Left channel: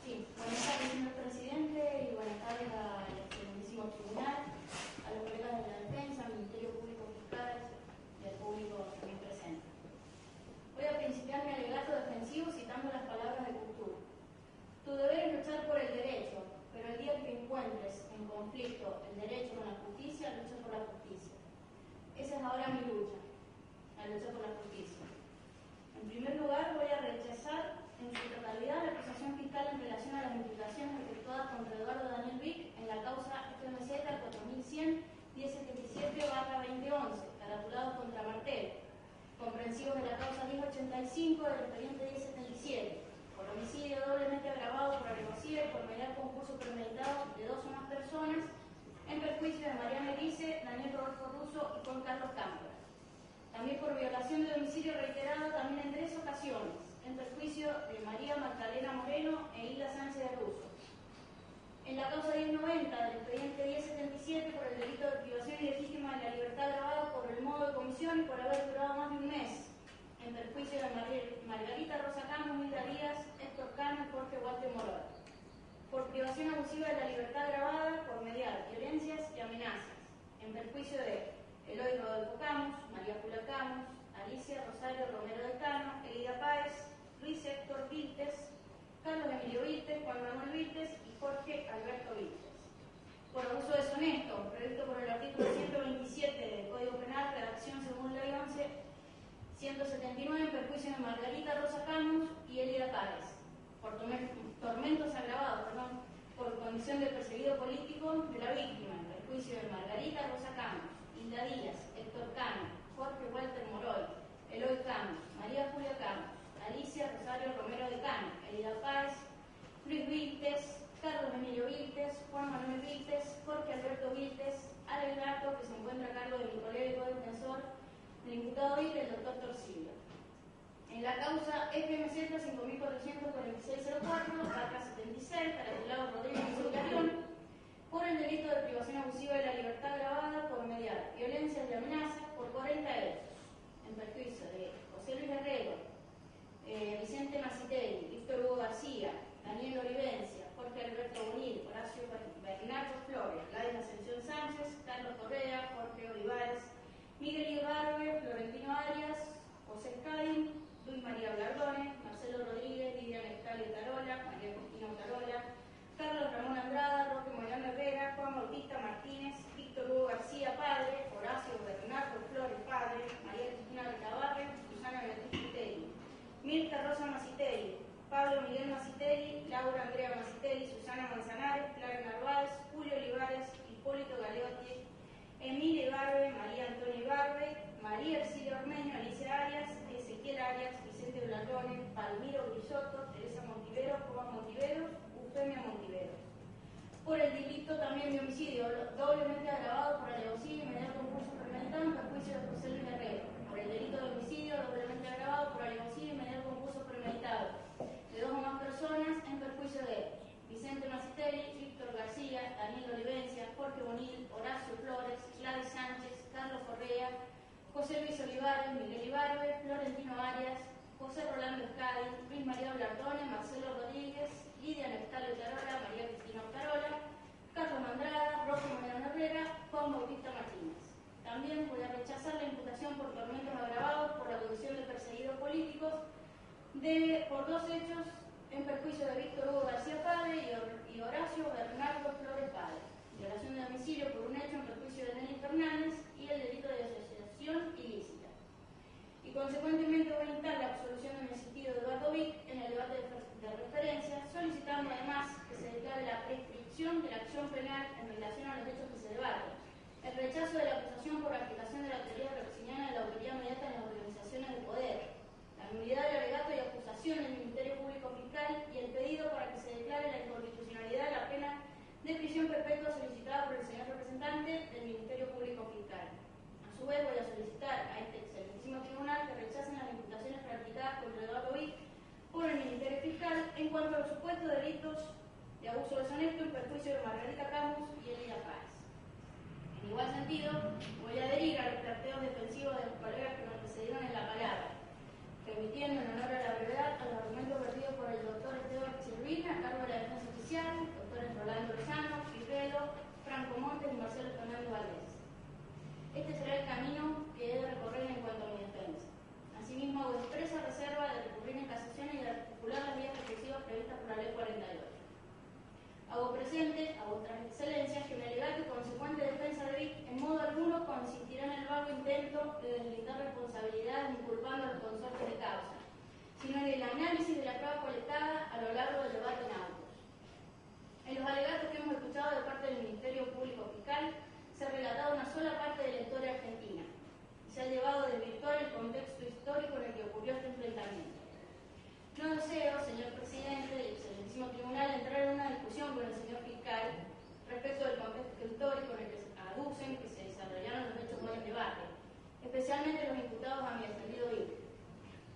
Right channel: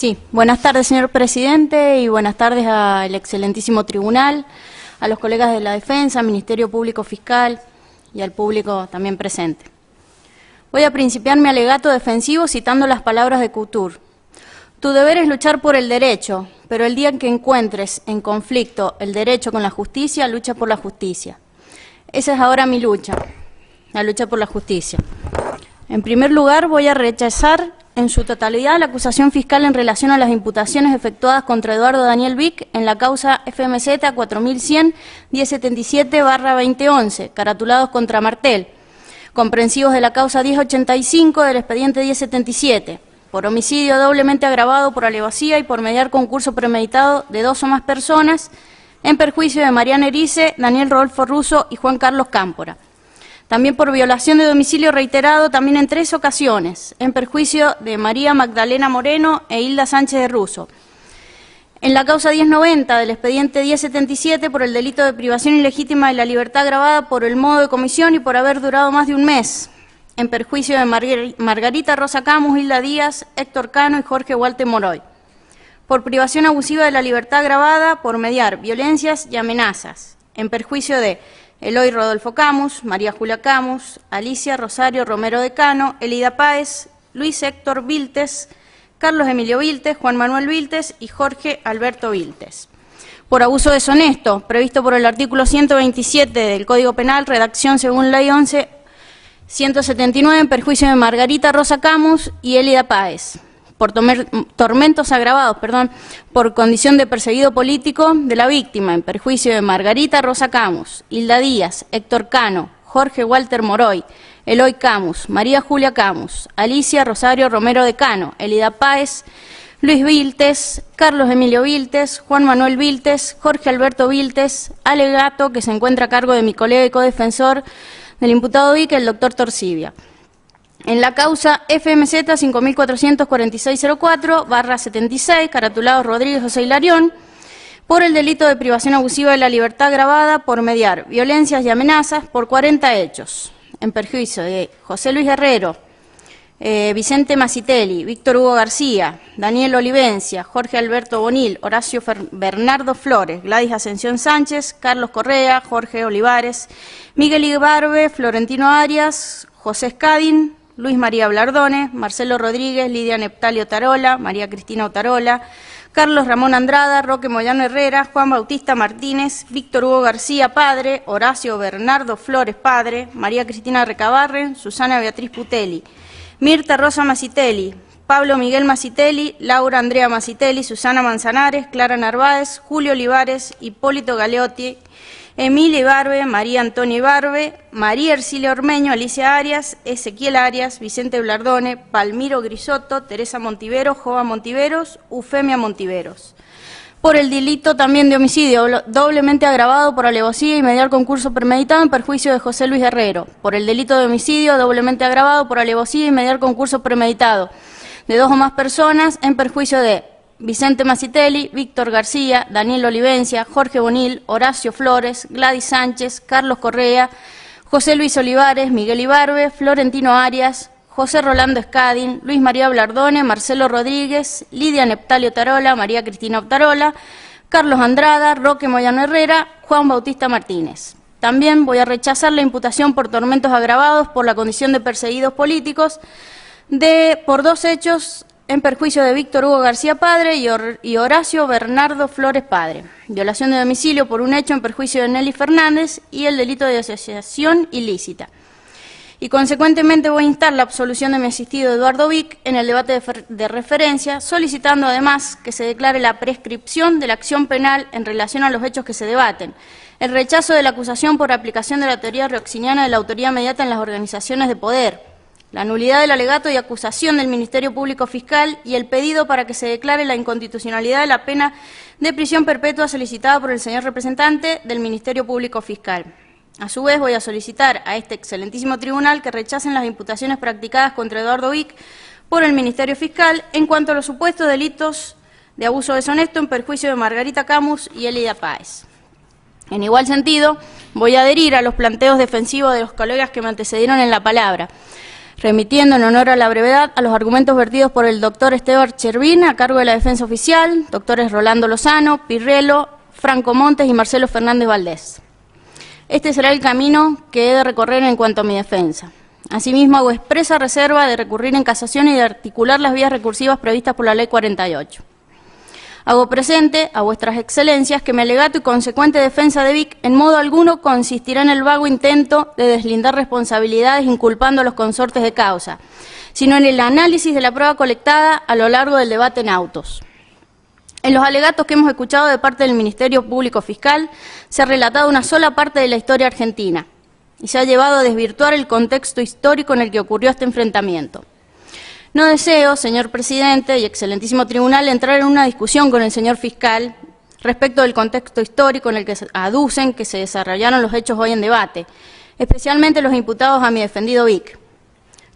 Sí, buenas tardes, señor presidente, y buenas tardes al excelentísimo tribunal, a los colegas de la defensa, al Ministerio Público Fiscal y al público también presente. Voy a principiar mi alegato defensivo citando las palabras de Couture. Tu deber es luchar por el derecho, pero el día en que encuentres en conflicto el derecho con la justicia, lucha por la justicia. Esa es ahora mi lucha, la lucha por la justicia. En primer lugar, voy a rechazar en su totalidad la acusación fiscal en relación a las imputaciones efectuadas contra Eduardo Daniel Vic en la causa FMZ 4100-1077/2011, caratulados contra Martel, comprensivos de la causa 1085 del expediente 1077, por homicidio doblemente agravado por alevosía y por mediar concurso premeditado de dos o más personas en perjuicio de Mariana Erice, Daniel Rodolfo Russo y Juan Carlos Cámpora. También por violación de domicilio reiterado, también en 3 ocasiones, en perjuicio de María Magdalena Moreno e Hilda Sánchez de Russo. En la causa 1090 del expediente 1077 por el delito de privación ilegítima de la libertad agravada por el modo de comisión y por haber durado más de un mes, en perjuicio de Margarita Rosa Camus, Hilda Díaz, Héctor Cano y Jorge Walter Moroy. Por privación abusiva de la libertad agravada por mediar violencias y amenazas, en perjuicio de Eloy Rodolfo Camus, María Julia Camus, Alicia Rosario Romero de Cano, Elida Páez, Luis Héctor Viltes, Carlos Emilio Viltes, Juan Manuel Viltes y Jorge Alberto Viltes. Por abuso deshonesto, previsto por el artículo 127 del Código Penal, redacción según Ley 11.179, en perjuicio de Margarita Rosa Camus y Elida Páez. Por tormentos agravados, por condición de perseguido político de la víctima, en perjuicio de Margarita Rosa Camus, Hilda Díaz, Héctor Cano, Jorge Walter Moroy, Eloy Camus, María Julia Camus, Alicia Rosario Romero de Cano, Elida Páez, Luis Viltes, Carlos Emilio Viltes, Juan Manuel Viltes, Jorge Alberto Viltes, alegato que se encuentra a cargo de mi colega y codefensor del imputado Vic, el doctor Torcibia. En la causa FMZ 544604/76, caratulados Rodríguez José Hilarión, por el delito de privación abusiva de la libertad agravada por mediar violencias y amenazas por 40 hechos, en perjuicio de José Luis Herrero, Vicente Macitelli, Víctor Hugo García, Daniel Olivencia, Jorge Alberto Bonil, Horacio Bernardo Flores, Gladys Ascensión Sánchez, Carlos Correa, Jorge Olivares, Miguel Ibarbe, Florentino Arias, José Escadín, Luis María Blardone, Marcelo Rodríguez, Lidia Neptalio Tarola, María Cristina Otarola, Carlos Ramón Andrada, Roque Moyano Herrera, Juan Bautista Martínez, Víctor Hugo García, padre, Horacio Bernardo Flores, padre, María Cristina Recabarren, Susana Beatriz Putelli, Mirta Rosa Macitelli, Pablo Miguel Macitelli, Laura Andrea Macitelli, Susana Manzanares, Clara Narváez, Julio Olivares, Hipólito Galeotti, Emilia Ibarbe, María Antonia Ibarbe, María Ercilia Ormeño, Alicia Arias, Ezequiel Arias, Vicente Blardone, Palmiro Grisotto, Teresa Montiveros, Jova Montiveros, Eufemia Montiveros. Por el delito también de homicidio doblemente agravado por alevosía y mediar concurso premeditado en perjuicio de José Luis Herrero. Por el delito de homicidio doblemente agravado por alevosía y mediar concurso premeditado de dos o más personas en perjuicio de Vicente Macitelli, Víctor García, Daniel Olivencia, Jorge Bonil, Horacio Flores, Gladys Sánchez, Carlos Correa, José Luis Olivares, Miguel Ibarbe, Florentino Arias, José Rolando Escadín, Luis María Blardone, Marcelo Rodríguez, Lidia Neptalio Tarola, María Cristina Otarola, Carlos Andrada, Roque Moyano Herrera, Juan Bautista Martínez. También voy a rechazar la imputación por tormentos agravados por la condición de perseguidos políticos por 2 hechos en perjuicio de Víctor Hugo García, padre, y Horacio Bernardo Flores, padre. Violación de domicilio por un hecho en perjuicio de Nelly Fernández y el delito de asociación ilícita. Y consecuentemente voy a instar la absolución de mi asistido Eduardo Vic en el debate de referencia, solicitando además que se declare la prescripción de la acción penal en relación a los hechos que se debaten, el rechazo de la acusación por aplicación de la teoría roxiniana de la autoría mediata en las organizaciones de poder, la nulidad del alegato y acusación del Ministerio Público Fiscal y el pedido para que se declare la inconstitucionalidad de la pena de prisión perpetua solicitada por el señor representante del Ministerio Público Fiscal. A su vez, voy a solicitar a este excelentísimo tribunal que rechacen las imputaciones practicadas contra Eduardo Vic por el Ministerio Fiscal en cuanto a los supuestos delitos de abuso deshonesto en perjuicio de Margarita Camus y Elida Páez. En igual sentido, voy a adherir a los planteos defensivos de los colegas que me antecedieron en la palabra, remitiendo en honor a la brevedad a los argumentos vertidos por el doctor Esteban Chervín, a cargo de la defensa oficial, doctores Rolando Lozano, Pirrello, Franco Montes y Marcelo Fernández Valdés. Este será el camino que he de recorrer en cuanto a mi defensa. Asimismo, hago expresa reserva de recurrir en casación y de articular las vías recursivas previstas por la Ley 48. Hago presente a vuestras excelencias que mi alegato y consecuente defensa de Vic en modo alguno consistirá en el vago intento de deslindar responsabilidades inculpando a los consortes de causa, sino en el análisis de la prueba colectada a lo largo del debate en autos. En los alegatos que hemos escuchado de parte del Ministerio Público Fiscal se ha relatado una sola parte de la historia argentina y se ha llevado a desvirtuar el contexto histórico en el que ocurrió este enfrentamiento. No deseo, señor presidente y excelentísimo tribunal, entrar en una discusión con el señor fiscal respecto del contexto histórico en el que aducen que se desarrollaron los hechos hoy en debate, especialmente los imputados a mi defendido Vic.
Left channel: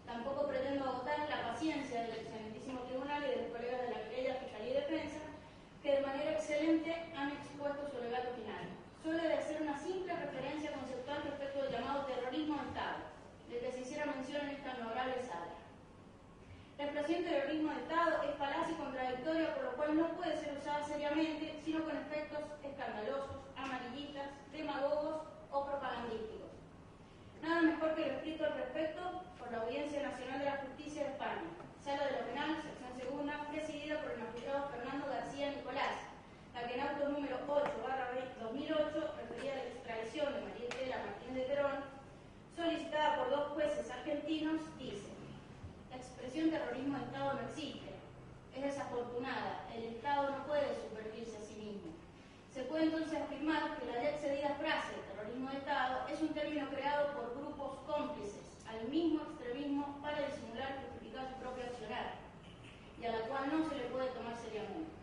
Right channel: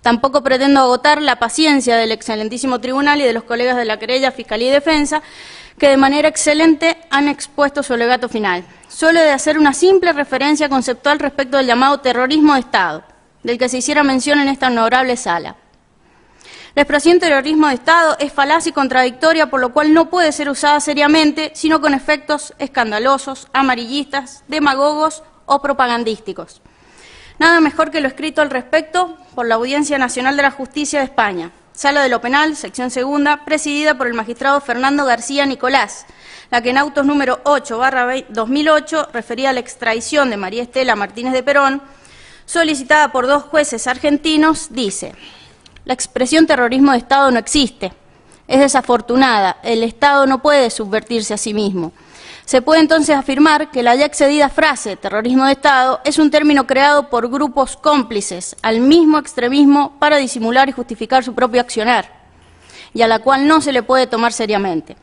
Tampoco pretendo agotar la paciencia del excelentísimo tribunal y de los colegas de la querella, Fiscalía y Defensa, que de manera excelente han expuesto su alegato final. Solo he de hacer una simple referencia conceptual respecto del llamado terrorismo de Estado, del que se hiciera mención en esta honorable sala. La expresión terrorismo de Estado es falaz y contradictoria, por lo cual no puede ser usada seriamente, sino con efectos escandalosos, amarillistas, demagogos o propagandísticos. Nada mejor que lo escrito al respecto por la Audiencia Nacional de la Justicia de España, Sala de lo Penal, sección segunda, presidida por el magistrado Fernando García Nicolás, la que en autos número 8/2008, referida a la extradición de María Estela Martínez de Perón, solicitada por 2 jueces argentinos, dice: la expresión terrorismo de Estado no existe, es desafortunada, el Estado no puede subvertirse a sí mismo. Se puede entonces afirmar que la ya excedida frase terrorismo de Estado es un término creado por grupos cómplices al mismo extremismo para disimular y justificar su propio accionar, y a la cual no se le puede tomar seriamente.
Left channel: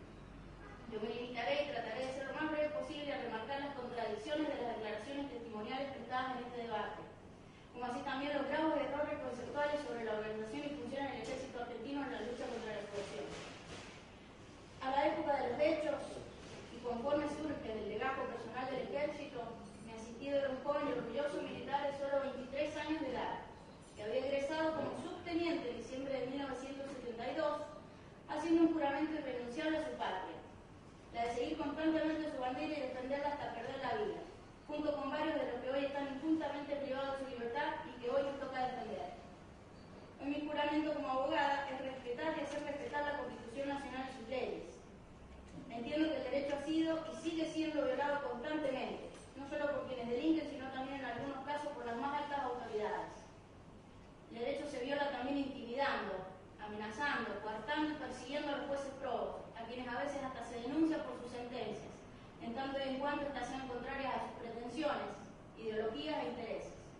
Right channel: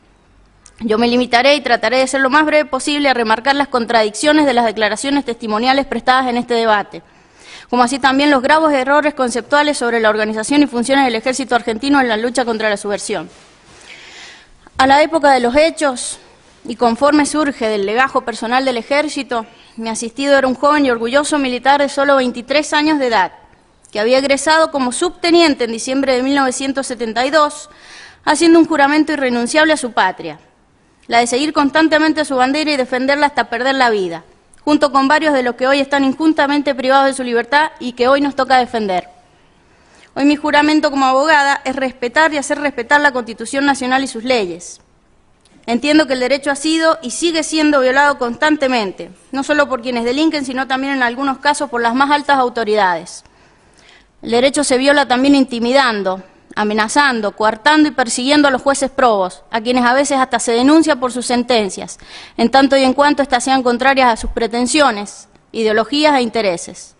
Yo me limitaré y trataré de ser lo más breve posible a remarcar las contradicciones de las declaraciones testimoniales prestadas en este debate, como así también los graves errores conceptuales sobre la organización y funciones del ejército argentino en la lucha contra la subversión. A la época de los hechos, y conforme surge del legajo personal del ejército, mi asistido era un joven y orgulloso militar de solo 23 años de edad, que había egresado como subteniente en diciembre de 1972, haciendo un juramento irrenunciable a su patria, la de seguir constantemente su bandera y defenderla hasta perder la vida, junto con varios de los que hoy están injustamente privados de su libertad y que hoy nos toca defender. Hoy mi juramento como abogada es respetar y hacer respetar la Constitución Nacional y sus leyes. Entiendo que el derecho ha sido y sigue siendo violado constantemente, no solo por quienes delinquen, sino también en algunos casos por las más altas autoridades. El derecho se viola también intimidando, amenazando, coartando y persiguiendo a los jueces probos, a quienes a veces hasta se denuncia por sus sentencias, en tanto y en cuanto éstas sean contrarias a sus pretensiones, ideologías e intereses.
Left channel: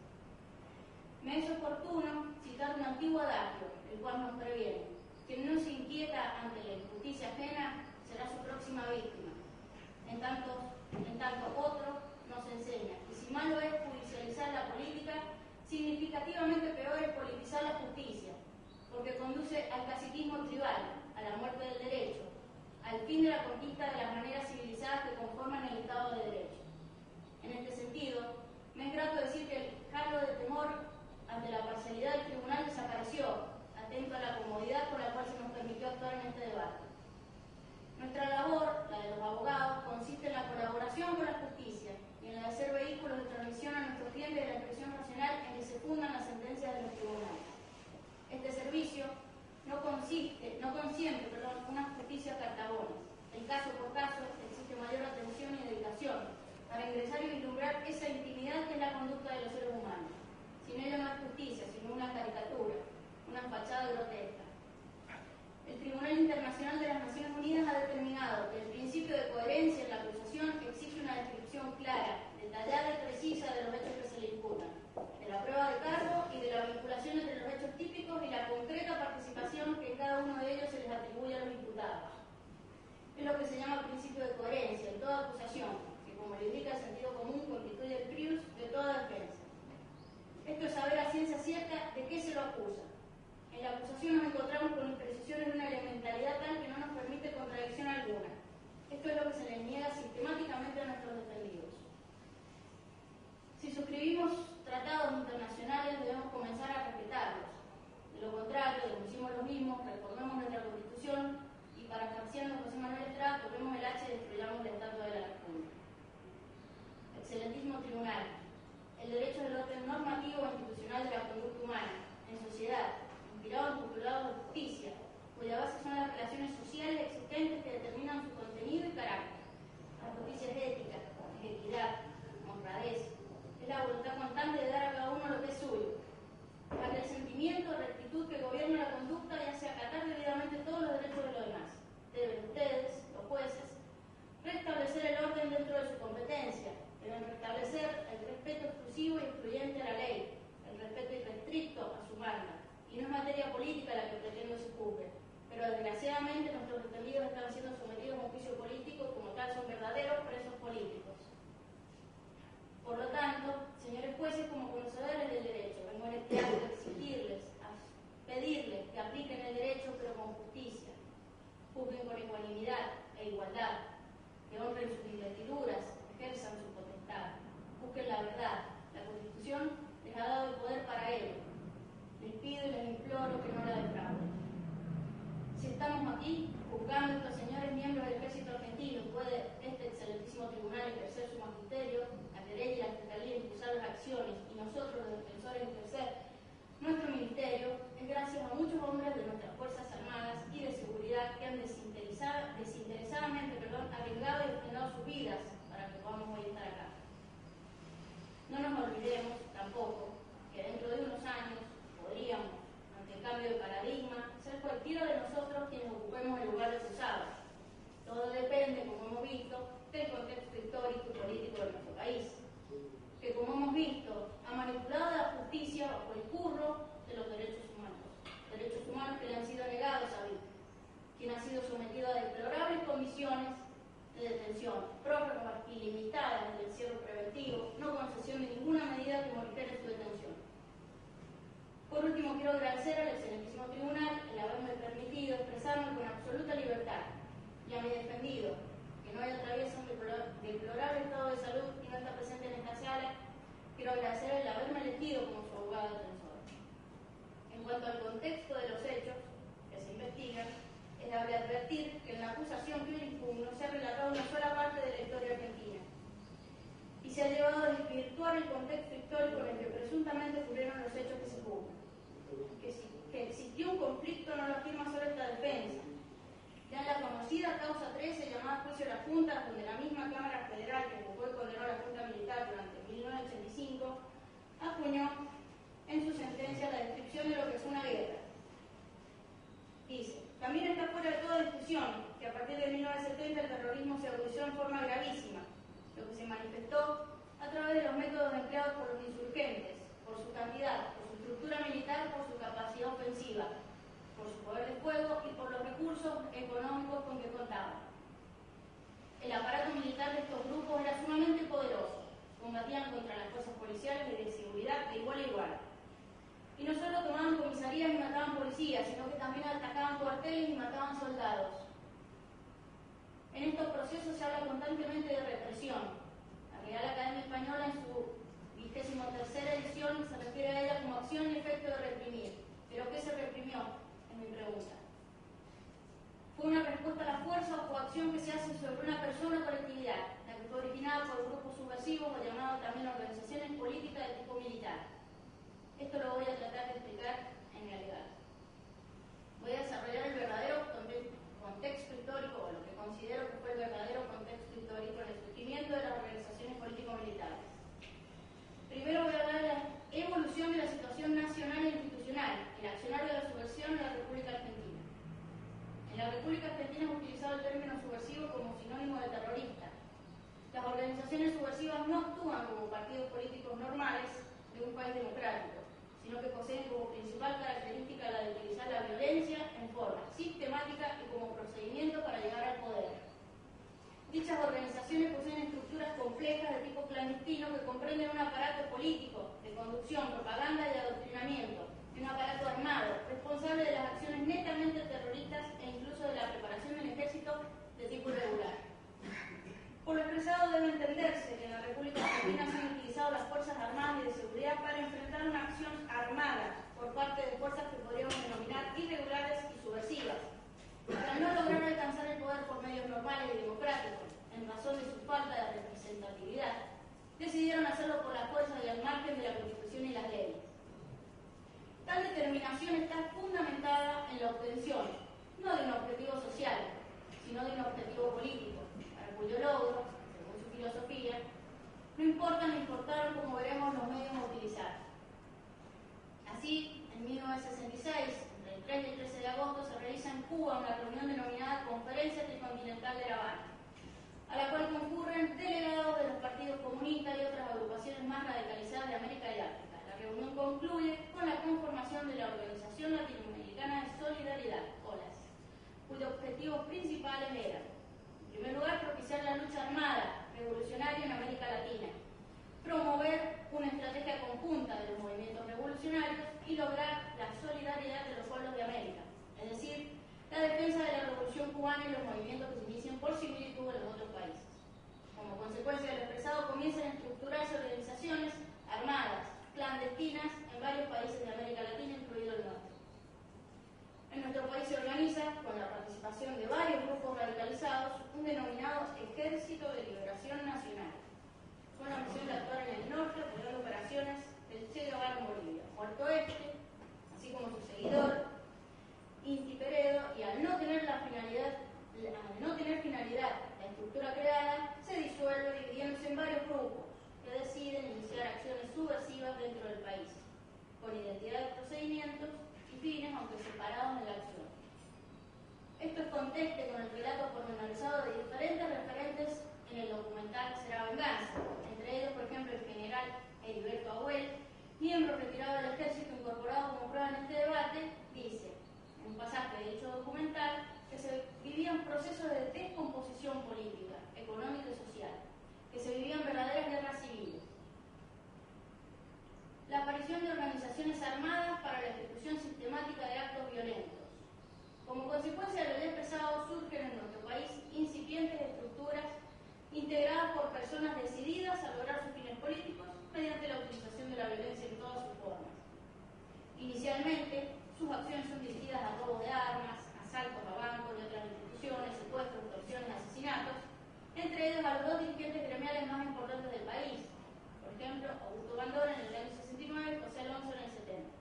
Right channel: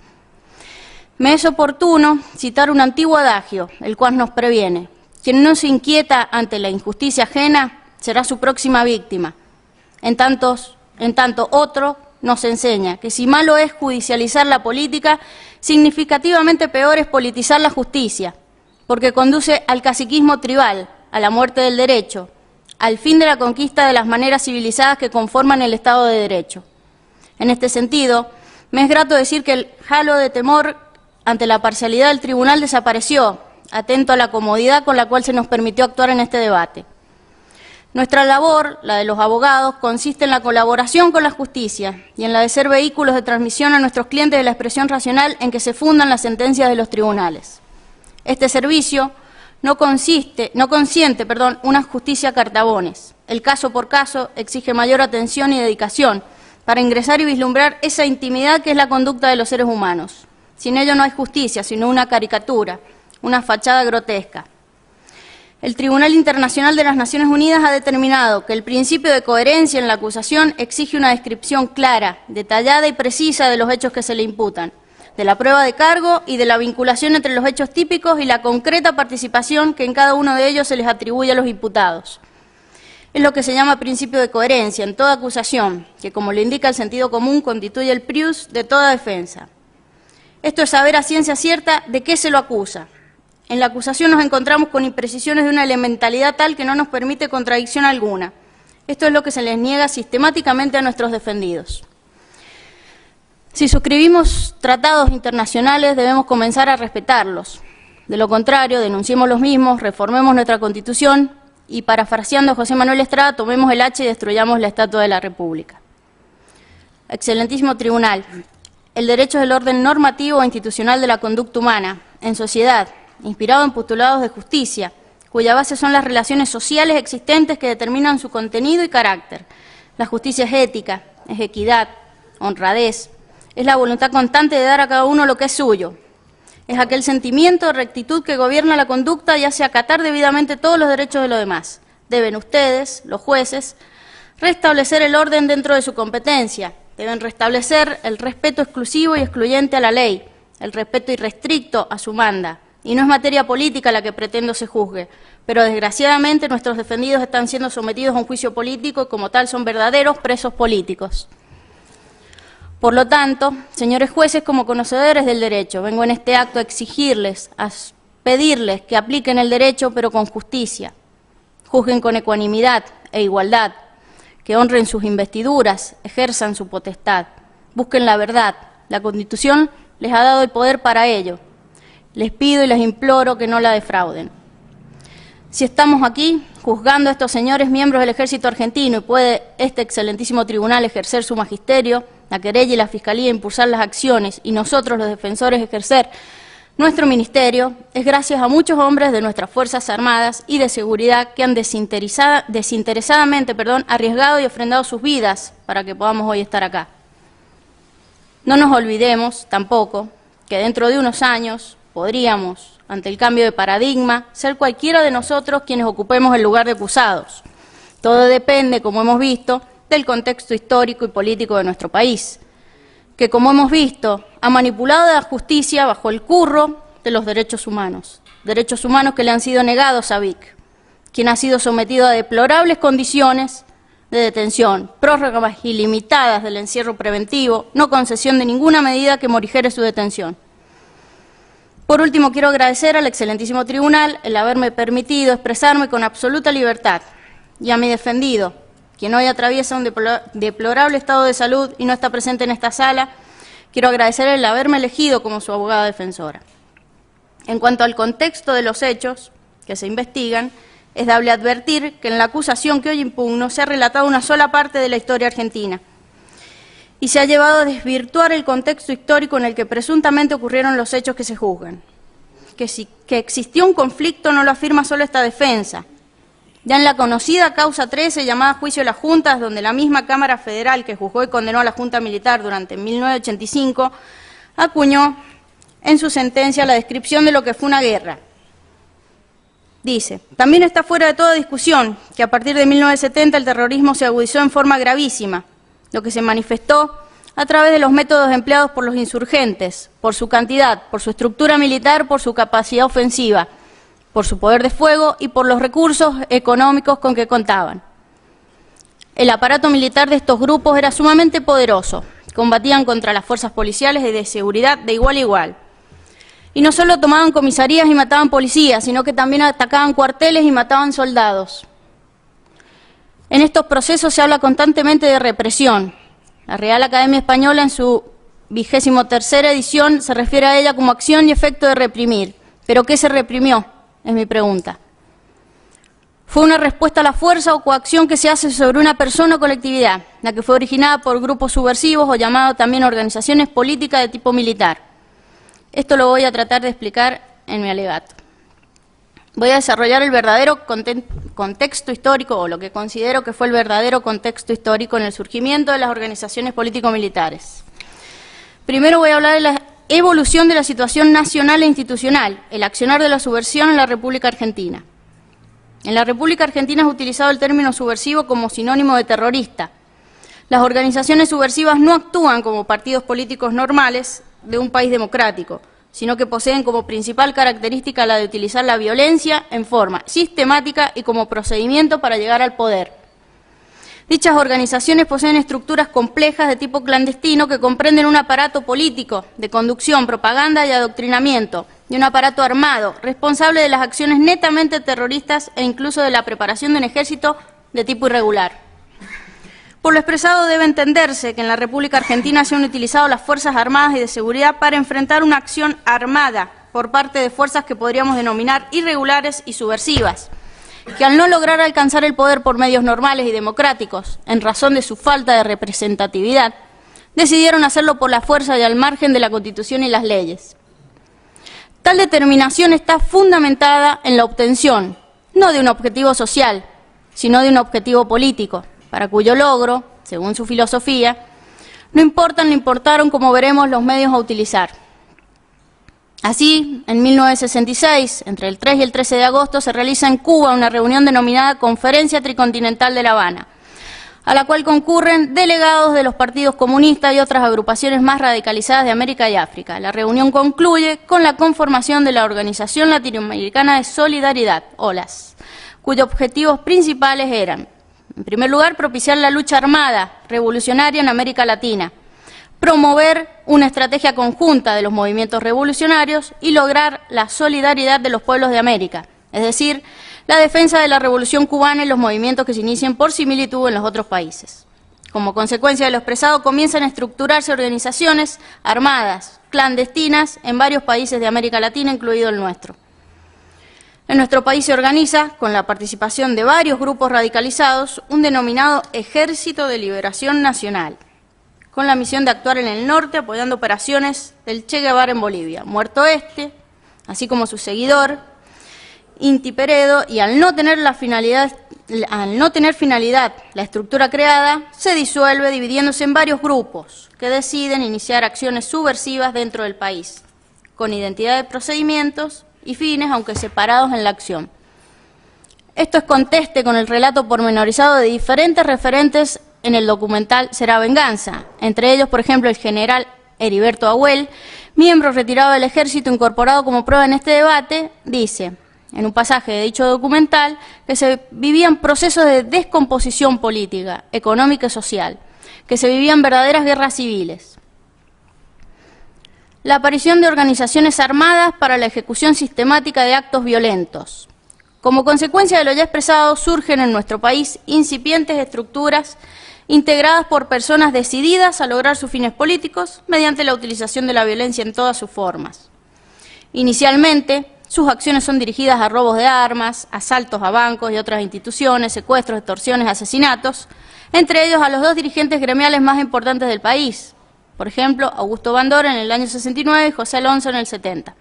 Me es oportuno citar un antiguo adagio, el cual nos previene: quien no se inquieta ante la injusticia ajena será su próxima víctima. En tanto otro nos enseña que si malo es judicializar la política, significativamente peor es politizar la justicia, porque conduce al caciquismo tribal, a la muerte del derecho, al fin de la conquista de las maneras civilizadas que conforman el Estado de Derecho. En este sentido, me es grato decir que el halo de temor ante la parcialidad del tribunal desapareció, atento a la comodidad con la cual se nos permitió actuar en este debate. Nuestra labor, la de los abogados, consiste en la colaboración con la justicia y en la de ser vehículos de transmisión a nuestros clientes de la expresión racional en que se fundan las sentencias de los tribunales. Este servicio no consiente una justicia cartabones. El caso por caso exige mayor atención y dedicación para ingresar y vislumbrar esa intimidad que es la conducta de los seres humanos. Sin ello no hay justicia, sino una caricatura, una fachada grotesca. El Tribunal Internacional de las Naciones Unidas ha determinado que el principio de coherencia en la acusación exige una descripción clara, detallada y precisa de los hechos que se le imputan, de la prueba de cargo y de la vinculación entre los hechos típicos y la concreta participación que en cada uno de ellos se les atribuye a los imputados. Es lo que se llama principio de coherencia en toda acusación, que, como lo indica el sentido común, constituye el prius de toda defensa. Esto es saber a ciencia cierta de qué se lo acusa. En la acusación nos encontramos con imprecisiones de una elementalidad tal que no nos permite contradicción alguna. Esto es lo que se les niega sistemáticamente a nuestros defendidos. Si suscribimos tratados internacionales, debemos comenzar a respetarlos. De lo contrario, denunciemos los mismos, reformemos nuestra Constitución y, parafraseando a José Manuel Estrada, tomemos el hacha y destruyamos la Estatua de la República. Excelentísimo Tribunal, el derecho es el orden normativo e institucional de la conducta humana, en sociedad, inspirado en postulados de justicia, cuya base son las relaciones sociales existentes que determinan su contenido y carácter. La justicia es ética, es equidad, honradez, es la voluntad constante de dar a cada uno lo que es suyo. Es aquel sentimiento de rectitud que gobierna la conducta y hace acatar debidamente todos los derechos de los demás. Deben ustedes, los jueces, restablecer el orden dentro de su competencia. Deben restablecer el respeto exclusivo y excluyente a la ley, el respeto irrestricto a su manda. Y no es materia política la que pretendo se juzgue, pero desgraciadamente nuestros defendidos están siendo sometidos a un juicio político y como tal son verdaderos presos políticos. Por lo tanto, señores jueces, como conocedores del derecho, vengo en este acto a exigirles, a pedirles que apliquen el derecho pero con justicia, juzguen con ecuanimidad e igualdad, que honren sus investiduras, ejerzan su potestad, busquen la verdad. La Constitución les ha dado el poder para ello. Les pido y les imploro que no la defrauden. Si estamos aquí juzgando a estos señores miembros del Ejército Argentino y puede este excelentísimo tribunal ejercer su magisterio, la querella y la Fiscalía impulsar las acciones y nosotros los defensores ejercer nuestro ministerio, es gracias a muchos hombres de nuestras Fuerzas Armadas y de Seguridad que han desinteresadamente arriesgado y ofrendado sus vidas para que podamos hoy estar acá. No nos olvidemos tampoco que dentro de unos años podríamos, ante el cambio de paradigma, ser cualquiera de nosotros quienes ocupemos el lugar de acusados. Todo depende, como hemos visto, del contexto histórico y político de nuestro país, que, como hemos visto, ha manipulado a la justicia bajo el curro de los derechos humanos que le han sido negados a Vic, quien ha sido sometido a deplorables condiciones de detención, prórrogas ilimitadas del encierro preventivo, no concesión de ninguna medida que morigere su detención. Por último, quiero agradecer al excelentísimo tribunal el haberme permitido expresarme con absoluta libertad y a mi defendido, quien hoy atraviesa un deplorable estado de salud y no está presente en esta sala, quiero agradecer el haberme elegido como su abogada defensora. En cuanto al contexto de los hechos que se investigan, es dable advertir que en la acusación que hoy impugno se ha relatado una sola parte de la historia argentina y se ha llevado a desvirtuar el contexto histórico en el que presuntamente ocurrieron los hechos que se juzgan. Que existió un conflicto no lo afirma solo esta defensa. Ya en la conocida causa 13, llamada Juicio de las Juntas, donde la misma Cámara Federal que juzgó y condenó a la Junta Militar durante 1985, acuñó en su sentencia la descripción de lo que fue una guerra. Dice, también está fuera de toda discusión que a partir de 1970 el terrorismo se agudizó en forma gravísima, lo que se manifestó a través de los métodos empleados por los insurgentes, por su cantidad, por su estructura militar, por su capacidad ofensiva, por su poder de fuego y por los recursos económicos con que contaban. El aparato militar de estos grupos era sumamente poderoso, combatían contra las fuerzas policiales y de seguridad de igual a igual. Y no solo tomaban comisarías y mataban policías, sino que también atacaban cuarteles y mataban soldados. En estos procesos se habla constantemente de represión. La Real Academia Española en su 23ª edición se refiere a ella como acción y efecto de reprimir. ¿Pero qué se reprimió? Es mi pregunta. ¿Fue una respuesta a la fuerza o coacción que se hace sobre una persona o colectividad, la que fue originada por grupos subversivos o llamado también organizaciones políticas de tipo militar? Esto lo voy a tratar de explicar en mi alegato. Voy a desarrollar el verdadero contexto histórico, o lo que considero que fue el verdadero contexto histórico en el surgimiento de las organizaciones político-militares. Primero voy a hablar de la evolución de la situación nacional e institucional, el accionar de la subversión en la República Argentina. En la República Argentina es utilizado el término subversivo como sinónimo de terrorista. Las organizaciones subversivas no actúan como partidos políticos normales de un país democrático, sino que poseen como principal característica la de utilizar la violencia en forma sistemática y como procedimiento para llegar al poder. Dichas organizaciones poseen estructuras complejas de tipo clandestino que comprenden un aparato político de conducción, propaganda y adoctrinamiento, y un aparato armado, responsable de las acciones netamente terroristas e incluso de la preparación de un ejército de tipo irregular. Por lo expresado debe entenderse que en la República Argentina se han utilizado las Fuerzas Armadas y de Seguridad para enfrentar una acción armada por parte de fuerzas que podríamos denominar irregulares y subversivas, que al no lograr alcanzar el poder por medios normales y democráticos, en razón de su falta de representatividad, decidieron hacerlo por la fuerza y al margen de la Constitución y las leyes. Tal determinación está fundamentada en la obtención, no de un objetivo social, sino de un objetivo político, para cuyo logro, según su filosofía, no importaron, como veremos, los medios a utilizar. Así, en 1966, entre el 3 y el 13 de agosto, se realiza en Cuba una reunión denominada Conferencia Tricontinental de La Habana, a la cual concurren delegados de los partidos comunistas y otras agrupaciones más radicalizadas de América y África. La reunión concluye con la conformación de la Organización Latinoamericana de Solidaridad, OLAS, cuyos objetivos principales eran, en primer lugar, propiciar la lucha armada revolucionaria en América Latina, promover una estrategia conjunta de los movimientos revolucionarios y lograr la solidaridad de los pueblos de América, es decir, la defensa de la revolución cubana y los movimientos que se inicien por similitud en los otros países. Como consecuencia de lo expresado, comienzan a estructurarse organizaciones armadas, clandestinas, en varios países de América Latina, incluido el nuestro. En nuestro país se organiza, con la participación de varios grupos radicalizados, un denominado Ejército de Liberación Nacional, con la misión de actuar en el norte apoyando operaciones del Che Guevara en Bolivia, Muerto Este, así como su seguidor, Inti Peredo, y al no tener finalidad la estructura creada, se disuelve dividiéndose en varios grupos que deciden iniciar acciones subversivas dentro del país, con identidad de procedimientos y fines, aunque separados en la acción. Esto es conteste con el relato pormenorizado de diferentes referentes en el documental Será Venganza, entre ellos, por ejemplo, el general Heriberto Ahuel, miembro retirado del ejército incorporado como prueba en este debate, dice, en un pasaje de dicho documental, que se vivían procesos de descomposición política, económica y social, que se vivían verdaderas guerras civiles. La aparición de organizaciones armadas para la ejecución sistemática de actos violentos. Como consecuencia de lo ya expresado, surgen en nuestro país incipientes estructuras integradas por personas decididas a lograr sus fines políticos mediante la utilización de la violencia en todas sus formas. Inicialmente, sus acciones son dirigidas a robos de armas, asaltos a bancos y otras instituciones, secuestros, extorsiones, asesinatos, entre ellos a los dos dirigentes gremiales más importantes del país, por ejemplo, Augusto Bandora en el año 69 y José Alonso en el 70.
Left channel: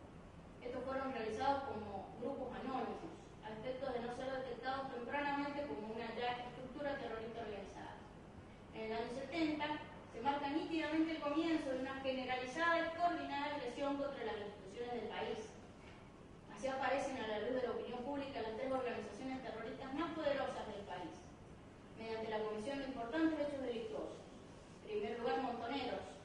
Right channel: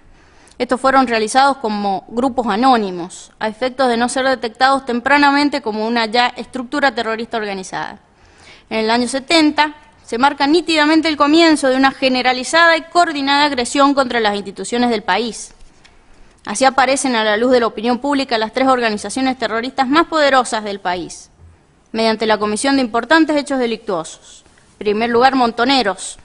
Estos fueron realizados como grupos anónimos, a efectos de no ser detectados tempranamente como una ya estructura terrorista organizada. En el año 70 se marca nítidamente el comienzo de una generalizada y coordinada agresión contra las instituciones del país. Así aparecen a la luz de la opinión pública las tres organizaciones terroristas más poderosas del país, mediante la comisión de importantes hechos delictuosos. En primer lugar, Montoneros.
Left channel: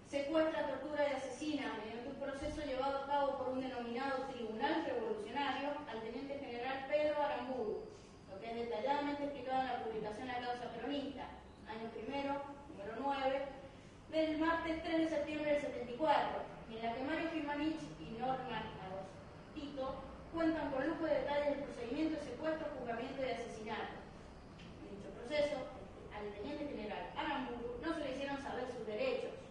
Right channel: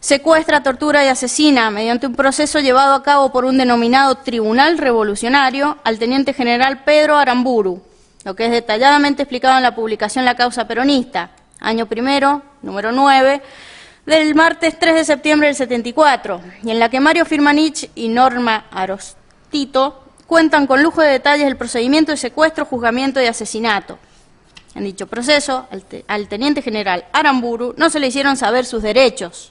Secuestra, tortura y asesina, mediante un proceso llevado a cabo por un denominado Tribunal Revolucionario, al teniente general Pedro Aramburu, lo que es detalladamente explicado en la publicación La Causa Peronista, año primero, número 9, del martes 3 de septiembre del 74, y en la que Mario Firmanich y Norma Arostito cuentan con lujo de detalles el procedimiento de secuestro, juzgamiento y asesinato. En dicho proceso, al teniente general Aramburu no se le hicieron saber sus derechos.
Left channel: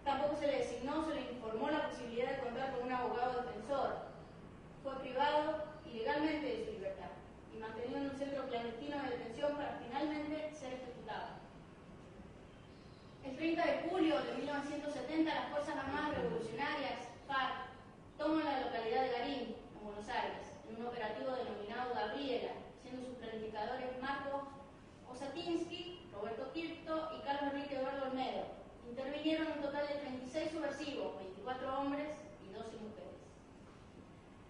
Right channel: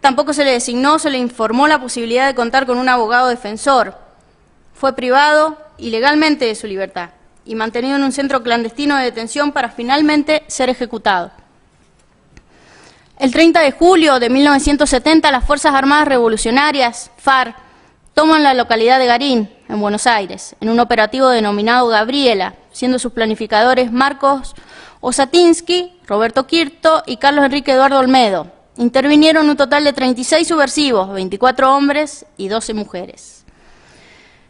Tampoco se le designó, se le informó la posibilidad de contar con un abogado defensor. Fue privado ilegalmente de su libertad y mantenido en un centro clandestino de detención para finalmente ser ejecutado. El 30 de julio de 1970, las Fuerzas Armadas Revolucionarias, FARC, toman la localidad de Garín, en Buenos Aires, en un operativo denominado Gabriela, siendo sus planificadores Marcos Osatinsky, Roberto Quirto y Carlos Enrique Eduardo Olmedo. Intervinieron un total de 36 subversivos, 24 hombres y 12 mujeres.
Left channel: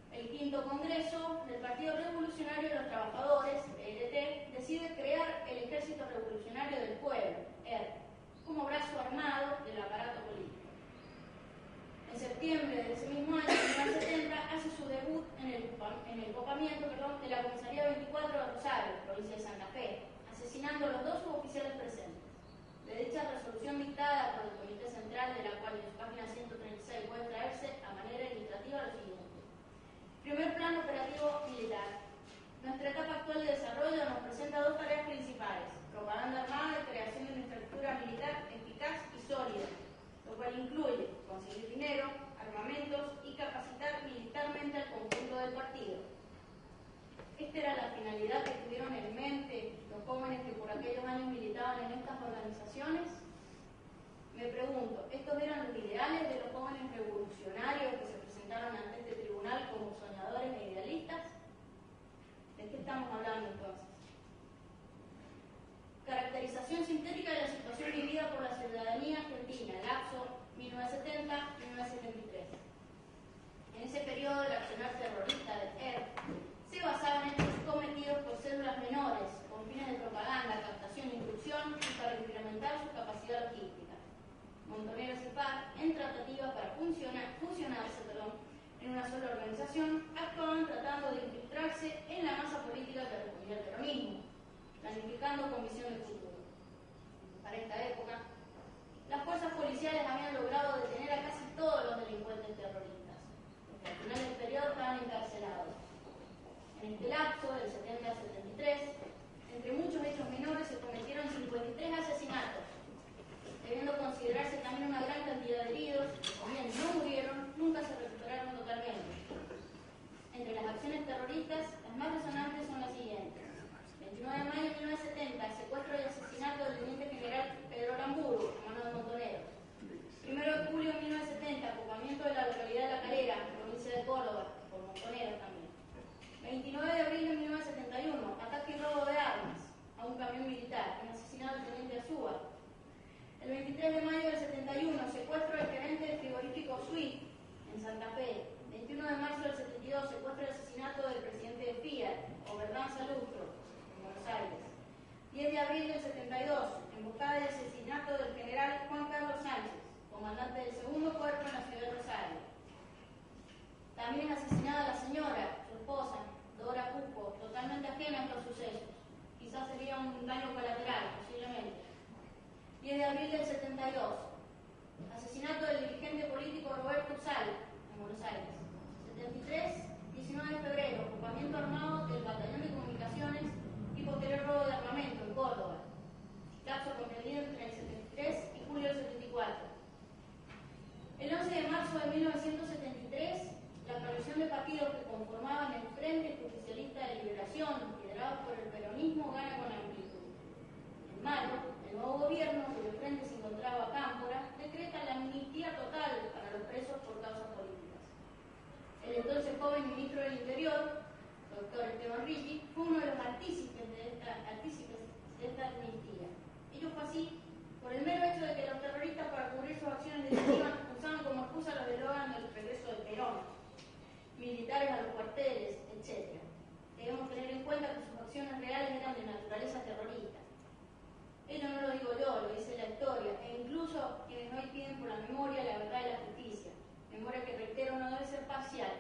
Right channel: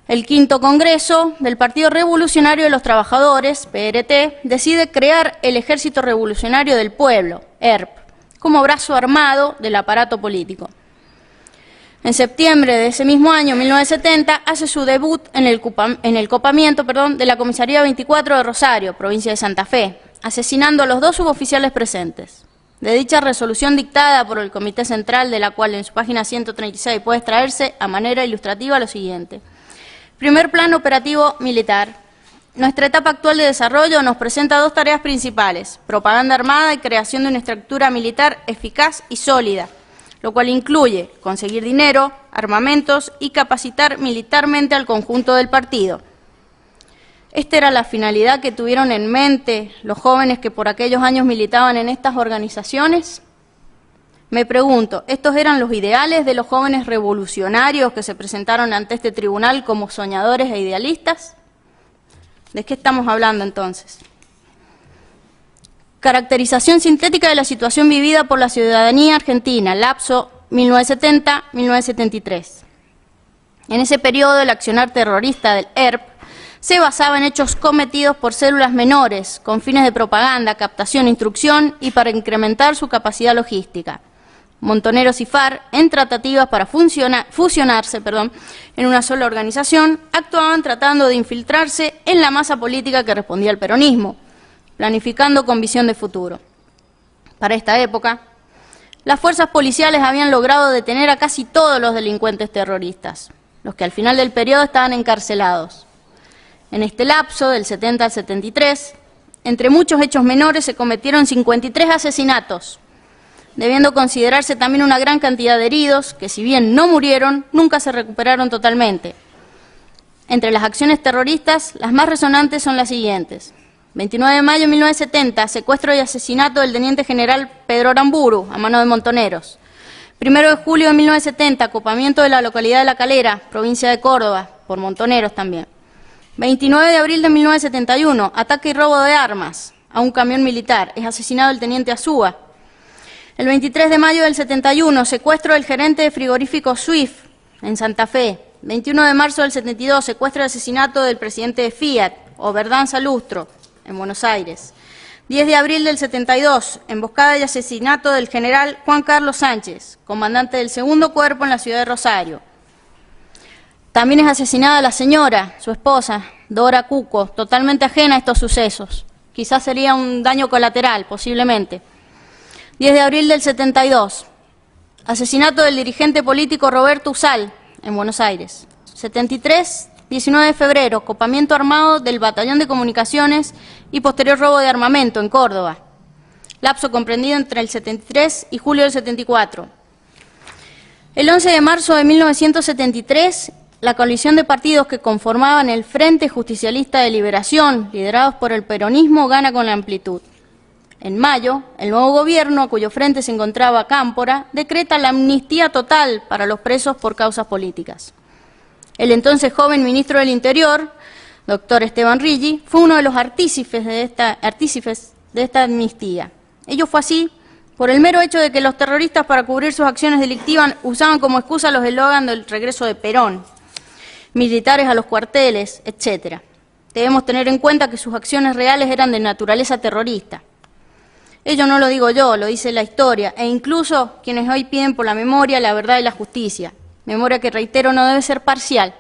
El quinto Congreso del Partido Revolucionario de los Trabajadores, PRT, decide crear el Ejército Revolucionario del Pueblo, ERP, como brazo armado del aparato político. En septiembre de ese mismo año, 1970, hace su debut en el copamiento de la Comisaría 24 de Rosario, provincia de Santa Fe, asesinando a los dos suboficiales presentes. De dicha resolución dictada por el Comité Central, de la cual en su página 136 puede extraerse a manera ilustrativa lo siguiente. Primer plano operativo militar. Nuestra etapa actual de desarrollo nos presenta dos tareas principales: propaganda armada y creación de una estructura militar eficaz y sólida, lo cual incluye conseguir dinero, armamentos y capacitar militarmente al conjunto del partido. ¿Esta era la finalidad que tuvieron en mente los jóvenes que por aquellos años militaban en estas organizaciones? Me pregunto, ¿estos eran los ideales de los jóvenes revolucionarios que se presentaron ante este tribunal como soñadores e idealistas? ¿De qué estamos hablando entonces? Caracterización sintética de la situación vivida por la ciudadanía argentina, lapso 1970-1973. En ese periodo, el accionar terrorista del ERP se basaba en hechos cometidos por células menores con fines de propaganda, captación, instrucción y para incrementar su capacidad logística. Montoneros y FARC, en tratativas para fusionarse en una sola organización, actuaban tratando de infiltrarse en la masa política que respondía al peronismo, planificando con visión de futuro. Para esta época, las fuerzas policiales habían logrado detener a casi todos los delincuentes terroristas, los que al final del periodo estaban encarcelados. En este lapso, del 70 al 73, entre muchos hechos menores se cometieron 53 asesinatos, debiendo considerarse también una gran cantidad de heridos que, si bien no murieron, nunca se recuperaron totalmente. Entre las acciones terroristas, las más resonantes son las siguientes. 29 de mayo de 1970, secuestro y asesinato del teniente general Pedro Aramburu, a mano de montoneros. 1 de julio de 1970, acopamiento de la localidad de La Calera, provincia de Córdoba, por montoneros también. 29 de abril de 1971, ataque y robo de armas a un camión militar, es asesinado el teniente Azúa. El 23 de mayo del 71, secuestro del gerente de frigorífico Swift, en Santa Fe. 21 de marzo del 72, secuestro y asesinato del presidente de Fiat, Oberdan Salustro, en Buenos Aires. 10 de abril del 72, emboscada y asesinato del general Juan Carlos Sánchez, comandante del 2º Cuerpo en la ciudad de Rosario. También es asesinada la señora, su esposa, Dora Cuco, totalmente ajena a estos sucesos. Quizás sería un daño colateral, posiblemente. 10 de abril del 72, asesinato del dirigente político Roberto Usal, en Buenos Aires. 73, 19 de febrero, copamiento armado del Batallón de Comunicaciones y posterior robo de armamento en Córdoba. Lapso comprendido entre el 73 y julio del 74. El 11 de marzo de 1973, la coalición de partidos que conformaban el Frente Justicialista de Liberación, liderados por el peronismo, gana con la amplitud. En mayo, el nuevo gobierno, a cuyo frente se encontraba Cámpora, decreta la amnistía total para los presos por causas políticas. El entonces joven ministro del Interior, doctor Esteban Riggi, fue uno de los artífices de esta amnistía. Ello fue así por el mero hecho de que los terroristas, para cubrir sus acciones delictivas, usaban como excusa los eslogans del regreso de Perón, militares a los cuarteles, etc. Debemos tener en cuenta que sus acciones reales eran de naturaleza terrorista. Ello no lo digo yo, lo dice la historia, e incluso quienes hoy piden por la memoria, la verdad y la justicia. Memoria que, reitero, no debe ser parcial.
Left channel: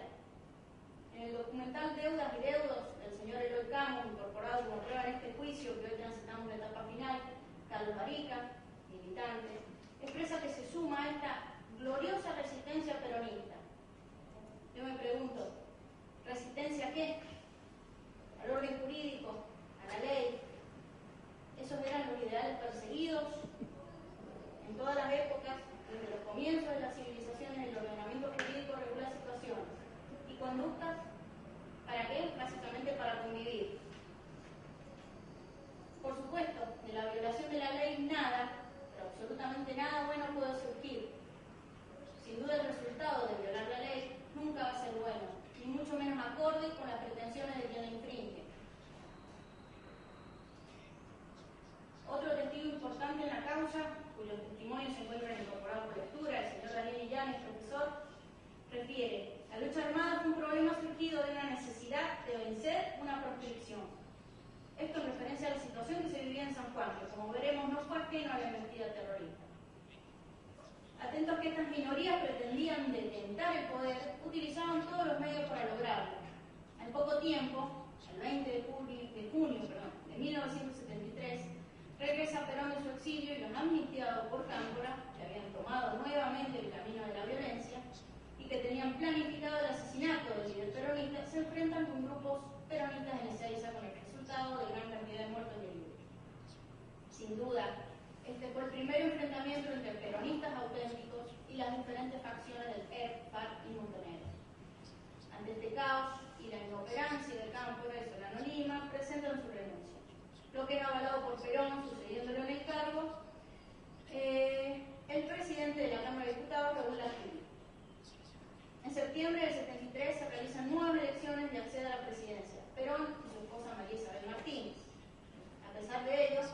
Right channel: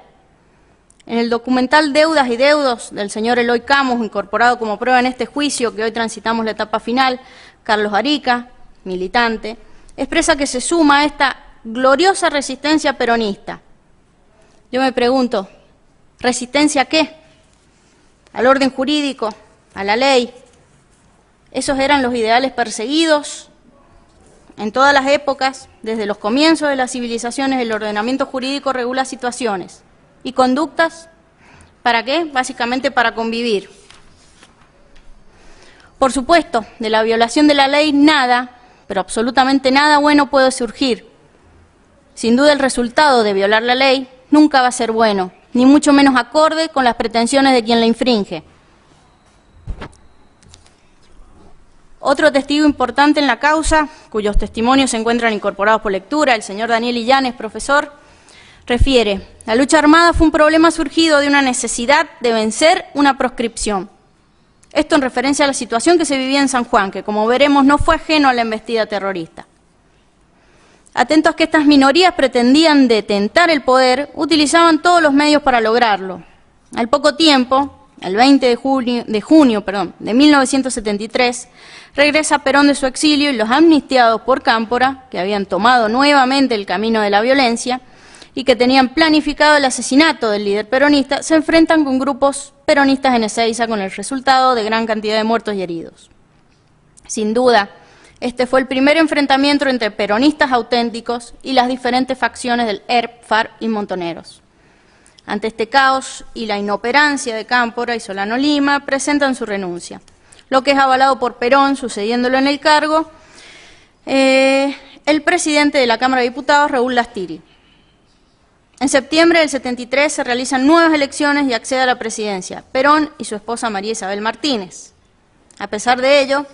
En el documental Deudas y Deudos del señor Eloy Camus, incorporado como prueba en este juicio, que hoy transitamos la etapa final, Carlos Arica, militante, expresa que se suma a esta gloriosa resistencia peronista. Yo me pregunto, ¿resistencia a qué? ¿Al orden jurídico? ¿A la ley? Esos eran los ideales perseguidos en todas las épocas, desde los comienzos de las civilizaciones. El ordenamiento jurídico regula situaciones y conductas. ¿Para qué? Básicamente para convivir. Por supuesto, de la violación de la ley nada, pero absolutamente nada bueno puede surgir. Sin duda el resultado de violar la ley nunca va a ser bueno, ni mucho menos acorde con las pretensiones de quien la infringe. Otro testigo importante en la causa, cuyos testimonios se encuentran incorporados por lectura, el señor Daniel Illanes, profesor, refiere: la lucha armada fue un problema surgido de una necesidad de vencer una proscripción. Esto en referencia a la situación que se vivía en San Juan, que como veremos no fue ajeno a la embestida terrorista. Atentos que estas minorías pretendían detentar el poder, utilizaban todos los medios para lograrlo. Al poco tiempo, el 20 de junio de 1973, regresa Perón de su exilio y los amnistiados por Cámpora, que habían tomado nuevamente el camino de la violencia y que tenían planificado el asesinato del líder peronista, se enfrentan con grupos peronistas en Ezeiza, con el resultado de gran cantidad de muertos y heridos. Sin duda, Este fue el primer enfrentamiento entre peronistas auténticos y las diferentes facciones del ERP, FARC y Montoneros. Ante este caos y la inoperancia de Cámpora y Solano Lima, presentan su renuncia, lo que es avalado por Perón, sucediéndolo en el cargo, el presidente de la Cámara de Diputados, Raúl Lastiri. En septiembre del 73 se realizan nuevas elecciones y accede a la presidencia Perón y su esposa María Isabel Martínez. A pesar de ello,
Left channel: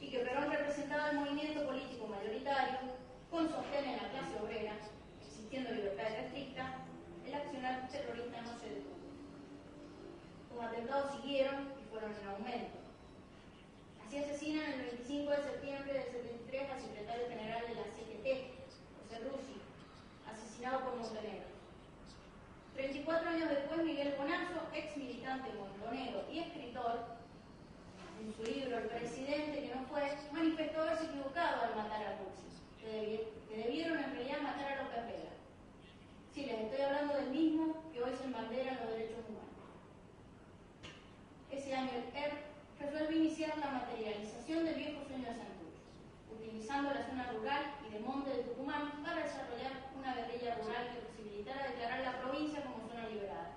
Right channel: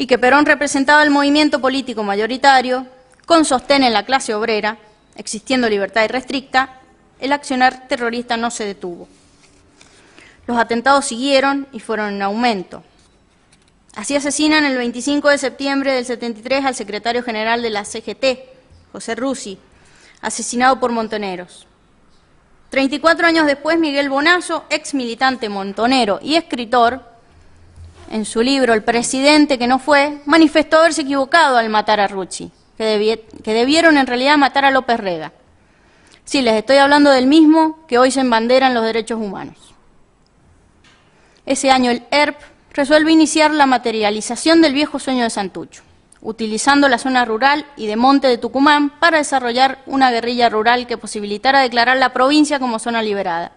y que Perón representaba el movimiento político mayoritario, con sostén en la clase obrera, existiendo libertad irrestricta, el accionar terrorista no se detuvo. Los atentados siguieron y fueron en aumento. Así asesinan el 25 de septiembre del 73 al secretario general de la CGT, José Russi, asesinado por Montoneros. 34 años después, Miguel Bonazo, ex militante montonero y escritor, en su libro El presidente que no fue, manifestó haberse equivocado al matar a Russi, que debieron en realidad matar a López Rega. Sí, les estoy hablando del mismo que hoy se embanderan los derechos humanos. Ese año el ERP resuelve iniciar la materialización del viejo sueño de Santucho, utilizando la zona rural y de monte de Tucumán para desarrollar una guerrilla rural que posibilitara declarar la provincia como zona liberada.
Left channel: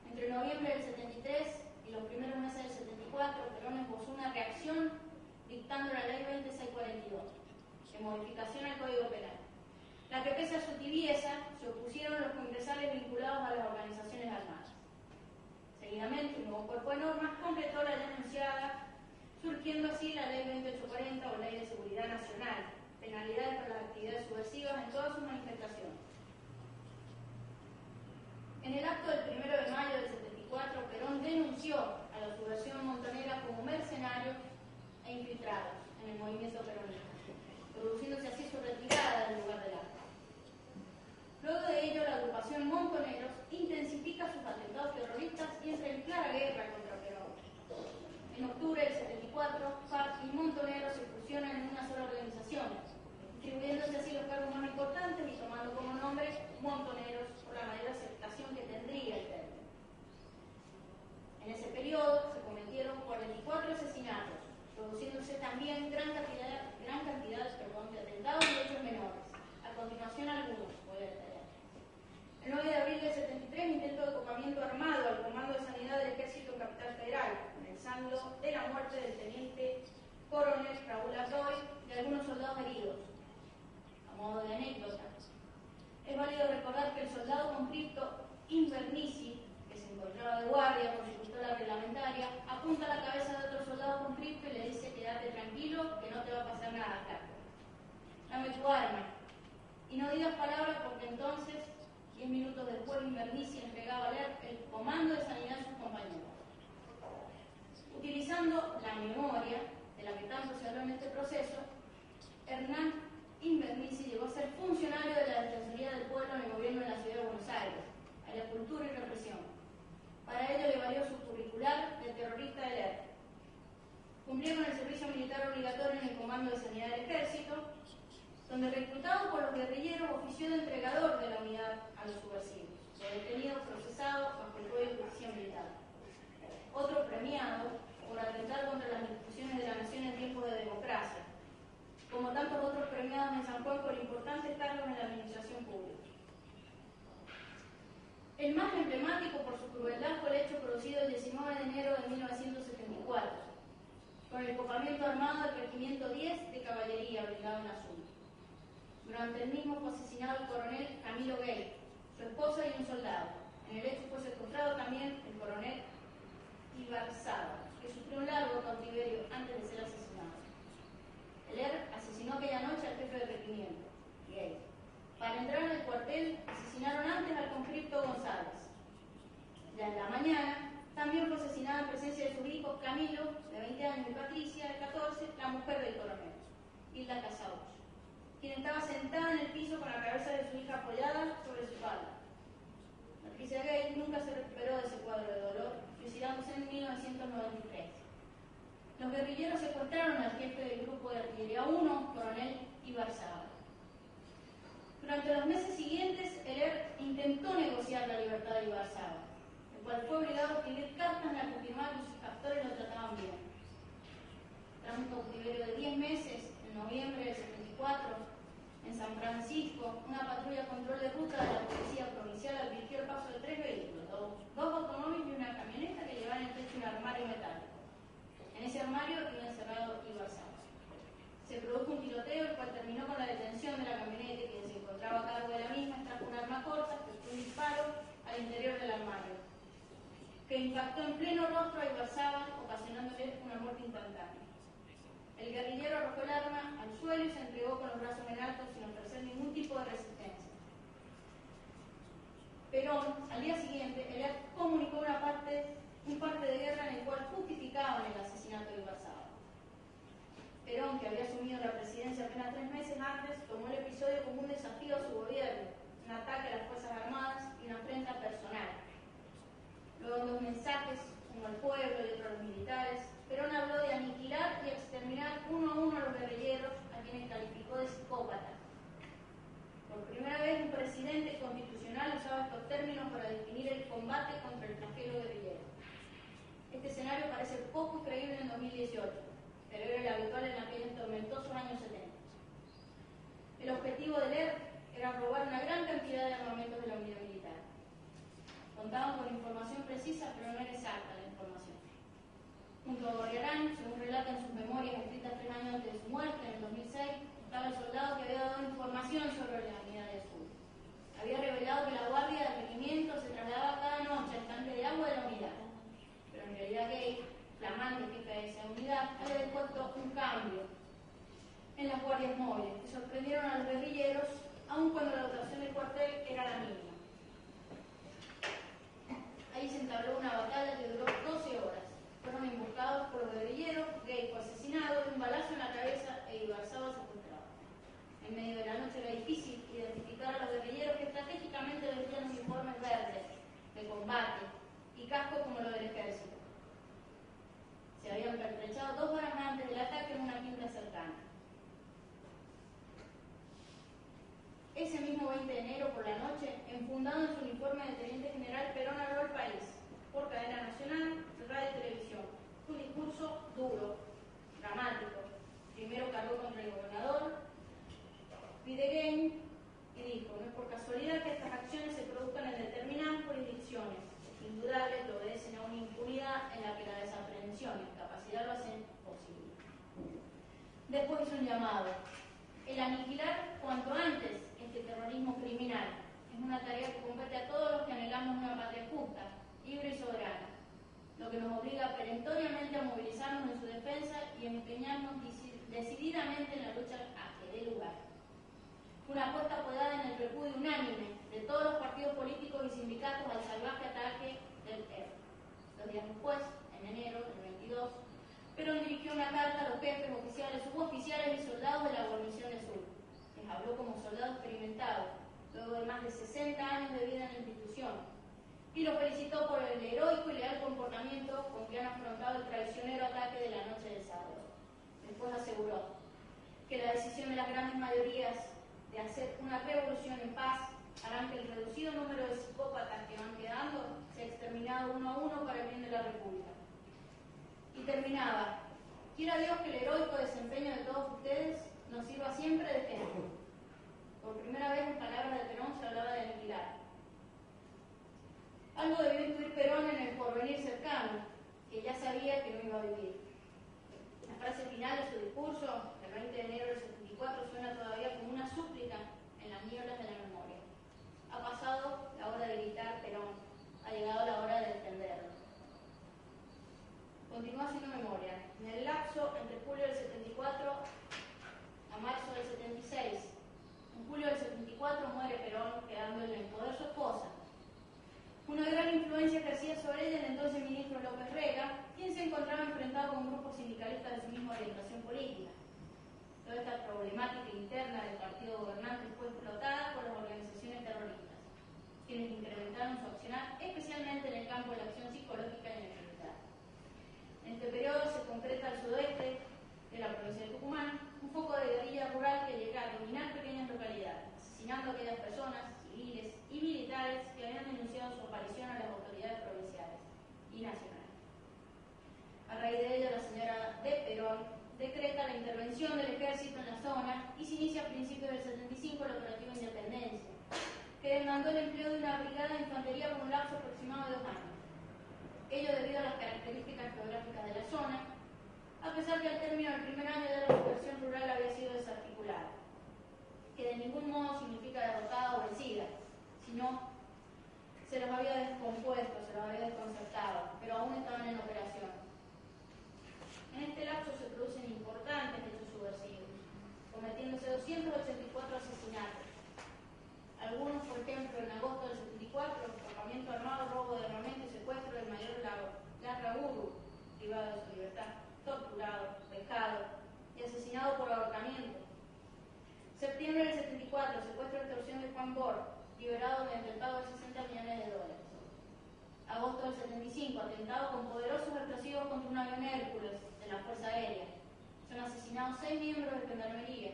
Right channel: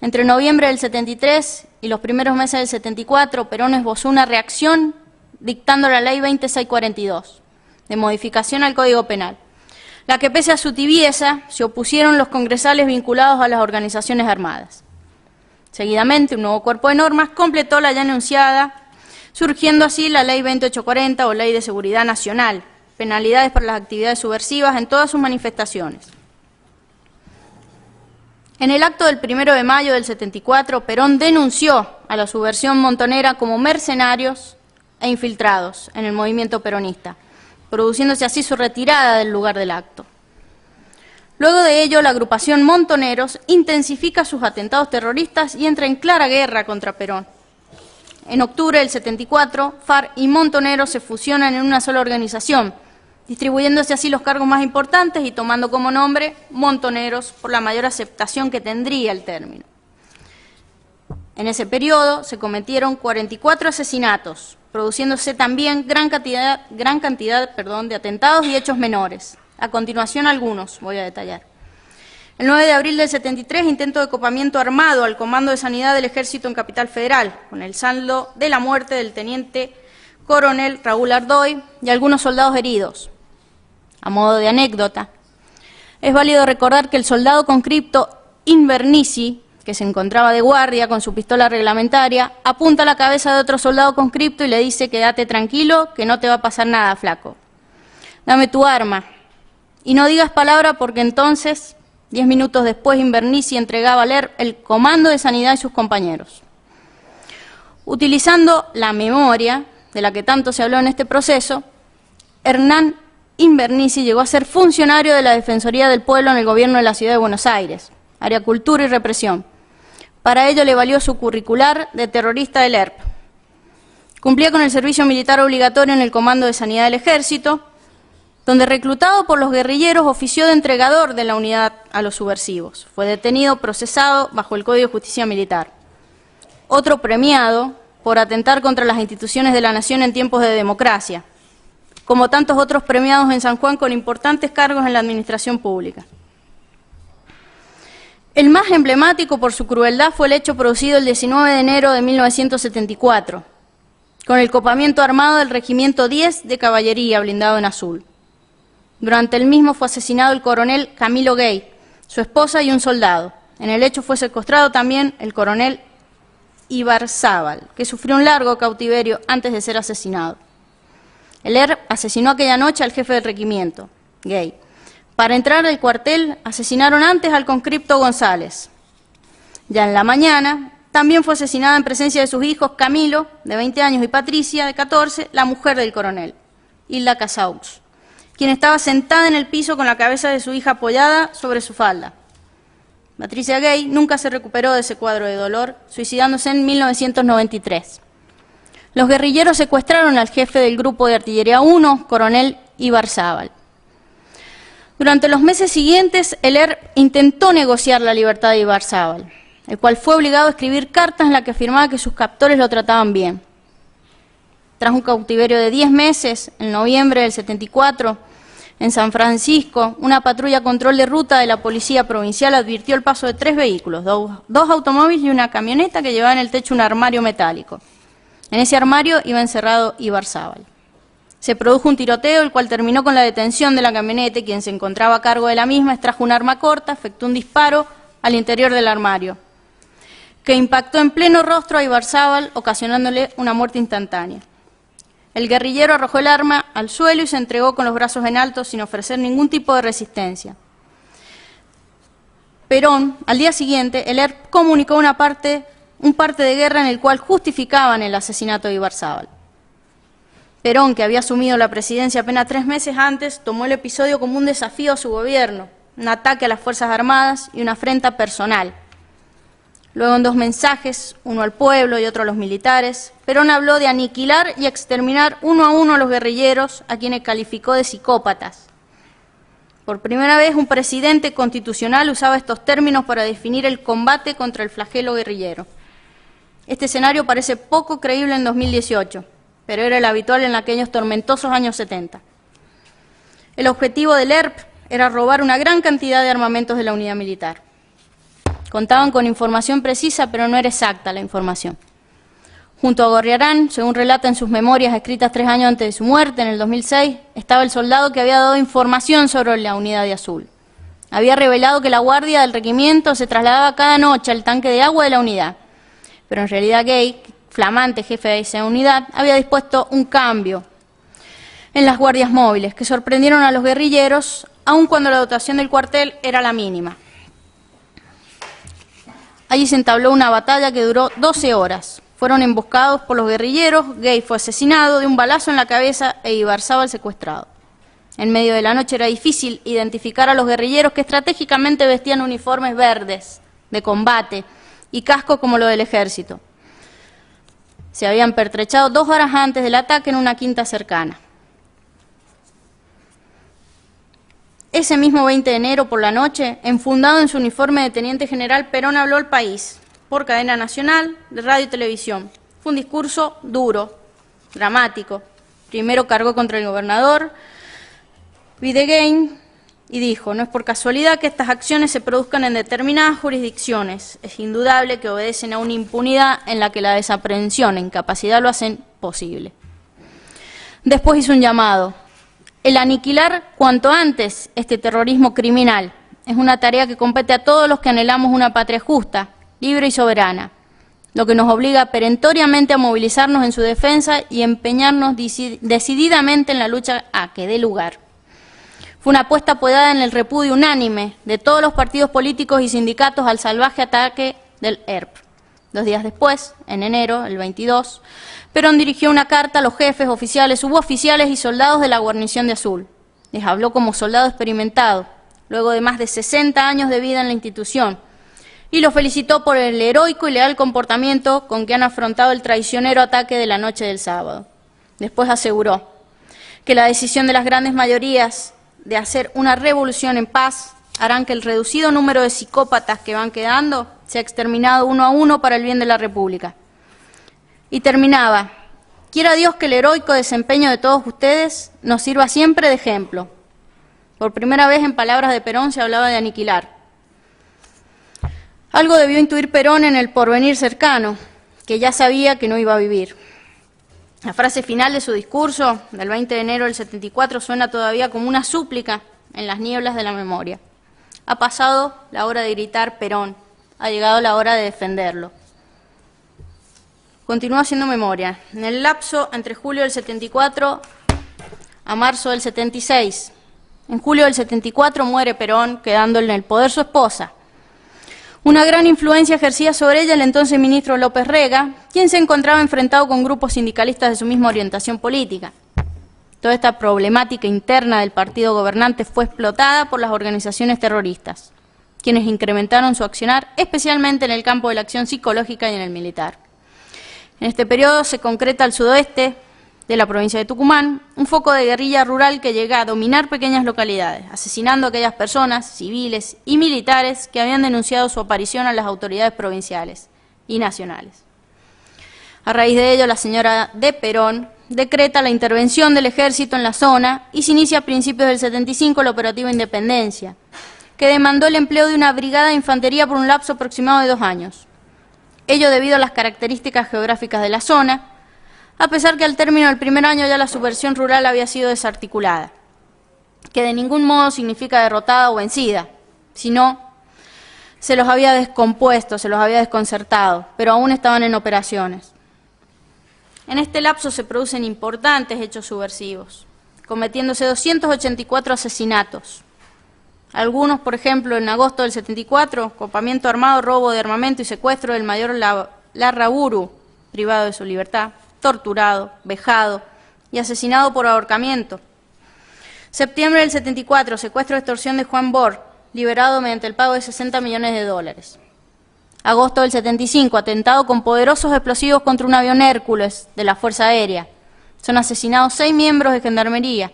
Entre noviembre del 73 y los primeros meses del 74, Perón esbozó una reacción dictando la Ley 20642, de modificación al Código Penal, la que pese a su tibieza se opusieron los congresales vinculados a las organizaciones armadas. Seguidamente, un nuevo cuerpo de normas completó la ya anunciada, surgiendo así la Ley 20840 o Ley de Seguridad Nacional, penalidades para las actividades subversivas en todas sus manifestaciones. En el acto del 1 de mayo del 74, Perón denunció a la subversión montonera como mercenarios e infiltrados en el movimiento peronista, produciéndose así su retirada del lugar del acto. Luego de ello, la agrupación Montoneros intensifica sus atentados terroristas y entra en clara guerra contra Perón. En octubre del 74, FARC y Montoneros se fusionan en una sola organización, distribuyéndose así los cargos más importantes y tomando como nombre Montoneros por la mayor aceptación que tendría el término. En ese periodo se cometieron 44 asesinatos, produciéndose también gran cantidad de atentados y hechos menores. A continuación algunos voy a detallar. El 9 de abril del 73, intento de copamiento armado al Comando de Sanidad del Ejército en Capital Federal, con el saldo de la muerte del teniente coronel Raúl Ardoy y algunos soldados heridos. A modo de anécdota, es válido recordar que el soldado conscripto Invernizzi, que se encontraba de guardia con su pistola reglamentaria, apunta a la cabeza de otro soldado conscripto y le dice: quédate tranquilo, que no te va a pasar nada, flaco. Dame tu arma. Y no digas palabra porque entonces, 10 minutos después, Invernizzi entregaba al ERP el Comando de Sanidad y sus compañeros. Utilizando la memoria, de la que tanto se habló en este proceso, Hernán Invernizzi llegó a ser funcionario de la Defensoría del Pueblo en el gobierno de la Ciudad de Buenos Aires, área Cultura y Represión. Para ello le valió su curricular de terrorista del ERP. Cumplía con el servicio militar obligatorio en el Comando de Sanidad del Ejército, donde, reclutado por los guerrilleros, ofició de entregador de la unidad a los subversivos. Fue detenido, procesado bajo el Código de Justicia Militar. Otro premiado por atentar contra las instituciones de la nación en tiempos de democracia, como tantos otros premiados en San Juan con importantes cargos en la administración pública. El más emblemático por su crueldad fue el hecho producido el 19 de enero de 1974, con el copamiento armado del Regimiento 10 de Caballería, blindado en azul. Durante el mismo fue asesinado el coronel Camilo Gay, su esposa y un soldado. En el hecho fue secuestrado también el coronel Ibarzábal, que sufrió un largo cautiverio antes de ser asesinado. El ERP asesinó aquella noche al jefe del regimiento, Gay. Para entrar al cuartel asesinaron antes al conscripto González. Ya en la mañana también fue asesinada en presencia de sus hijos Camilo, de 20 años, y Patricia, de 14, la mujer del coronel, Hilda Casaux, quien estaba sentada en el piso con la cabeza de su hija apoyada sobre su falda. Patricia Gay nunca se recuperó de ese cuadro de dolor, suicidándose en 1993. Los guerrilleros secuestraron al jefe del Grupo de Artillería 1, coronel Ibarzábal. Durante los meses siguientes, el ERP intentó negociar la libertad de Ibarzábal, el cual fue obligado a escribir cartas en las que afirmaba que sus captores lo trataban bien. Tras un cautiverio de 10 meses, en noviembre del 74, en San Francisco, una patrulla control de ruta de la Policía Provincial advirtió el paso de 3 vehículos, dos automóviles y una camioneta que llevaba en el techo un armario metálico. En ese armario iba encerrado Ibarzábal. Se produjo un tiroteo, el cual terminó con la detención de la camioneta y quien se encontraba a cargo de la misma extrajo un arma corta, efectuó un disparo al interior del armario, que impactó en pleno rostro a Ibarzábal, ocasionándole una muerte instantánea. El guerrillero arrojó el arma al suelo y se entregó con los brazos en alto sin ofrecer ningún tipo de resistencia. Perón, al día siguiente, el ERP comunicó un parte de guerra en el cual justificaban el asesinato de Ibarzábal. Perón, que había asumido la presidencia apenas 3 meses antes, tomó el episodio como un desafío a su gobierno, un ataque a las Fuerzas Armadas y una afrenta personal. Luego, en 2 mensajes, uno al pueblo y otro a los militares, Perón habló de aniquilar y exterminar uno a uno a los guerrilleros, a quienes calificó de psicópatas. Por primera vez, un presidente constitucional usaba estos términos para definir el combate contra el flagelo guerrillero. Este escenario parece poco creíble en 2018, pero era el habitual en aquellos tormentosos años 70. El objetivo del ERP era robar una gran cantidad de armamentos de la unidad militar. Contaban con información precisa, pero no era exacta la información. Junto a Gorriarán, según relata en sus memorias escritas 3 años antes de su muerte, en el 2006, estaba el soldado que había dado información sobre la unidad de Azul. Había revelado que la guardia del regimiento se trasladaba cada noche al tanque de agua de la unidad, pero en realidad Gay, flamante jefe de esa unidad, había dispuesto un cambio en las guardias móviles, que sorprendieron a los guerrilleros, aun cuando la dotación del cuartel era la mínima. Allí se entabló una batalla que duró 12 horas. Fueron emboscados por los guerrilleros, Gay fue asesinado de un balazo en la cabeza e Ibarzábal secuestrado. En medio de la noche era difícil identificar a los guerrilleros que estratégicamente vestían uniformes verdes de combate y casco como lo del ejército. Se habían pertrechado 2 horas antes del ataque en una quinta cercana. Ese mismo 20 de enero por la noche, enfundado en su uniforme de teniente general, Perón habló al país por cadena nacional, de radio y televisión. Fue un discurso duro, dramático. Primero cargó contra el gobernador Videgain y dijo: no es por casualidad que estas acciones se produzcan en determinadas jurisdicciones. Es indudable que obedecen a una impunidad en la que la desaprehensión e incapacidad lo hacen posible. Después hizo un llamado: el aniquilar cuanto antes este terrorismo criminal. Es una tarea que compete a todos los que anhelamos una patria justa, libre y soberana, lo que nos obliga perentoriamente a movilizarnos en su defensa y empeñarnos decididamente en la lucha a que dé lugar. Fue una apuesta apoyada en el repudio unánime de todos los partidos políticos y sindicatos al salvaje ataque del ERP. 2 días después, en enero, el 22, Perón dirigió una carta a los jefes, oficiales, suboficiales y soldados de la guarnición de Azul. Les habló como soldado experimentado, luego de más de 60 años de vida en la institución, y los felicitó por el heroico y leal comportamiento con que han afrontado el traicionero ataque de la noche del sábado. Después aseguró que la decisión de las grandes mayorías de hacer una revolución en paz harán que el reducido número de psicópatas que van quedando sea exterminado uno a uno para el bien de la República. Y terminaba: quiera Dios que el heroico desempeño de todos ustedes nos sirva siempre de ejemplo. Por primera vez, en palabras de Perón, se hablaba de aniquilar. Algo debió intuir Perón en el porvenir cercano, que ya sabía que no iba a vivir. La frase final de su discurso del 20 de enero del 74 suena todavía como una súplica en las nieblas de la memoria. Ha pasado la hora de gritar Perón, ha llegado la hora de defenderlo. Continúa haciendo memoria. En el lapso entre julio del 74 a marzo del 76, en julio del 74 muere Perón, quedando en el poder su esposa. Una gran influencia ejercía sobre ella el entonces ministro López Rega, quien se encontraba enfrentado con grupos sindicalistas de su misma orientación política. Toda esta problemática interna del partido gobernante fue explotada por las organizaciones terroristas, quienes incrementaron su accionar, especialmente en el campo de la acción psicológica y en el militar. En este periodo se concreta al sudoeste de la provincia de Tucumán un foco de guerrilla rural que llega a dominar pequeñas localidades, asesinando a aquellas personas, civiles y militares que habían denunciado su aparición a las autoridades provinciales y nacionales. A raíz de ello, la señora de Perón decreta la intervención del ejército en la zona y se inicia a principios del 75 el operativo Independencia, que demandó el empleo de una brigada de infantería por un lapso aproximado de 2 años. Ello debido a las características geográficas de la zona, a pesar que al término del primer año ya la subversión rural había sido desarticulada, que de ningún modo significa derrotada o vencida, sino se los había descompuesto, se los había desconcertado, pero aún estaban en operaciones. En este lapso se producen importantes hechos subversivos, cometiéndose 284 asesinatos. Algunos, por ejemplo, en agosto del 74, copamiento armado, robo de armamento y secuestro del mayor Larraburu, privado de su libertad, torturado, vejado y asesinado por ahorcamiento. Septiembre del 74, secuestro y extorsión de Juan Bor, liberado mediante el pago de $60 millones. Agosto del 75, atentado con poderosos explosivos contra un avión Hércules de la Fuerza Aérea. Son asesinados 6 miembros de Gendarmería.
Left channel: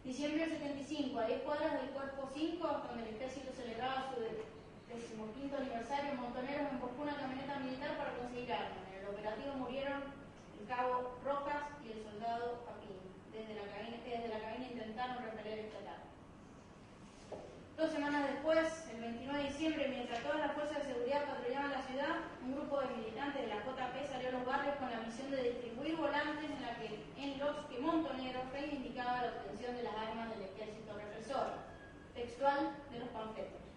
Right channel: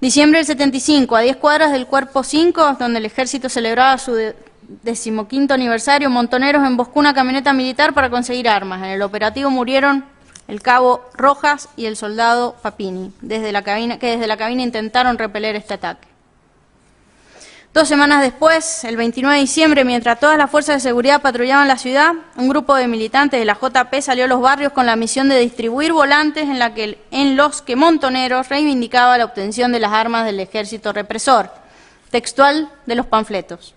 Diciembre del 75, a 10 cuadras del Cuerpo 5, donde el ejército celebraba su 15º aniversario, Montoneros emboscó una camioneta militar para conseguir armas. En el operativo murieron el cabo Rojas y el soldado Papini, que desde la cabina intentaron repeler este ataque. 2 semanas después, el 29 de diciembre, mientras todas las fuerzas de seguridad patrullaban la ciudad, un grupo de militantes de la JP salió a los barrios con la misión de distribuir volantes en los que Montoneros reivindicaba la obtención de las armas del ejército represor, textual de los panfletos.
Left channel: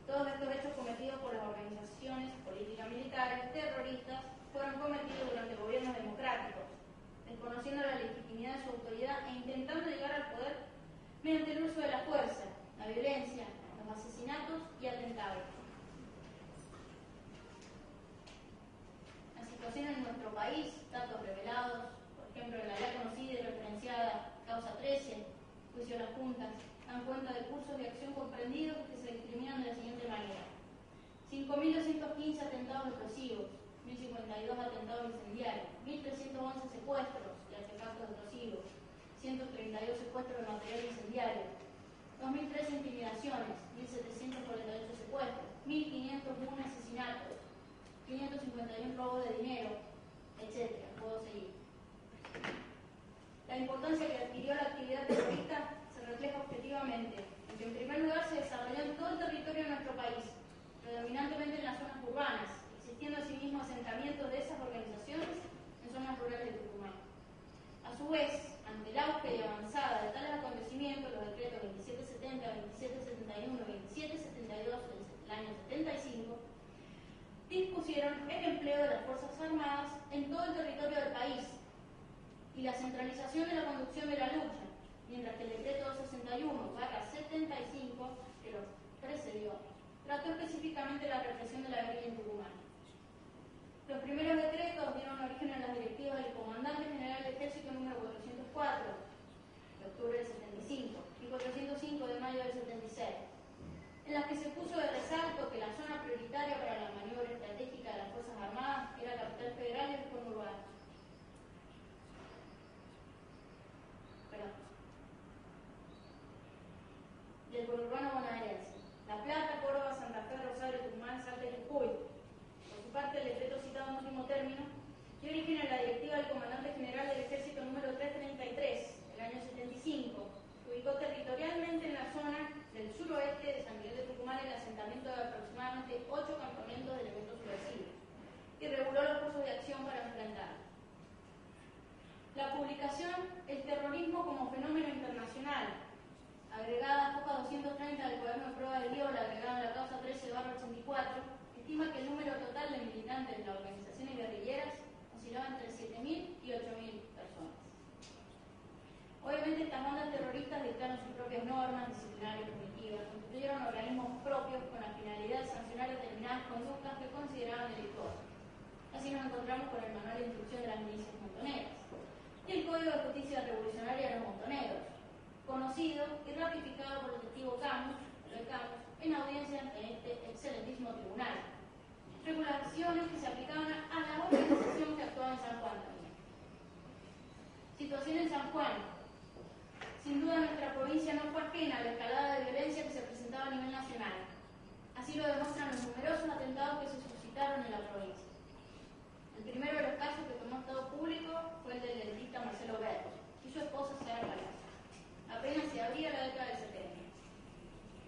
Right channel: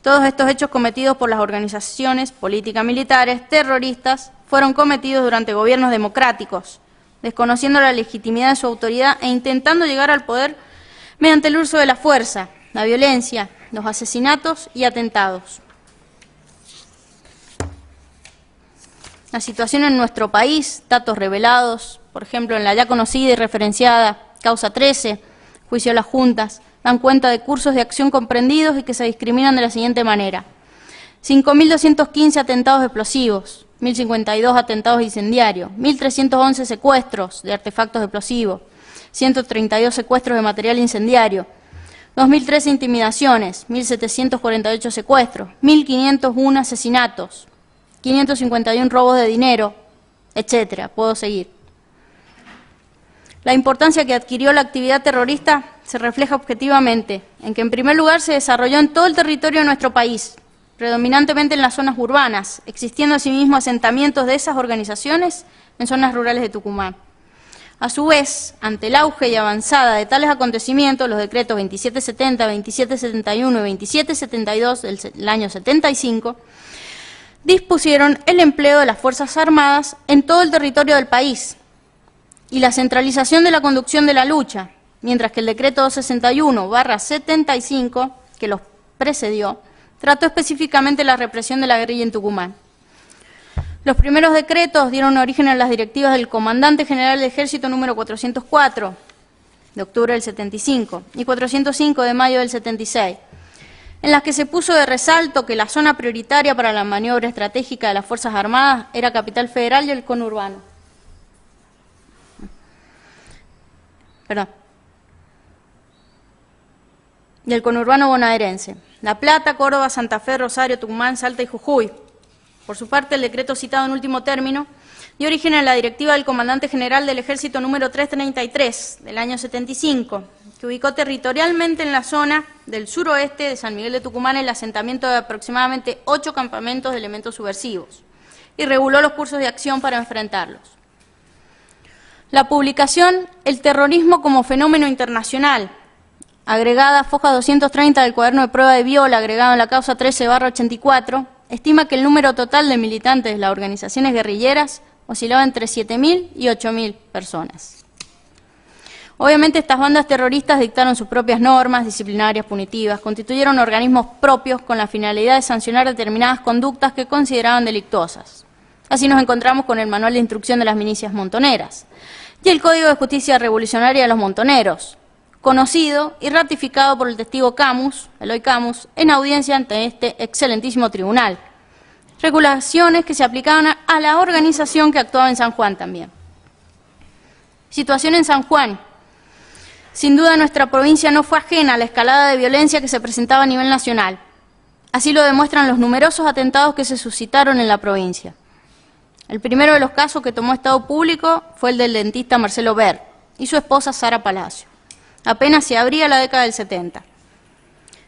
Todos estos hechos cometidos por las organizaciones políticas-militares terroristas fueron cometidos durante gobiernos democráticos, desconociendo la legitimidad de su autoridad e intentando llegar al poder mediante el uso de la fuerza, la violencia, los asesinatos y atentados. La situación en nuestro país, datos revelados, por ejemplo, en la ya conocida y referenciada Causa 13, juicio a las juntas, dan cuenta de cursos de acción comprendidos y que se discriminan de la siguiente manera. 5.215 atentados explosivos, 1.052 atentados incendiarios, 1.311 secuestros de artefactos explosivos, 132 secuestros de material incendiario, 2.013 intimidaciones, 1.748 secuestros, 1.501 asesinatos, 551 robos de dinero, etcétera. Puedo seguir. La importancia que adquirió la actividad terrorista se refleja objetivamente en que, en primer lugar, se desarrolló en todo el territorio de nuestro país, predominantemente en las zonas urbanas, existiendo asimismo asentamientos de esas organizaciones en zonas rurales de Tucumán. A su vez, ante el auge y avanzada de tales acontecimientos, los decretos 2770, 2771 y 2772 del año 75 dispusieron el empleo de las Fuerzas Armadas en todo el territorio del país y la centralización de la conducción de la lucha, mientras que el decreto 261/75, que los precedió, trató específicamente la represión de la guerrilla en Tucumán. Los primeros decretos dieron origen a las directivas del Comandante General del Ejército número 404, de octubre del 75, y 405 de mayo del 76, en las que se puso de resalto que la zona prioritaria para la maniobra estratégica de las Fuerzas Armadas era Capital Federal y el conurbano. Y el conurbano bonaerense. La Plata, Córdoba, Santa Fe, Rosario, Tucumán, Salta y Jujuy. Por su parte, el decreto citado en último término dio origen a la directiva del Comandante General del Ejército número 333 del año 75, que ubicó territorialmente en la zona del suroeste de San Miguel de Tucumán el asentamiento de aproximadamente 8 campamentos de elementos subversivos y reguló los cursos de acción para enfrentarlos. La publicación El terrorismo como fenómeno internacional, agregada foja 230 del cuaderno de prueba de Viola, agregado en la causa 13/84, estima que el número total de militantes de las organizaciones guerrilleras oscilaba entre 7.000 y 8.000 personas. Obviamente estas bandas terroristas dictaron sus propias normas disciplinarias punitivas, constituyeron organismos propios con la finalidad de sancionar determinadas conductas que consideraban delictuosas. Así nos encontramos con el Manual de Instrucción de las Milicias Montoneras y el Código de Justicia Revolucionaria de los Montoneros, conocido y ratificado por el testigo Camus, Eloy Camus, en audiencia ante este excelentísimo tribunal. Regulaciones que se aplicaban a la organización que actuaba en San Juan también. Situación en San Juan. Sin duda nuestra provincia no fue ajena a la escalada de violencia que se presentaba a nivel nacional. Así lo demuestran los numerosos atentados que se suscitaron en la provincia. El primero de los casos que tomó estado público fue el del dentista Marcelo Ver y su esposa Sara Palacio. Apenas se abría la década del 70.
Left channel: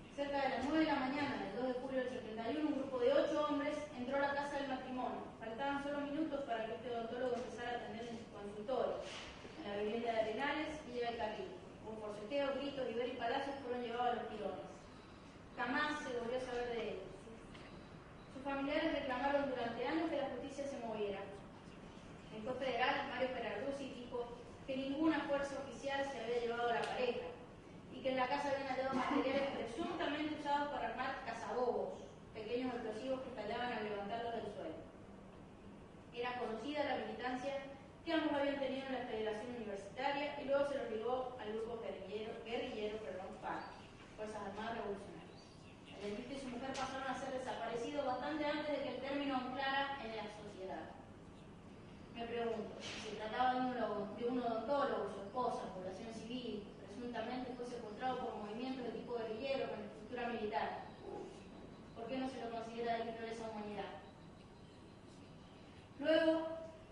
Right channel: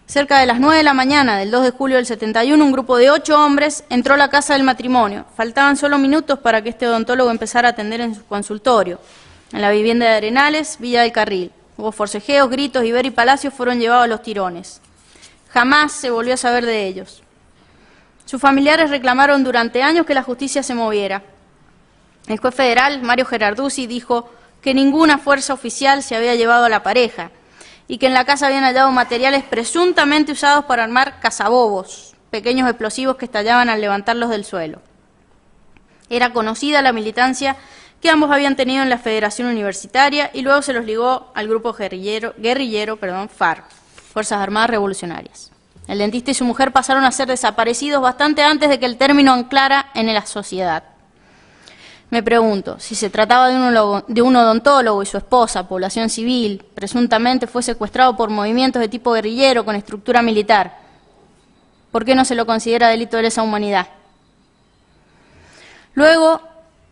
Cerca de las 9 de la mañana del 2 de julio del 71, un grupo de 8 hombres entró a la casa del matrimonio. Faltaban solo minutos para que este odontólogo empezara a atender en su consultorio, en la vivienda de Arenales, Villa del Carril. Hubo forcejeos, gritos y Ver y Palacio fueron llevados a los tirones. Jamás se volvió a saber de ellos. Sus familiares reclamaron durante años que la justicia se moviera. El juez federal, Mario Gerarduzzi, dijo que ninguna fuerza oficial se había llevado a la pareja y que en la casa habían hallado materiales presuntamente usados para armar cazabobos, pequeños explosivos que estallaban al levantarlos del suelo. Era conocida la militancia que ambos habían tenido en la Federación Universitaria y luego se los ligó al grupo guerrillero, FARC, Fuerzas Armadas Revolucionarias. El dentista y su mujer pasaron a ser desaparecidos bastante antes de que el término anclara en la sociedad. Me pregunto, si se trataba de un odontólogo y su esposa, población civil, presuntamente fue secuestrado por movimientos de tipo guerrillero con estructura militar, ¿por qué no se lo considera delito de lesa humanidad? Luego,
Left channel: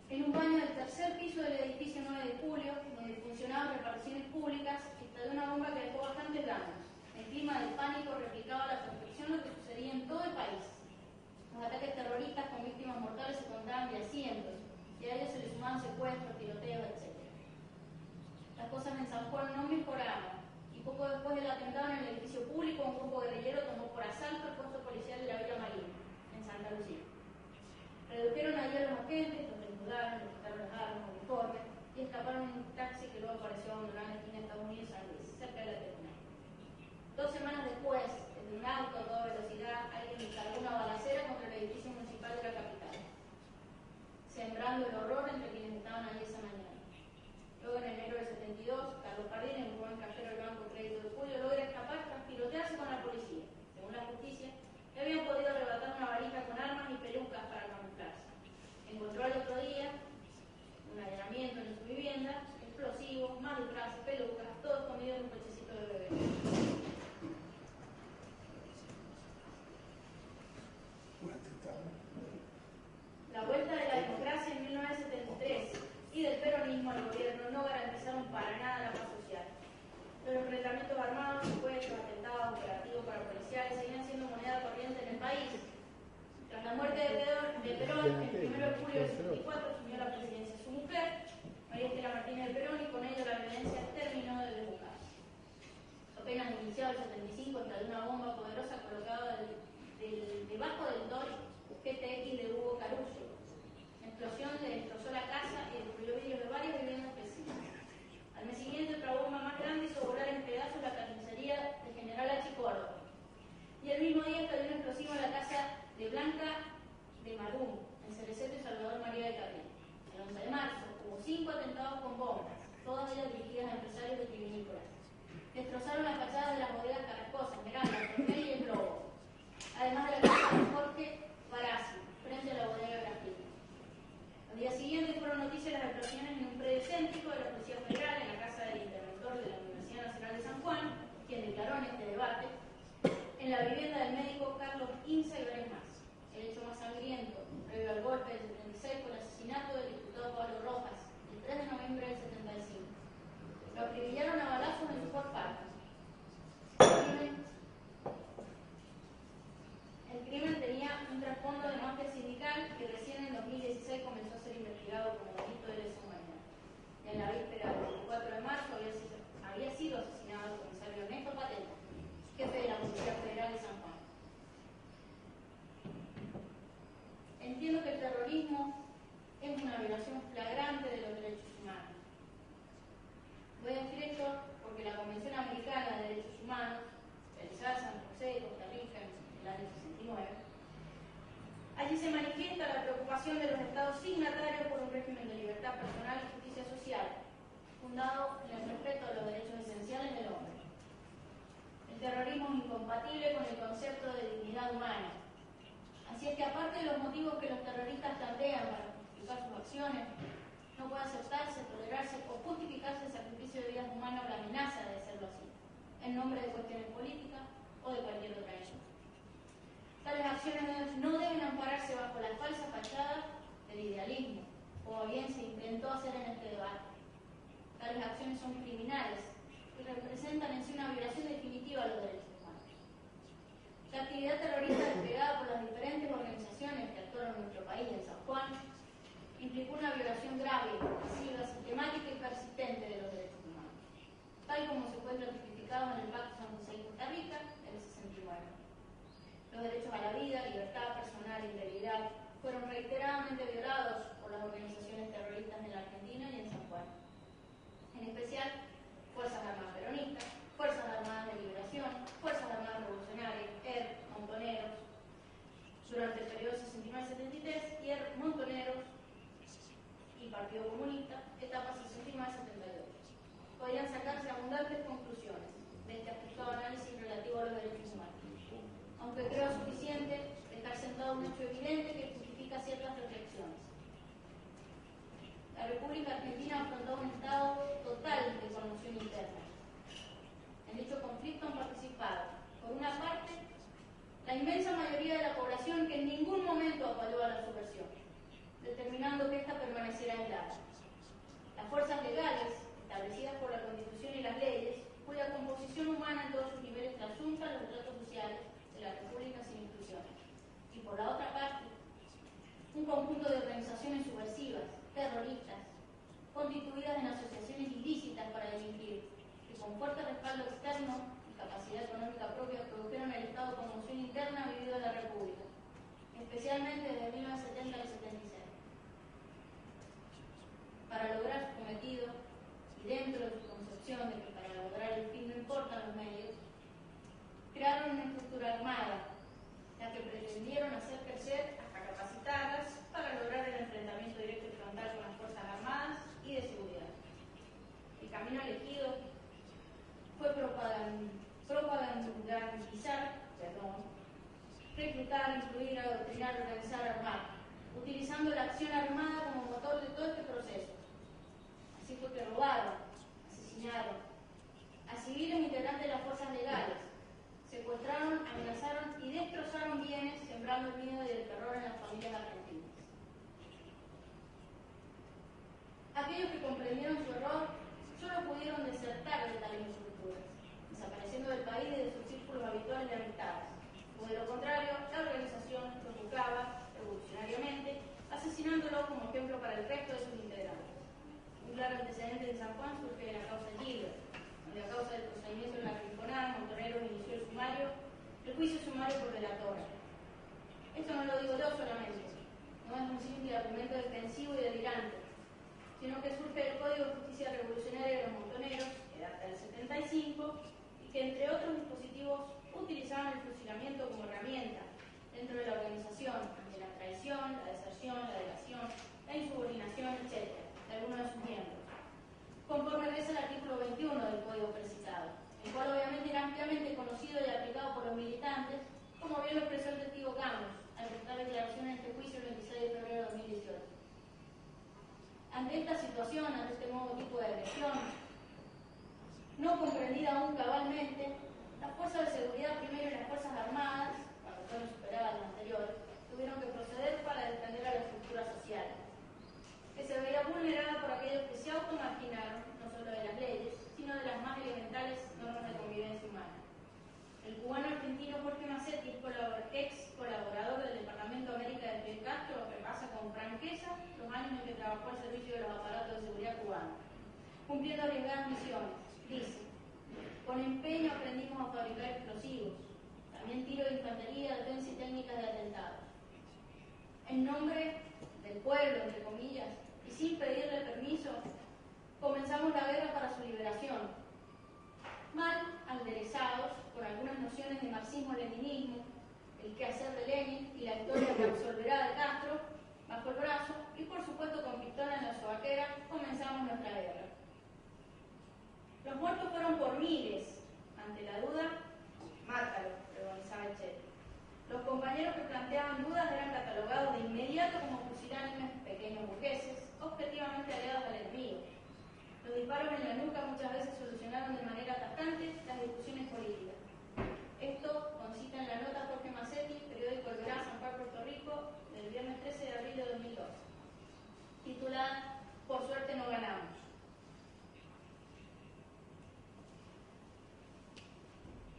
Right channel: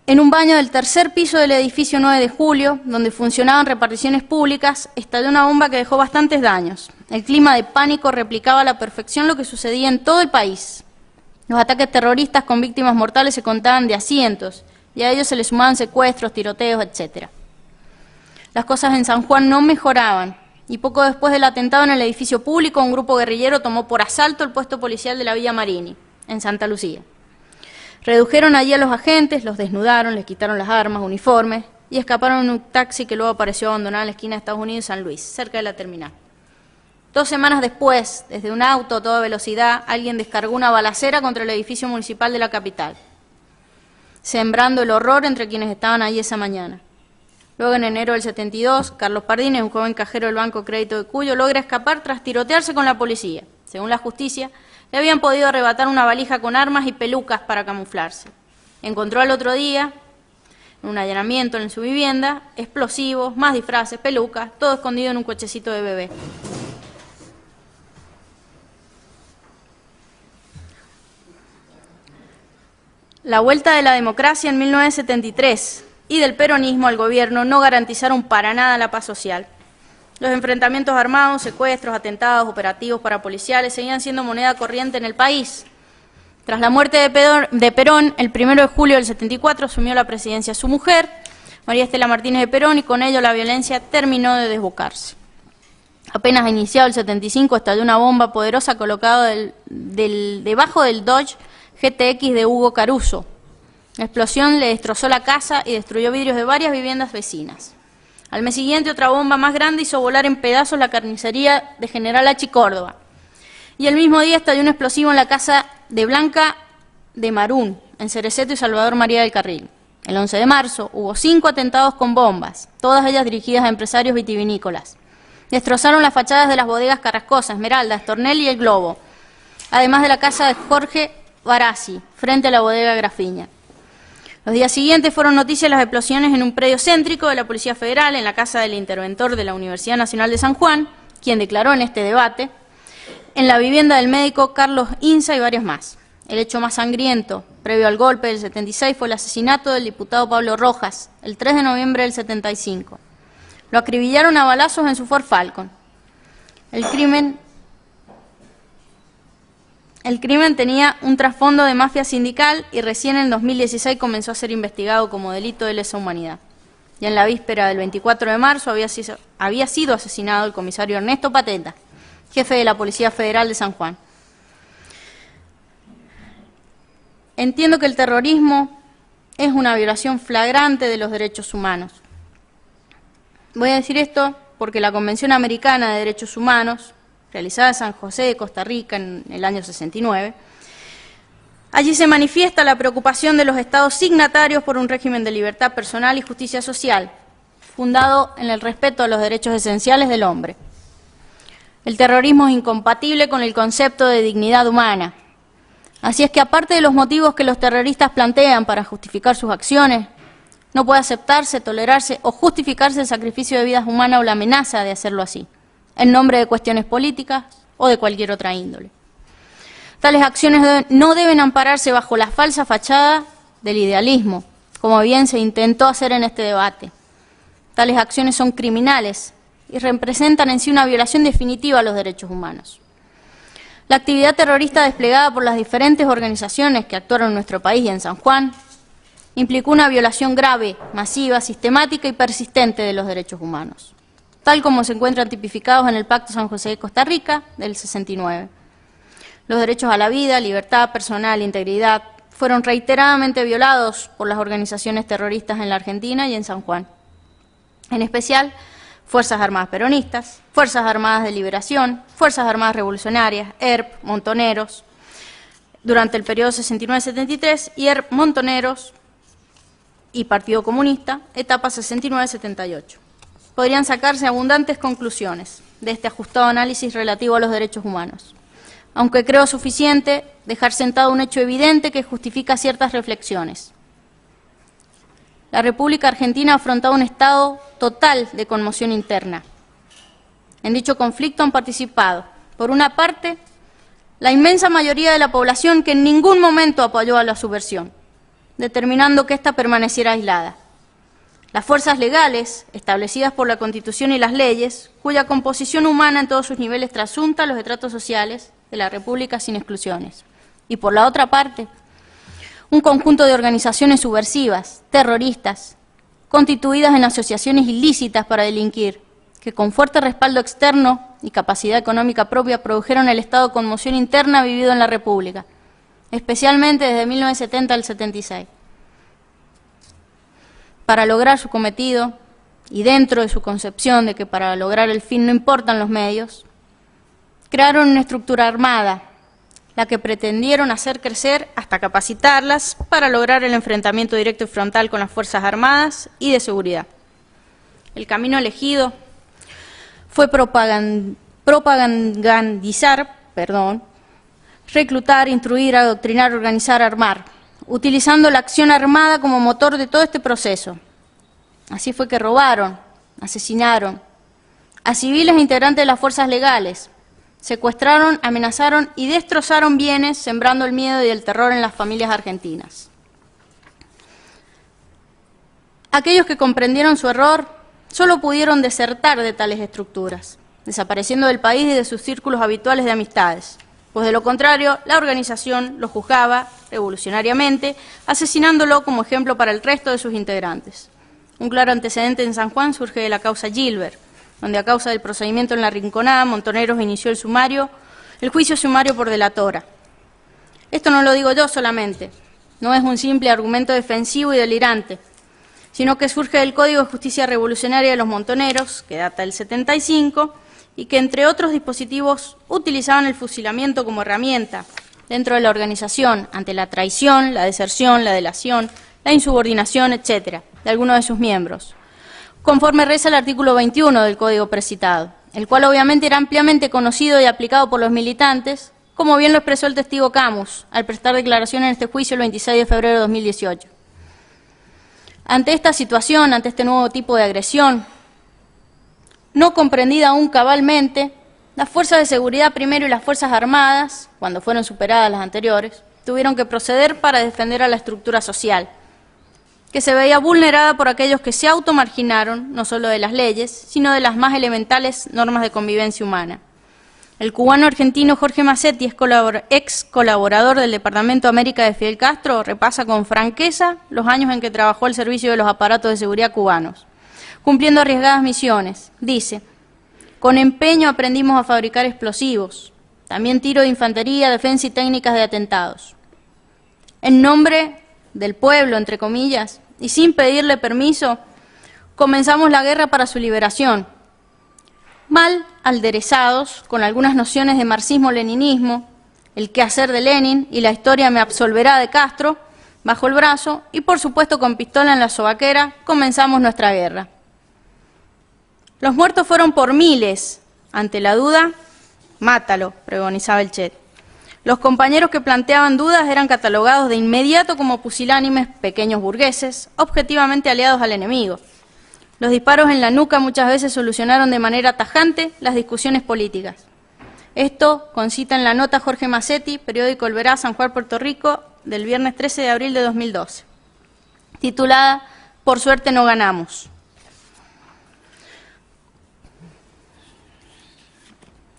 en un baño del tercer piso del edificio 9 de julio, donde funcionaban reparticiones públicas, estalló una bomba que dejó bastantes daños. El clima de pánico replicaba a la perfección lo que sucedía en todo el país. Los ataques terroristas con víctimas mortales se contaban de a cientos, y a ellos se les sumaban secuestros, tiroteos, etc. Las cosas en San Juan no mejoraban, y poco después del atentado en el edificio público, un grupo guerrillero tomó por asalto el puesto policial de la Villa Marini, en Santa Lucía. Redujeron allí a los agentes, los desnudaron, les quitaron las armas, uniformes, y escaparon en un taxi que luego apareció abandonado en la esquina de Estados Unidos y San Luis, cerca de la terminal. 2 semanas después, desde un auto a toda velocidad, alguien descargó una balacera contra el edificio municipal de la capital, sembrando el horror entre quienes estaban allí esa mañana. Luego, en enero del 72, Carlos Pardines, un joven cajero del Banco Crédito de Cuyo, logra escapar tras tirotearse con la policía. Según la justicia, le habían podido arrebatar una valija con armas y pelucas para camuflarse. Encontró al otro día, en un allanamiento en su vivienda, explosivos, más disfraces, pelucas, todo escondido en un cochecito de bebé. La vuelta de la democracia en 1973 y del peronismo al gobierno no garantizaron para nada la paz social. Los enfrentamientos armados, secuestros, atentados, operativos parapoliciales seguían siendo moneda corriente en el país. Tras la muerte de Perón, el 1 de julio del 74 asumió la presidencia su mujer, María Estela Martínez de Perón, y con ello la violencia terminó de desbocarse. Apenas iniciado el 75, estalló una bomba poderosa colocada debajo del Dodge GTX de Hugo Caruso. La explosión le destrozó la casa y destruyó vidrios de varias viviendas vecinas. Al mes siguiente, otra bomba más grande hizo volar en pedazos la carnicería de General Achi Córdoba. Y el mismo día estalló un explosivo en la casa de Blanca de Marún, en Cereceto y Salvador María del Carril. El 11 de marzo hubo 5 atentados con bombas, todas ellas dirigidas a empresarios vitivinícolas. Destrozaron las fachadas de las bodegas Carrascosa, Esmeralda, Estornel y El Globo, además de la casa de Jorge Barassi, frente a la bodega Grafiña. Los días siguientes fueron noticias las explosiones en un predio céntrico de la Policía Federal, en la casa del interventor de la Universidad Nacional de San Juan, quien declaró en este debate, en la vivienda del médico Carlos Inza y varios más. El hecho más sangriento, previo al golpe del 76, fue el asesinato del diputado Pablo Rojas, el 3 de noviembre del 75. Lo acribillaron a balazos en su Ford Falcon. El crimen tenía un trasfondo de mafia sindical y recién en 2016 comenzó a ser investigado como delito de lesa humanidad. Ya en la víspera del 24 de marzo había sido asesinado el comisario Ernesto Pateta, jefe de la Policía Federal de San Juan. Entiendo que el terrorismo es una violación flagrante de los derechos humanos. Voy a decir esto porque la Convención Americana de Derechos Humanos, realizada en San José de Costa Rica en el año 69, allí se manifiesta la preocupación de los estados signatarios por un régimen de libertad personal y justicia social, fundado en el respeto a los derechos esenciales del hombre. El terrorismo es incompatible con el concepto de dignidad humana. Así es que, aparte de los motivos que los terroristas plantean para justificar sus acciones, no puede aceptarse, tolerarse o justificarse el sacrificio de vidas humanas o la amenaza de hacerlo así, en nombre de cuestiones políticas o de cualquier otra índole. Tales acciones no deben ampararse bajo la falsa fachada del idealismo, como bien se intentó hacer en este debate. Tales acciones son criminales y representan en sí una violación definitiva a los derechos humanos. La actividad terrorista desplegada por las diferentes organizaciones que actuaron en nuestro país y en San Juan implicó una violación grave, masiva, sistemática y persistente de los derechos humanos, tal como se encuentran tipificados en el Pacto San José de Costa Rica del 69. Los derechos a la vida, libertad personal e integridad fueron reiteradamente violados por las organizaciones terroristas en la Argentina y en San Juan. En especial, Fuerzas Armadas Peronistas, Fuerzas Armadas de Liberación, Fuerzas Armadas Revolucionarias, ERP, Montoneros, durante el periodo 69-73, y ERP, Montoneros y Partido Comunista, etapa 69-78. Podrían sacarse abundantes conclusiones de este ajustado análisis relativo a los derechos humanos, aunque creo suficiente dejar sentado un hecho evidente que justifica ciertas reflexiones. La República Argentina ha afrontado un estado total de conmoción interna. En dicho conflicto han participado, por una parte, la inmensa mayoría de la población que en ningún momento apoyó a la subversión, determinando que ésta permaneciera aislada. Las fuerzas legales, establecidas por la Constitución y las leyes, cuya composición humana en todos sus niveles trasunta los estratos sociales de la República sin exclusiones. Y por la otra parte, un conjunto de organizaciones subversivas, terroristas, constituidas en asociaciones ilícitas para delinquir, que con fuerte respaldo externo y capacidad económica propia produjeron el estado de conmoción interna vivido en la República, especialmente desde 1970 al 76. Para lograr su cometido, y dentro de su concepción de que para lograr el fin no importan los medios, crearon una estructura armada, la que pretendieron hacer crecer hasta capacitarlas para lograr el enfrentamiento directo y frontal con las Fuerzas Armadas y de seguridad. El camino elegido fue propagandizar, reclutar, instruir, adoctrinar, organizar, armar, utilizando la acción armada como motor de todo este proceso. Así fue que robaron, asesinaron a civiles e integrantes de las fuerzas legales, secuestraron, amenazaron y destrozaron bienes, sembrando el miedo y el terror en las familias argentinas. Aquellos que comprendieron su error solo pudieron desertar de tales estructuras, desapareciendo del país y de sus círculos habituales de amistades, pues de lo contrario, la organización lo juzgaba revolucionariamente, asesinándolo como ejemplo para el resto de sus integrantes. Un claro antecedente en San Juan surge de la causa Gilbert, donde a causa del procedimiento en la Rinconada, Montoneros inició el juicio sumario por delatora. Esto no lo digo yo solamente, no es un simple argumento defensivo y delirante, sino que surge del Código de Justicia Revolucionaria de los Montoneros, que data del 75, y que, entre otros dispositivos, utilizaban el fusilamiento como herramienta dentro de la organización ante la traición, la deserción, la delación, la insubordinación, etcétera, de algunos de sus miembros, conforme reza el artículo 21 del Código precitado, el cual obviamente era ampliamente conocido y aplicado por los militantes, como bien lo expresó el testigo Camus al prestar declaración en este juicio el 26 de febrero de 2018. Ante esta situación, ante este nuevo tipo de agresión, no comprendida aún cabalmente, las fuerzas de seguridad primero y las Fuerzas Armadas, cuando fueron superadas las anteriores, tuvieron que proceder para defender a la estructura social, que se veía vulnerada por aquellos que se automarginaron, no solo de las leyes, sino de las más elementales normas de convivencia humana. El cubano-argentino Jorge Massetti, ex colaborador del Departamento de América de Fidel Castro, repasa con franqueza los años en que trabajó al servicio de los aparatos de seguridad cubanos, cumpliendo arriesgadas misiones. Dice: con empeño aprendimos a fabricar explosivos, también tiro de infantería, defensa y técnicas de atentados. En nombre del pueblo, entre comillas, y sin pedirle permiso, comenzamos la guerra para su liberación, mal aderezados con algunas nociones de marxismo-leninismo, el quehacer de Lenin y la historia me absolverá de Castro, bajo el brazo, y por supuesto con pistola en la sobaquera, comenzamos nuestra guerra. Los muertos fueron por miles. Ante la duda, mátalo, pregonizaba el Che. Los compañeros que planteaban dudas eran catalogados de inmediato como pusilánimes pequeños burgueses, objetivamente aliados al enemigo. Los disparos en la nuca muchas veces solucionaron de manera tajante las discusiones políticas. Esto concita en la nota Jorge Massetti, periódico El Verá, San Juan, Puerto Rico, del viernes 13 de abril de 2012. titulada Por suerte no ganamos.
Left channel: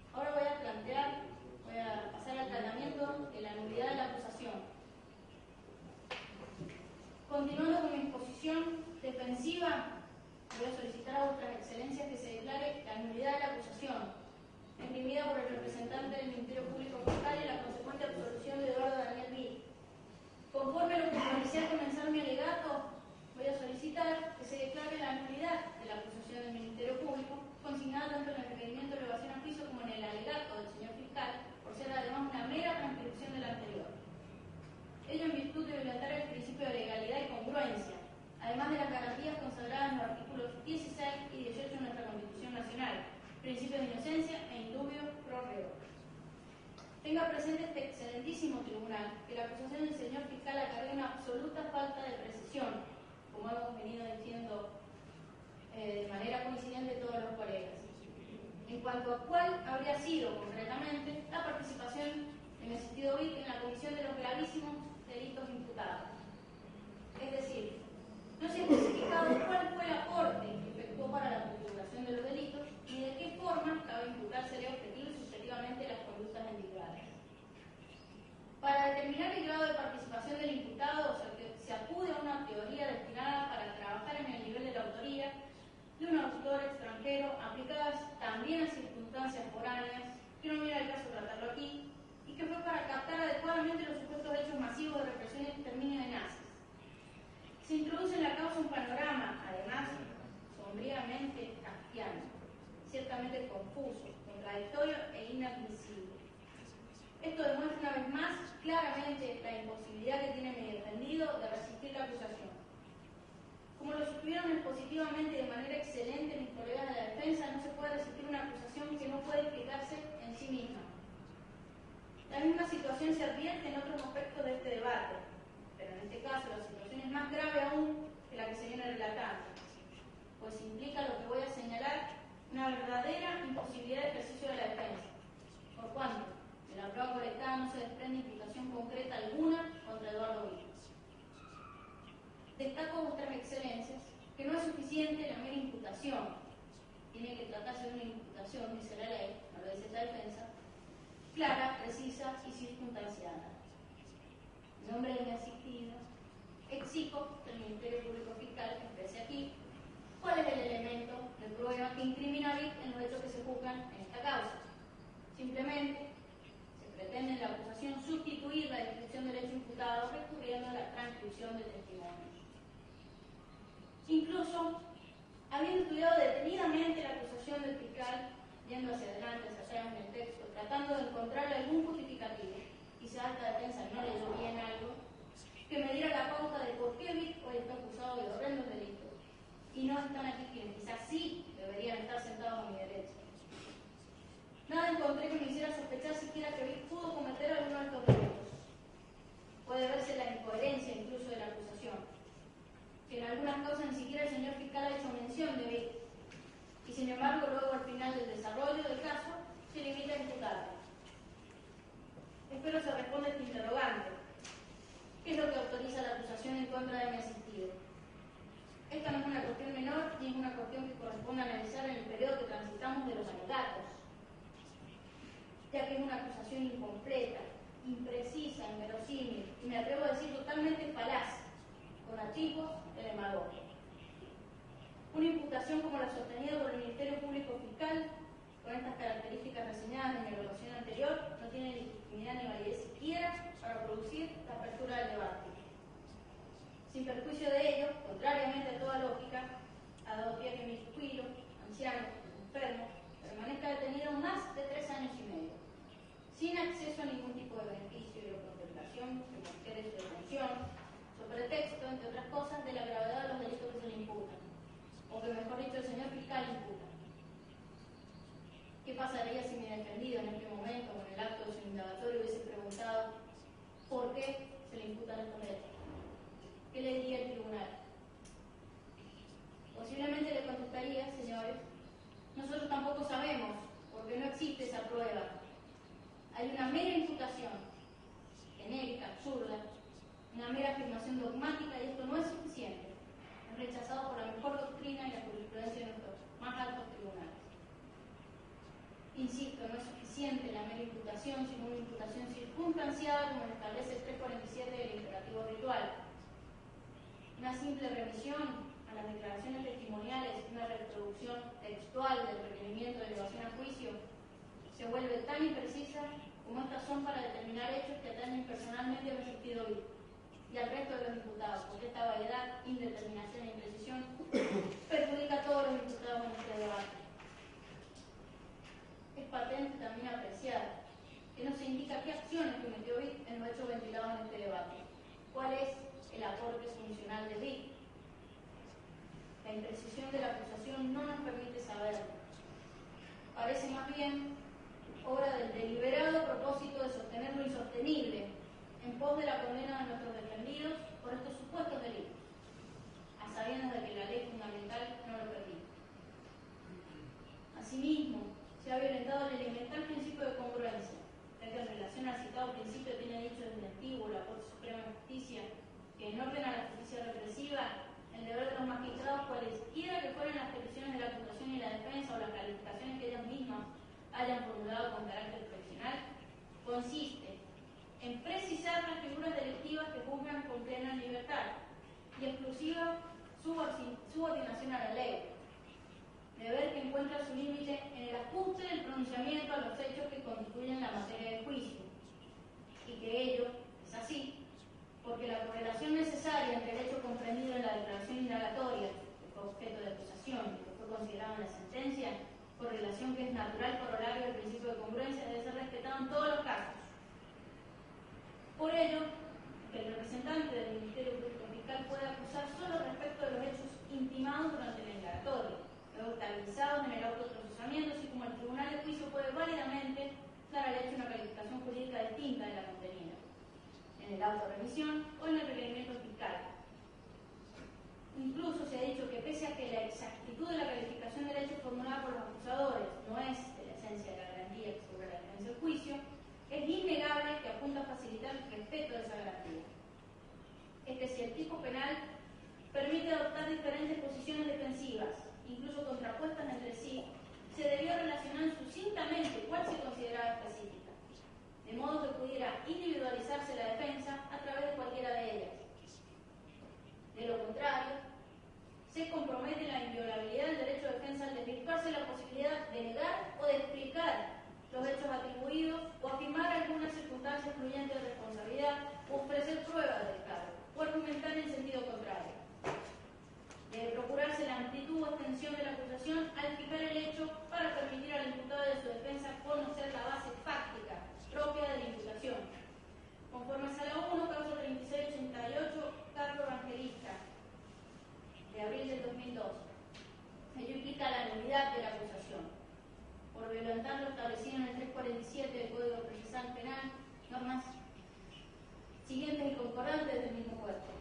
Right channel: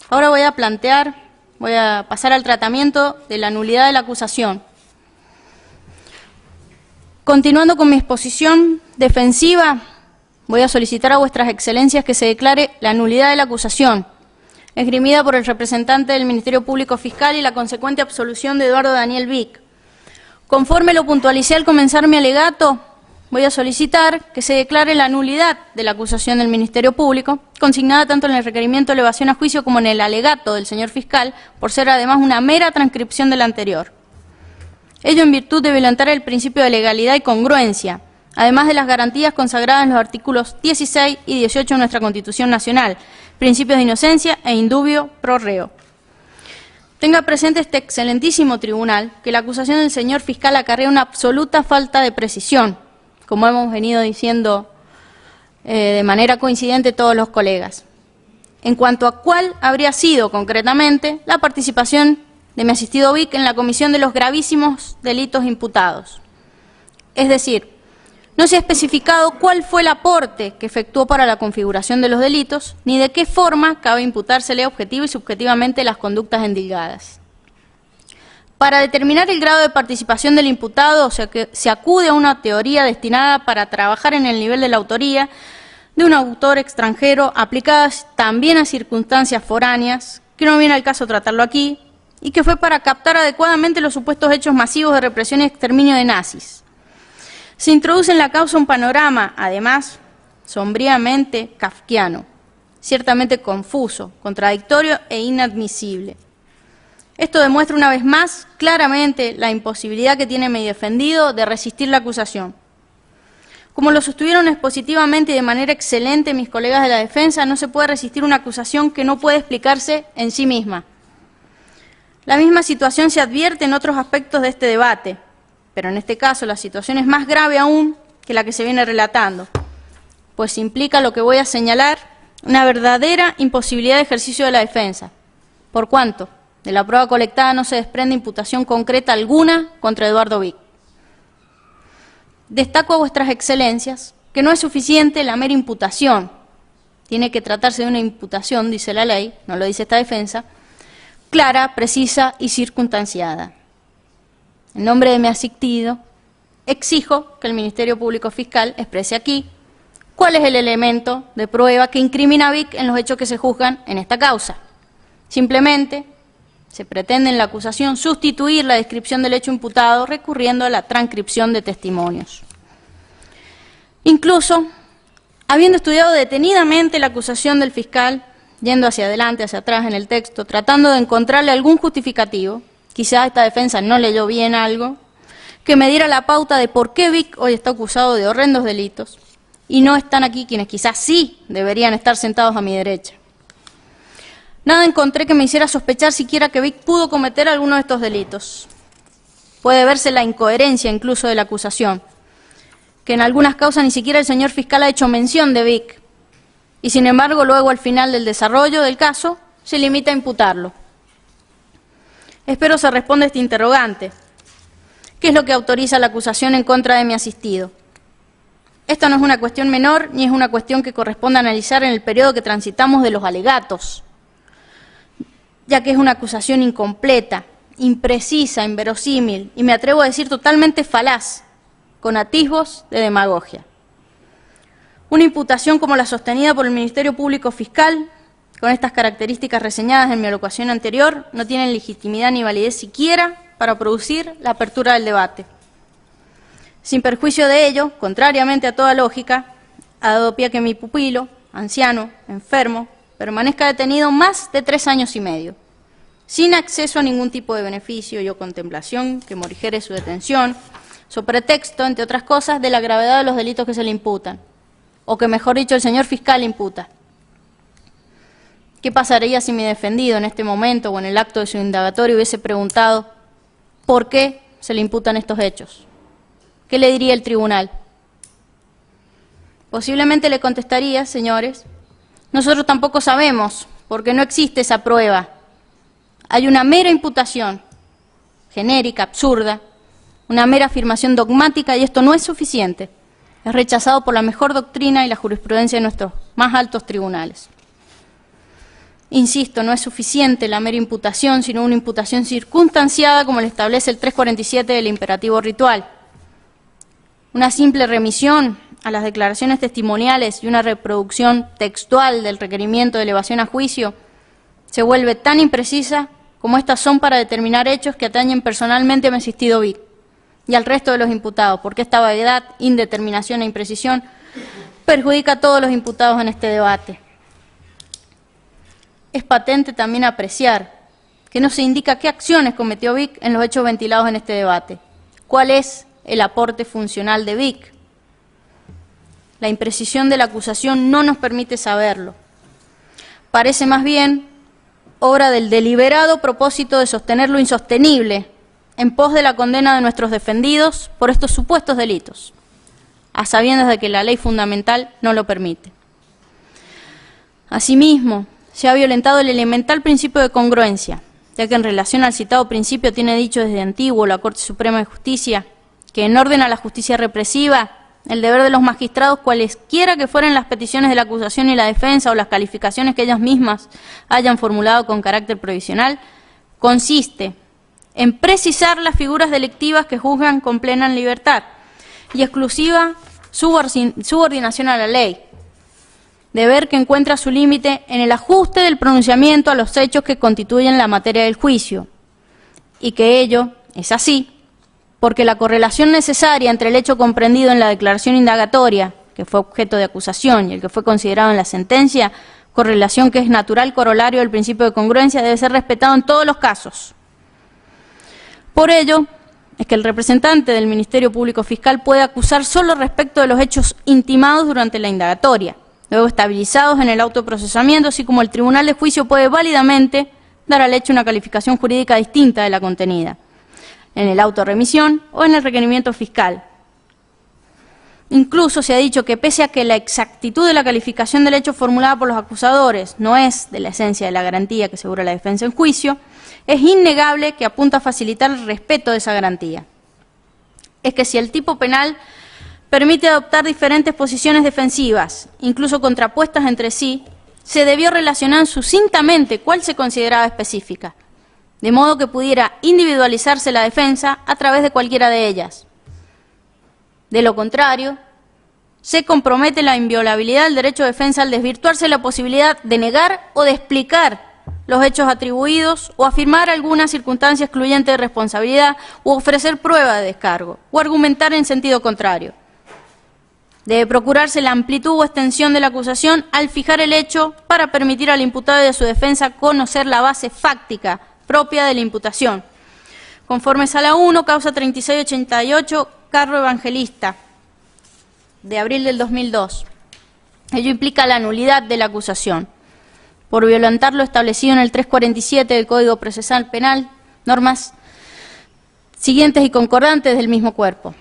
Ahora voy a pasar al tratamiento de la nulidad de la acusación. Continuando con mi exposición defensiva, voy a solicitar a vuestras excelencias que se declare la nulidad de la acusación, esgrimida por el representante del Ministerio Público Fiscal y la consecuente absolución de Eduardo Daniel Vic. Conforme lo puntualicé al comenzar mi alegato, voy a solicitar que se declare la nulidad de la acusación del Ministerio Público, consignada tanto en el requerimiento de elevación a juicio como en el alegato del señor fiscal, por ser además una mera transcripción de la anterior. Ello en virtud de violentar el principio de legalidad y congruencia, además de las garantías consagradas en los artículos 16 y 18 de nuestra Constitución Nacional, principios de inocencia e indubio pro reo. Tenga presente este excelentísimo tribunal que la acusación del señor fiscal acarrea una absoluta falta de precisión, como hemos venido diciendo de manera coincidente todos los colegas, en cuanto a cuál habría sido concretamente la participación de mi asistido Vic en la comisión de los gravísimos delitos imputados. Es decir, no se ha especificado cuál fue el aporte que efectuó para la configuración de los delitos, ni de qué forma cabe imputársele objetivo y subjetivamente las conductas endilgadas. Para determinar el grado de participación del imputado, se acude a una teoría destinada para trabajar en el nivel de la autoría de un autor extranjero, aplicadas también a circunstancias foráneas, que no viene al caso tratarlo aquí, y que fue para captar adecuadamente los supuestos hechos masivos de represión y exterminio de nazis. Se introduce en la causa un panorama, además, sombríamente kafkiano, ciertamente confuso, contradictorio e inadmisible. Esto demuestra una vez más claramente la imposibilidad que tiene mi defendido de resistir la acusación. Como lo sostuvieron expositivamente y de manera excelente mis colegas de la defensa, no se puede resistir una acusación que no puede explicarse en sí misma. La misma situación se advierte en otros aspectos de este debate, pero en este caso la situación es más grave aún que la que se viene relatando, pues implica lo que voy a señalar, una verdadera imposibilidad de ejercicio de la defensa, por cuanto de la prueba colectada no se desprende imputación concreta alguna contra Eduardo Vic. Destaco a vuestras excelencias que no es suficiente la mera imputación, tiene que tratarse de una imputación, dice la ley, no lo dice esta defensa, clara, precisa y circunstanciada. En nombre de mi asistido, exijo que el Ministerio Público Fiscal exprese aquí cuál es el elemento de prueba que incrimina a Vic en los hechos que se juzgan en esta causa. Simplemente se pretende en la acusación sustituir la descripción del hecho imputado recurriendo a la transcripción de testimonios. Incluso, habiendo estudiado detenidamente la acusación del fiscal, yendo hacia adelante, hacia atrás en el texto, tratando de encontrarle algún justificativo, quizá esta defensa no leyó bien algo, que me diera la pauta de por qué Vic hoy está acusado de horrendos delitos y no están aquí quienes quizás sí deberían estar sentados a mi derecha. Nada encontré que me hiciera sospechar siquiera que Vic pudo cometer alguno de estos delitos. Puede verse la incoherencia incluso de la acusación, que en algunas causas ni siquiera el señor fiscal ha hecho mención de Vic, y sin embargo luego al final del desarrollo del caso se limita a imputarlo. Espero se responda este interrogante. ¿Qué es lo que autoriza la acusación en contra de mi asistido? Esta no es una cuestión menor, ni es una cuestión que corresponda analizar en el periodo que transitamos de los alegatos, ya que es una acusación incompleta, imprecisa, inverosímil, y me atrevo a decir totalmente falaz, con atisbos de demagogia. Una imputación como la sostenida por el Ministerio Público Fiscal, con estas características reseñadas en mi alocución anterior, no tienen legitimidad ni validez siquiera para producir la apertura del debate. Sin perjuicio de ello, contrariamente a toda lógica, ha dado pie a que mi pupilo, anciano, enfermo, permanezca detenido más de 3 años y medio, sin acceso a ningún tipo de beneficio o contemplación que morigere su detención, so pretexto, entre otras cosas, de la gravedad de los delitos que se le imputan, o que, mejor dicho, el señor fiscal imputa. ¿Qué pasaría si mi defendido en este momento o en el acto de su indagatorio hubiese preguntado por qué se le imputan estos hechos? ¿Qué le diría el tribunal? Posiblemente le contestaría, señores, nosotros tampoco sabemos, porque no existe esa prueba. Hay una mera imputación, genérica, absurda, una mera afirmación dogmática, y esto no es suficiente. Es rechazado por la mejor doctrina y la jurisprudencia de nuestros más altos tribunales. Insisto, no es suficiente la mera imputación, sino una imputación circunstanciada, como lo establece el 347 del imperativo ritual. Una simple remisión a las declaraciones testimoniales y una reproducción textual del requerimiento de elevación a juicio se vuelve tan imprecisa como estas son para determinar hechos que atañen personalmente a mi asistido Vic y al resto de los imputados, porque esta vaguedad, indeterminación e imprecisión perjudica a todos los imputados en este debate. Es patente también apreciar que no se indica qué acciones cometió Vic en los hechos ventilados en este debate. ¿Cuál es el aporte funcional de Vic? La imprecisión de la acusación no nos permite saberlo. Parece más bien obra del deliberado propósito de sostener lo insostenible en pos de la condena de nuestros defendidos por estos supuestos delitos, a sabiendas de que la ley fundamental no lo permite. Asimismo, se ha violentado el elemental principio de congruencia, ya que en relación al citado principio tiene dicho desde antiguo la Corte Suprema de Justicia que en orden a la justicia represiva, el deber de los magistrados, cualesquiera que fueran las peticiones de la acusación y la defensa o las calificaciones que ellas mismas hayan formulado con carácter provisional, consiste en precisar las figuras delictivas que juzgan con plena libertad y exclusiva subordinación a la ley, deber que encuentra su límite en el ajuste del pronunciamiento a los hechos que constituyen la materia del juicio, y que ello es así porque la correlación necesaria entre el hecho comprendido en la declaración indagatoria, que fue objeto de acusación, y el que fue considerado en la sentencia, correlación que es natural corolario del principio de congruencia, debe ser respetado en todos los casos. Por ello, es que el representante del Ministerio Público Fiscal puede acusar solo respecto de los hechos intimados durante la indagatoria, luego estabilizados en el autoprocesamiento, así como el tribunal de juicio puede válidamente dar al hecho una calificación jurídica distinta de la contenida, en el auto de remisión o en el requerimiento fiscal. Incluso se ha dicho que pese a que la exactitud de la calificación del hecho formulada por los acusadores no es de la esencia de la garantía que asegura la defensa en juicio, es innegable que apunta a facilitar el respeto de esa garantía. Es que si el tipo penal permite adoptar diferentes posiciones defensivas, incluso contrapuestas entre sí, se debió relacionar sucintamente cuál se consideraba específica, de modo que pudiera individualizarse la defensa a través de cualquiera de ellas. De lo contrario, se compromete la inviolabilidad del derecho de defensa al desvirtuarse la posibilidad de negar o de explicar los hechos atribuidos o afirmar alguna circunstancia excluyente de responsabilidad u ofrecer prueba de descargo o argumentar en sentido contrario. Debe procurarse la amplitud o extensión de la acusación al fijar el hecho para permitir al imputado y a su defensa conocer la base fáctica propia de la imputación. Conforme Sala 1, causa 3688, Carro Evangelista, de abril del 2002. Ello implica la nulidad de la acusación por violentar lo establecido en el 347 del Código Procesal Penal, normas siguientes y concordantes del mismo cuerpo.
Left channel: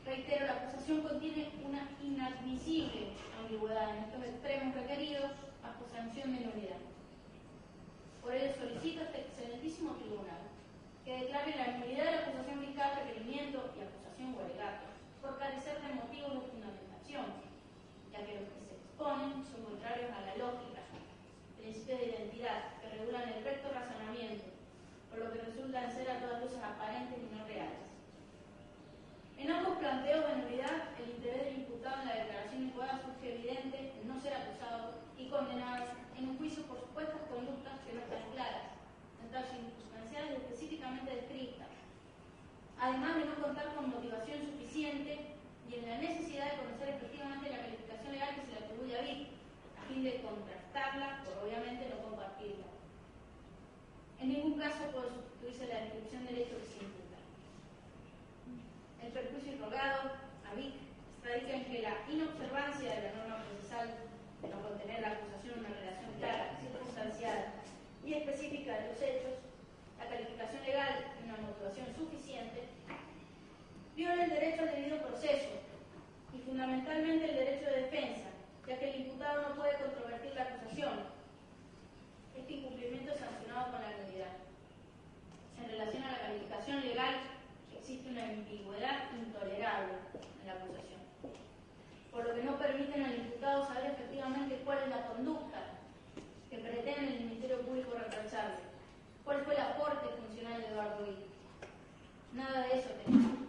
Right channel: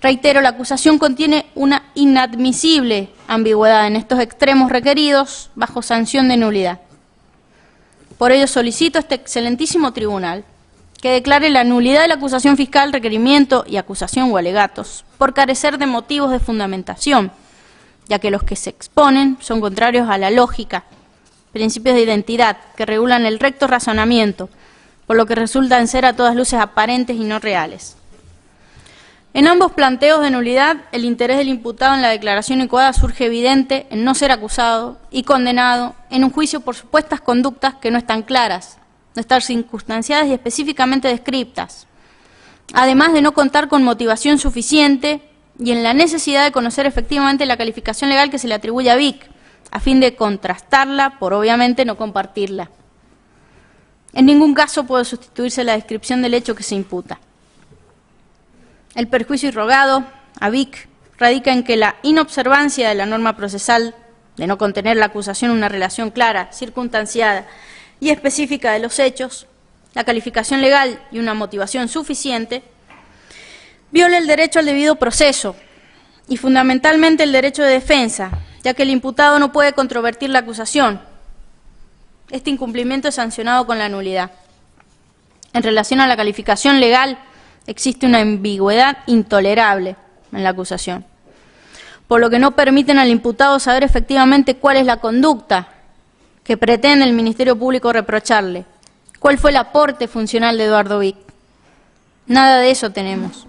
Reitero, la acusación contiene una inadmisible ambigüedad en estos extremos requeridos bajo sanción de nulidad. Por ello solicito a este excelentísimo tribunal que declare la nulidad de la acusación fiscal, requerimiento y acusación o alegatos por carecer de motivos de fundamentación, ya que los que se exponen son contrarios a la lógica, principios de identidad que regulan el recto razonamiento, por lo que resultan ser a todas luces aparentes y no reales. En ambos planteos de nulidad, el interés del imputado en la declaración incoada surge evidente en no ser acusado y condenado en un juicio por supuestas conductas que no están claras, no están circunstanciadas y específicamente descriptas, además de no contar con motivación suficiente y en la necesidad de conocer efectivamente la calificación legal que se le atribuye a Vic, a fin de contrastarla por obviamente no compartirla. En ningún caso puede sustituirse la descripción del hecho que se imputa. El perjuicio irrogado a Vic radica en que la inobservancia de la norma procesal de no contener la acusación una relación clara, circunstanciada y específica de los hechos, la calificación legal y una motivación suficiente, viola el derecho al debido proceso y fundamentalmente el derecho de defensa, ya que el imputado no puede controvertir la acusación. Este incumplimiento es sancionado con la nulidad. En relación a la calificación legal, Existe una ambigüedad intolerable en la acusación, por lo que no permiten al imputado saber efectivamente cuál es la conducta que pretende el Ministerio Público reprocharle, cuál fue el aporte funcional de Eduardo Vic. Nada de eso tenemos.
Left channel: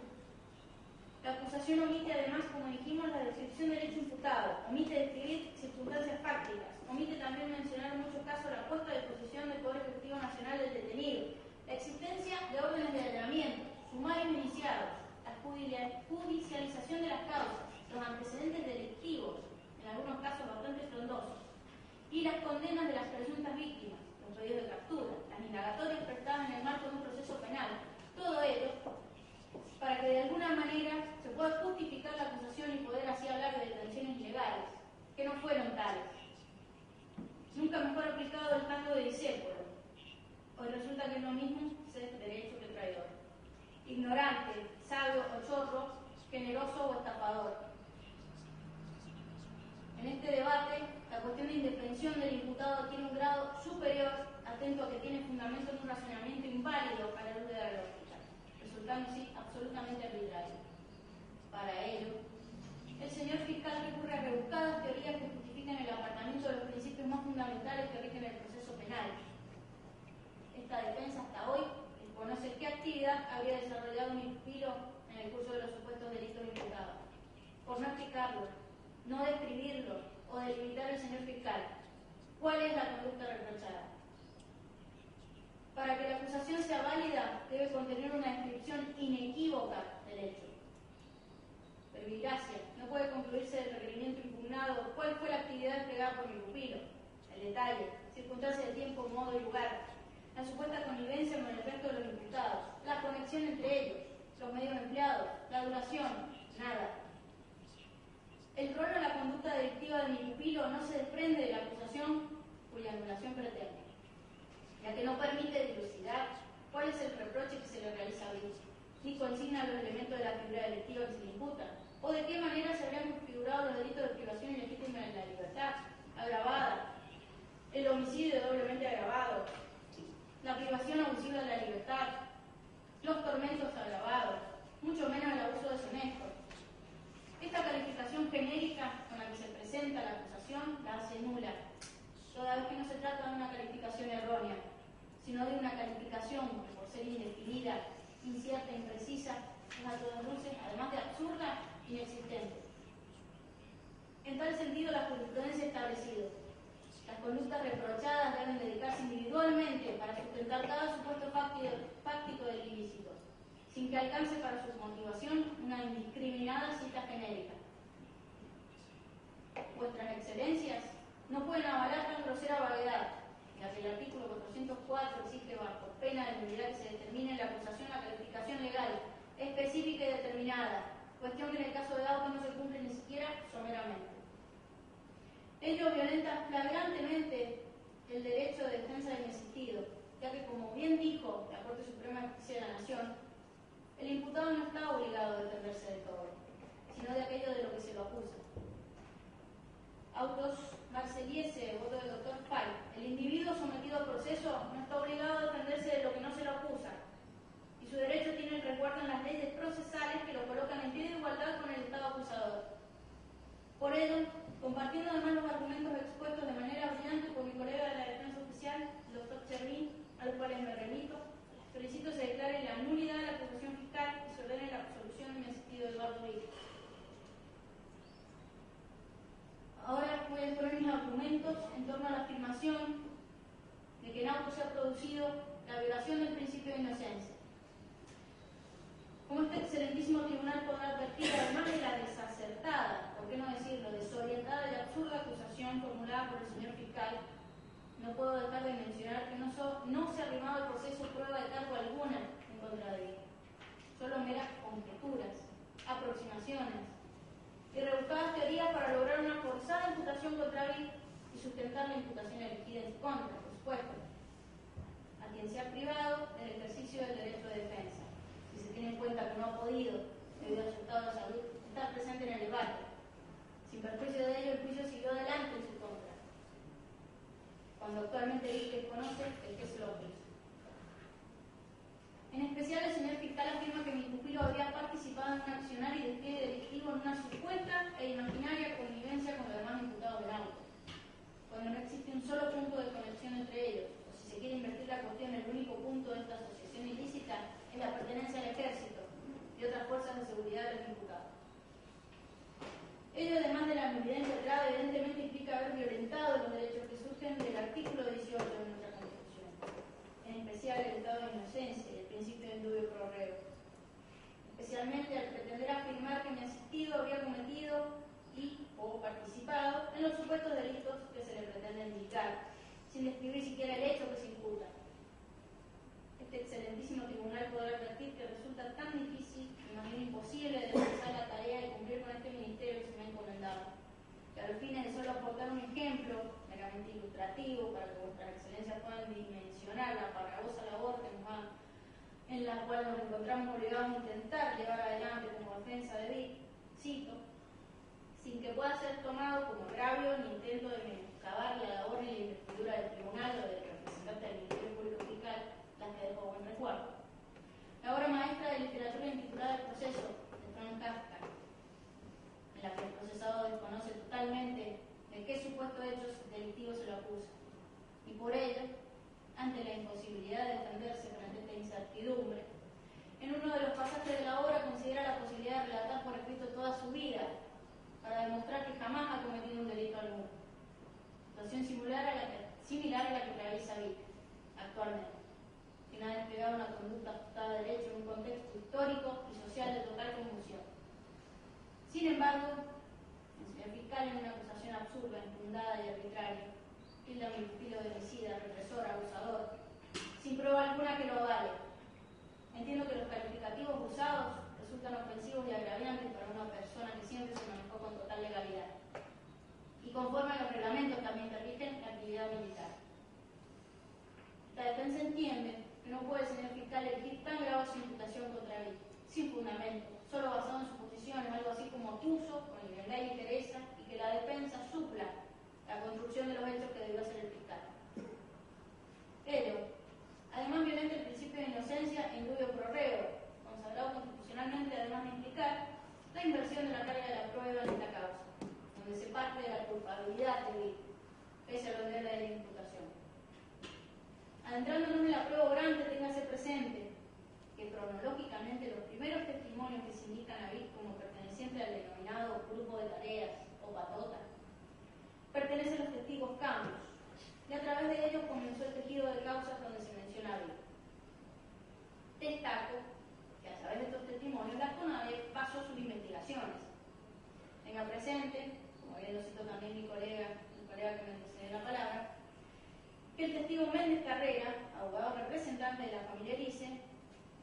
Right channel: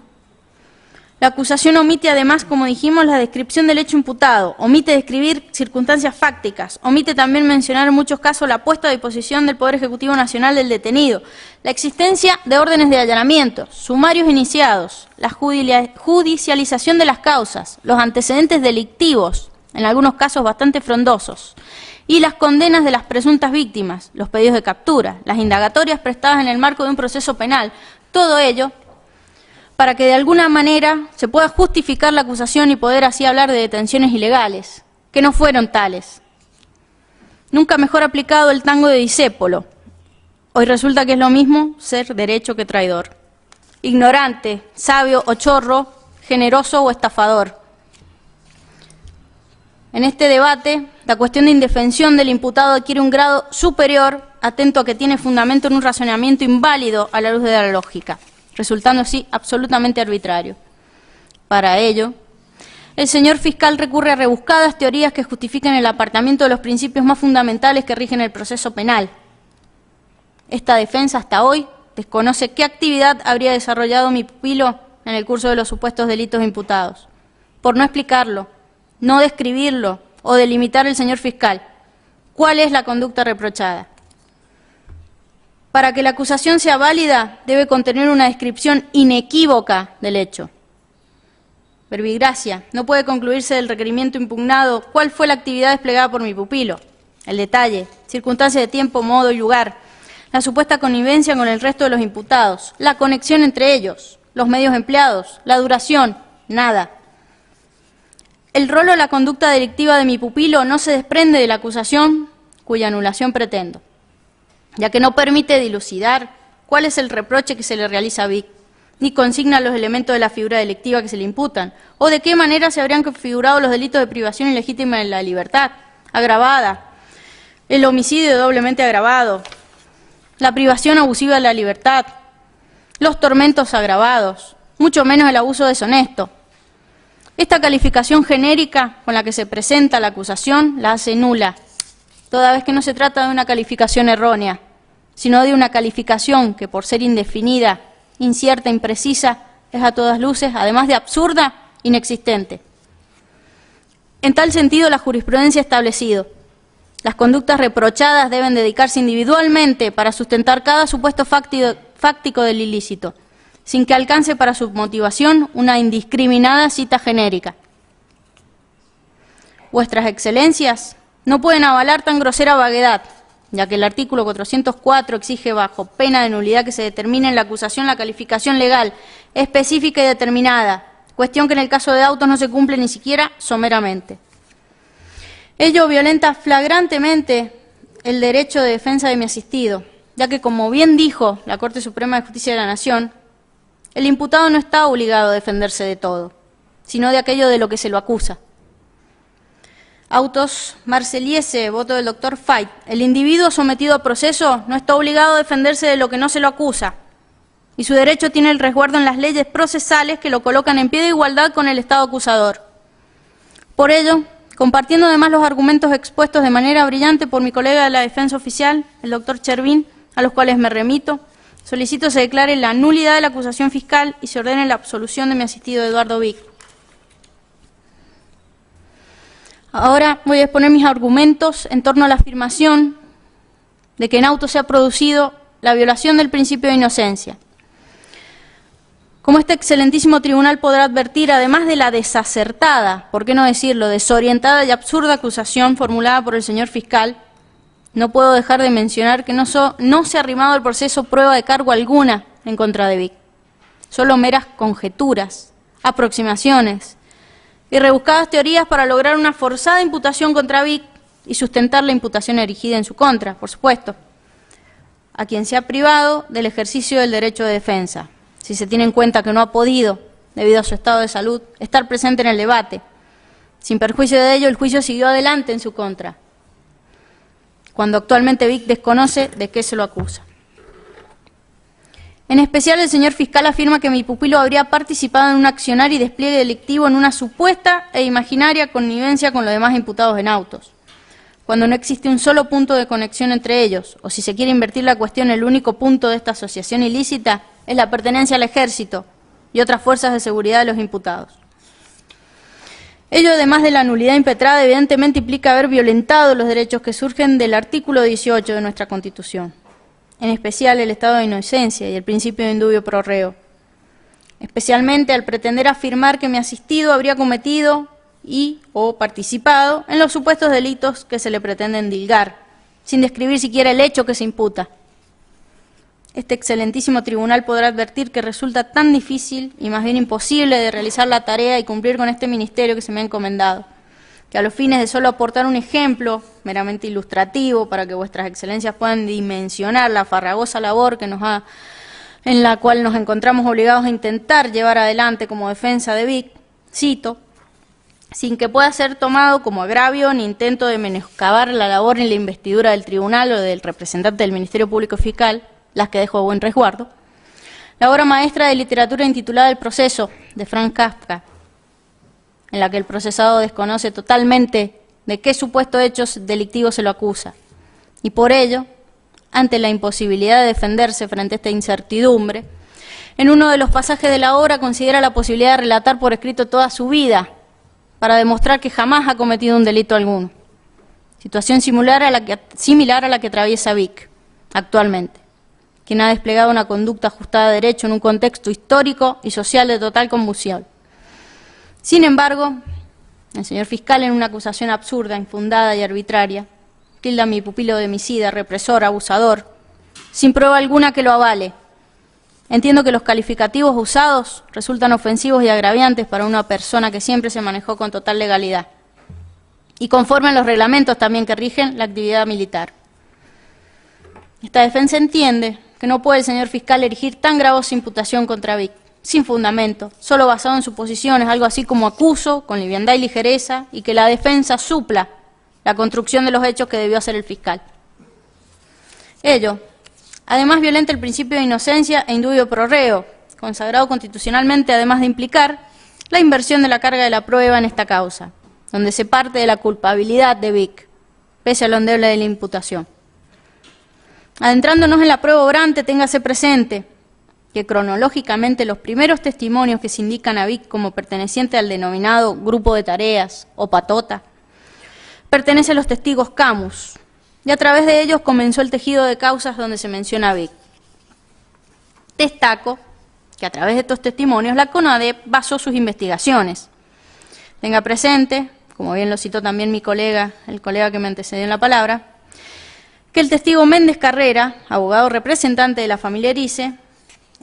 La acusación omite además, como dijimos, la descripción del hecho imputado, omite describir circunstancias fácticas, omite también mencionar en muchos casos la puesta a disposición del Poder Ejecutivo Nacional del detenido, la existencia de órdenes de allanamiento, sumarios iniciados, la judicialización de las causas, los antecedentes delictivos, en algunos casos bastante frondosos, y las condenas de las presuntas víctimas, los pedidos de captura, las indagatorias prestadas en el marco de un proceso penal, todo ello para que de alguna manera se pueda justificar la acusación y poder así hablar de detenciones ilegales, que no fueron tales. Nunca mejor aplicado el tango de Discépolo. Hoy resulta que es lo mismo ser derecho que traidor. Ignorante, sabio o chorro, generoso o estafador. En este debate, la cuestión de indefensión del imputado adquiere un grado superior, atento a que tiene fundamento en un razonamiento inválido a la luz de la lógica, resultando así absolutamente arbitrario. Para ello, el señor fiscal recurre a rebuscadas teorías que justifican el apartamiento de los principios más fundamentales que rigen el proceso penal. Esta defensa hasta hoy desconoce qué actividad habría desarrollado mi pupilo en el curso de los supuestos delitos imputados, por no explicarlo, no describirlo o delimitar el señor fiscal cuál es la conducta reprochada. Para que la acusación sea válida, debe contener una descripción inequívoca del hecho. Verbigracia, no puede concluirse del requerimiento impugnado cuál fue la actividad desplegada por mi pupilo, el detalle, circunstancias de tiempo, modo y lugar, la supuesta connivencia con el resto de los imputados, la conexión entre ellos, los medios empleados, la duración, nada. El rol o la conducta delictiva de mi pupilo no se desprende de la acusación cuya anulación pretendo, ya que no permite dilucidar cuál es el reproche que se le realiza a Vic, ni consigna los elementos de la figura delictiva que se le imputan, o de qué manera se habrían configurado los delitos de privación ilegítima de la libertad, agravada, el homicidio doblemente agravado, la privación abusiva de la libertad, los tormentos agravados, mucho menos el abuso deshonesto. Esta calificación genérica con la que se presenta la acusación la hace nula, toda vez que no se trata de una calificación errónea, sino de una calificación que, por ser indefinida, incierta, imprecisa, es a todas luces, además de absurda, inexistente. En tal sentido, la jurisprudencia ha establecido: las conductas reprochadas deben dedicarse individualmente para sustentar cada supuesto fáctico del ilícito, sin que alcance para su motivación una indiscriminada cita genérica. Vuestras excelencias no pueden avalar tan grosera vaguedad, ya que el artículo 404 exige bajo pena de nulidad que se determine en la acusación la calificación legal específica y determinada, cuestión que en el caso de autos no se cumple ni siquiera someramente. Ello violenta flagrantemente el derecho de defensa de mi asistido, ya que, como bien dijo la Corte Suprema de Justicia de la Nación, el imputado no está obligado a defenderse de todo, sino de aquello de lo que se lo acusa. Autos Marseliese, voto del doctor Fait. El individuo sometido a proceso no está obligado a defenderse de lo que no se lo acusa, y su derecho tiene el resguardo en las leyes procesales que lo colocan en pie de igualdad con el Estado acusador. Por ello, compartiendo además los argumentos expuestos de manera brillante por mi colega de la defensa oficial, el doctor Chervín, a los cuales me remito, solicito se declare la nulidad de la acusación fiscal y se ordene la absolución de mi asistido Eduardo Vic. Ahora voy a exponer mis argumentos en torno a la afirmación de que en auto se ha producido la violación del principio de inocencia. Como este excelentísimo tribunal podrá advertir, además de la desacertada, por qué no decirlo, desorientada y absurda acusación formulada por el señor fiscal, no puedo dejar de mencionar que no se ha arrimado al proceso prueba de cargo alguna en contra de Vic. Solo meras conjeturas, aproximaciones y rebuscadas teorías para lograr una forzada imputación contra Vic y sustentar la imputación erigida en su contra, por supuesto, a quien se ha privado del ejercicio del derecho de defensa, si se tiene en cuenta que no ha podido, debido a su estado de salud, estar presente en el debate. Sin perjuicio de ello, el juicio siguió adelante en su contra, cuando actualmente Vic desconoce de qué se lo acusa. En especial, el señor fiscal afirma que mi pupilo habría participado en un accionar y despliegue delictivo en una supuesta e imaginaria connivencia con los demás imputados en autos, cuando no existe un solo punto de conexión entre ellos, o si se quiere invertir la cuestión, el único punto de esta asociación ilícita es la pertenencia al ejército y otras fuerzas de seguridad de los imputados. Ello, además de la nulidad impetrada, evidentemente implica haber violentado los derechos que surgen del artículo 18 de nuestra Constitución, en especial el estado de inocencia y el principio de indubio pro reo, especialmente al pretender afirmar que mi asistido habría cometido o participado en los supuestos delitos que se le pretenden dilgar, sin describir siquiera el hecho que se imputa. Este excelentísimo tribunal podrá advertir que resulta tan difícil y más bien imposible de realizar la tarea y cumplir con este ministerio que se me ha encomendado, que a los fines de solo aportar un ejemplo meramente ilustrativo para que vuestras excelencias puedan dimensionar la farragosa labor que en la cual nos encontramos obligados a intentar llevar adelante como defensa de Vic, cito, sin que pueda ser tomado como agravio ni intento de menoscabar la labor en la investidura del tribunal o del representante del Ministerio Público Fiscal, las que dejo a buen resguardo, la obra maestra de literatura intitulada El proceso, de Franz Kafka, en la que el procesado desconoce totalmente de qué supuesto hechos delictivos se lo acusa, y por ello, ante la imposibilidad de defenderse frente a esta incertidumbre, en uno de los pasajes de la obra considera la posibilidad de relatar por escrito toda su vida, para demostrar que jamás ha cometido un delito alguno. Situación similar a la que atraviesa Vic actualmente, quien ha desplegado una conducta ajustada a derecho en un contexto histórico y social de total convulsión. Sin embargo, el señor fiscal, en una acusación absurda, infundada y arbitraria, tilda a mi pupilo de homicida, represor, abusador, sin prueba alguna que lo avale. Entiendo que los calificativos usados resultan ofensivos y agraviantes para una persona que siempre se manejó con total legalidad y conforme a los reglamentos también que rigen la actividad militar. Esta defensa entiende que no puede el señor fiscal erigir tan gravosa imputación contra Vic, sin fundamento, solo basado en suposiciones, algo así como acuso, con liviandad y ligereza, y que la defensa supla la construcción de los hechos que debió hacer el fiscal. Ello, además, violenta el principio de inocencia e indubio pro reo, consagrado constitucionalmente, además de implicar la inversión de la carga de la prueba en esta causa, donde se parte de la culpabilidad de Vic, pese a lo endeble de la imputación. Adentrándonos en la prueba obrante, téngase presente que cronológicamente los primeros testimonios que se indican a Vic como perteneciente al denominado grupo de tareas o patota, pertenecen a los testigos Camus, y a través de ellos comenzó el tejido de causas donde se menciona a Vic. Destaco que a través de estos testimonios la CONADEP basó sus investigaciones. Tenga presente, como bien lo citó también mi colega, el colega que me antecedió en la palabra, que el testigo Méndez Carrera, abogado representante de la familia Erice,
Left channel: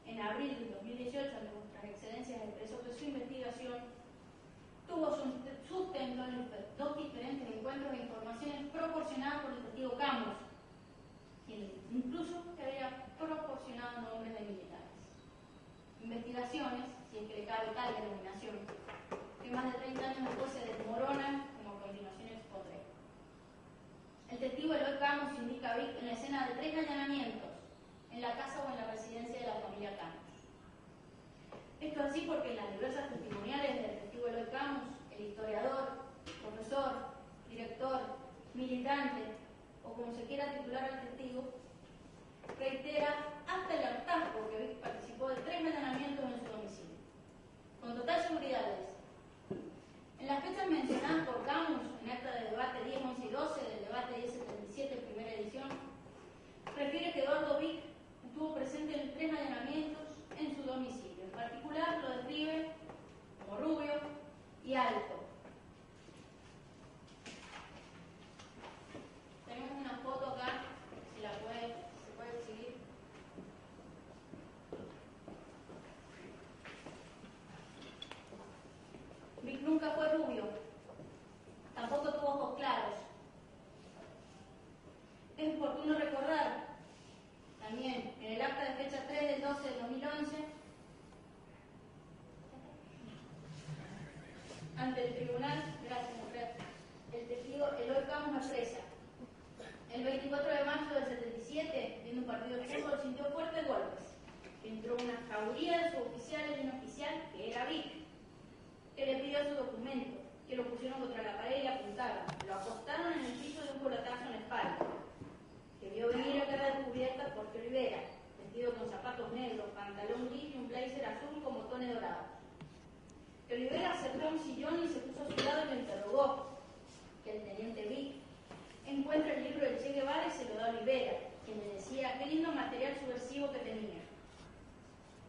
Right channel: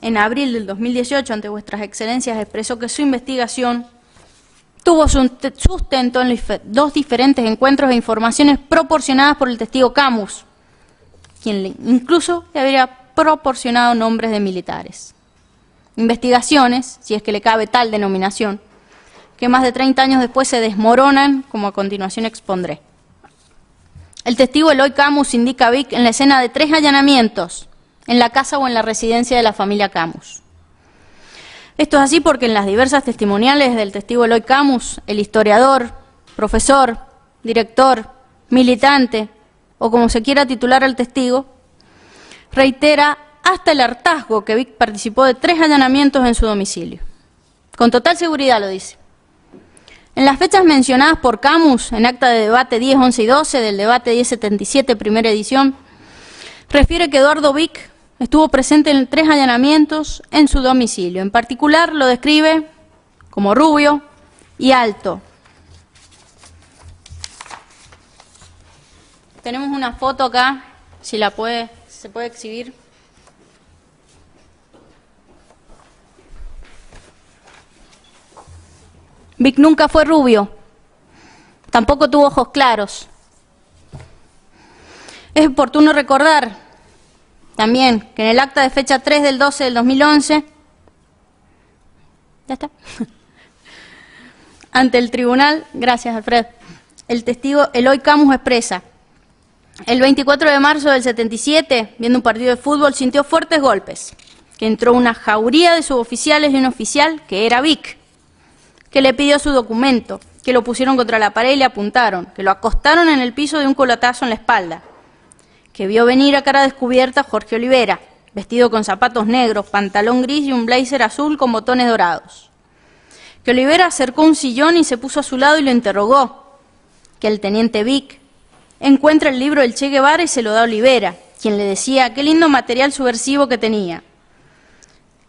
en abril del 2018, ante vuestras excelencias, expresó que su investigación tuvo su sustento en los dos diferentes encuentros e informaciones proporcionadas por el testigo Camus, quien incluso le habría proporcionado nombres de militares. Investigaciones, si es que le cabe tal denominación, que más de 30 años después se desmoronan, como a continuación expondré. El testigo Eloy Camus indica a Vic en la escena de 3 allanamientos, en la casa o en la residencia de la familia Camus. Esto es así porque en las diversas testimoniales del testigo Eloy Camus, el historiador, profesor, director, militante, o como se quiera titular al testigo, reitera hasta el hartazgo que Vic participó de 3 allanamientos en su domicilio. Con total seguridad lo dice. En las fechas mencionadas por Camus, en acta de debate 10, 11 y 12 del debate 1077, primera edición, refiere que Eduardo Vic estuvo presente en 3 allanamientos en su domicilio. En particular lo describe como rubio y alto. Tenemos una foto acá, si se puede exhibir. Vic nunca fue rubio, tampoco tuvo ojos claros. Es oportuno recordar también que en el acta de fecha 3 del 12 del 2011, ya está, ante el tribunal, gracias Alfred, el testigo Eloy Camus expresa: el 24 de marzo del 77, viendo un partido de fútbol, sintió fuertes golpes. que entró una jauría de suboficiales y un oficial, que era Vic, que le pidió su documento, que lo pusieron contra la pared y le apuntaron, que lo acostaron en el piso de un colotazo en la espalda, que vio venir a cara descubierta a Jorge Olivera, vestido con zapatos negros, pantalón gris y un blazer azul con botones dorados. Que Olivera acercó un sillón y se puso a su lado y lo interrogó. Que el teniente Vic encuentra el libro del Che Guevara y se lo da a Olivera, quien le decía qué lindo material subversivo que tenía.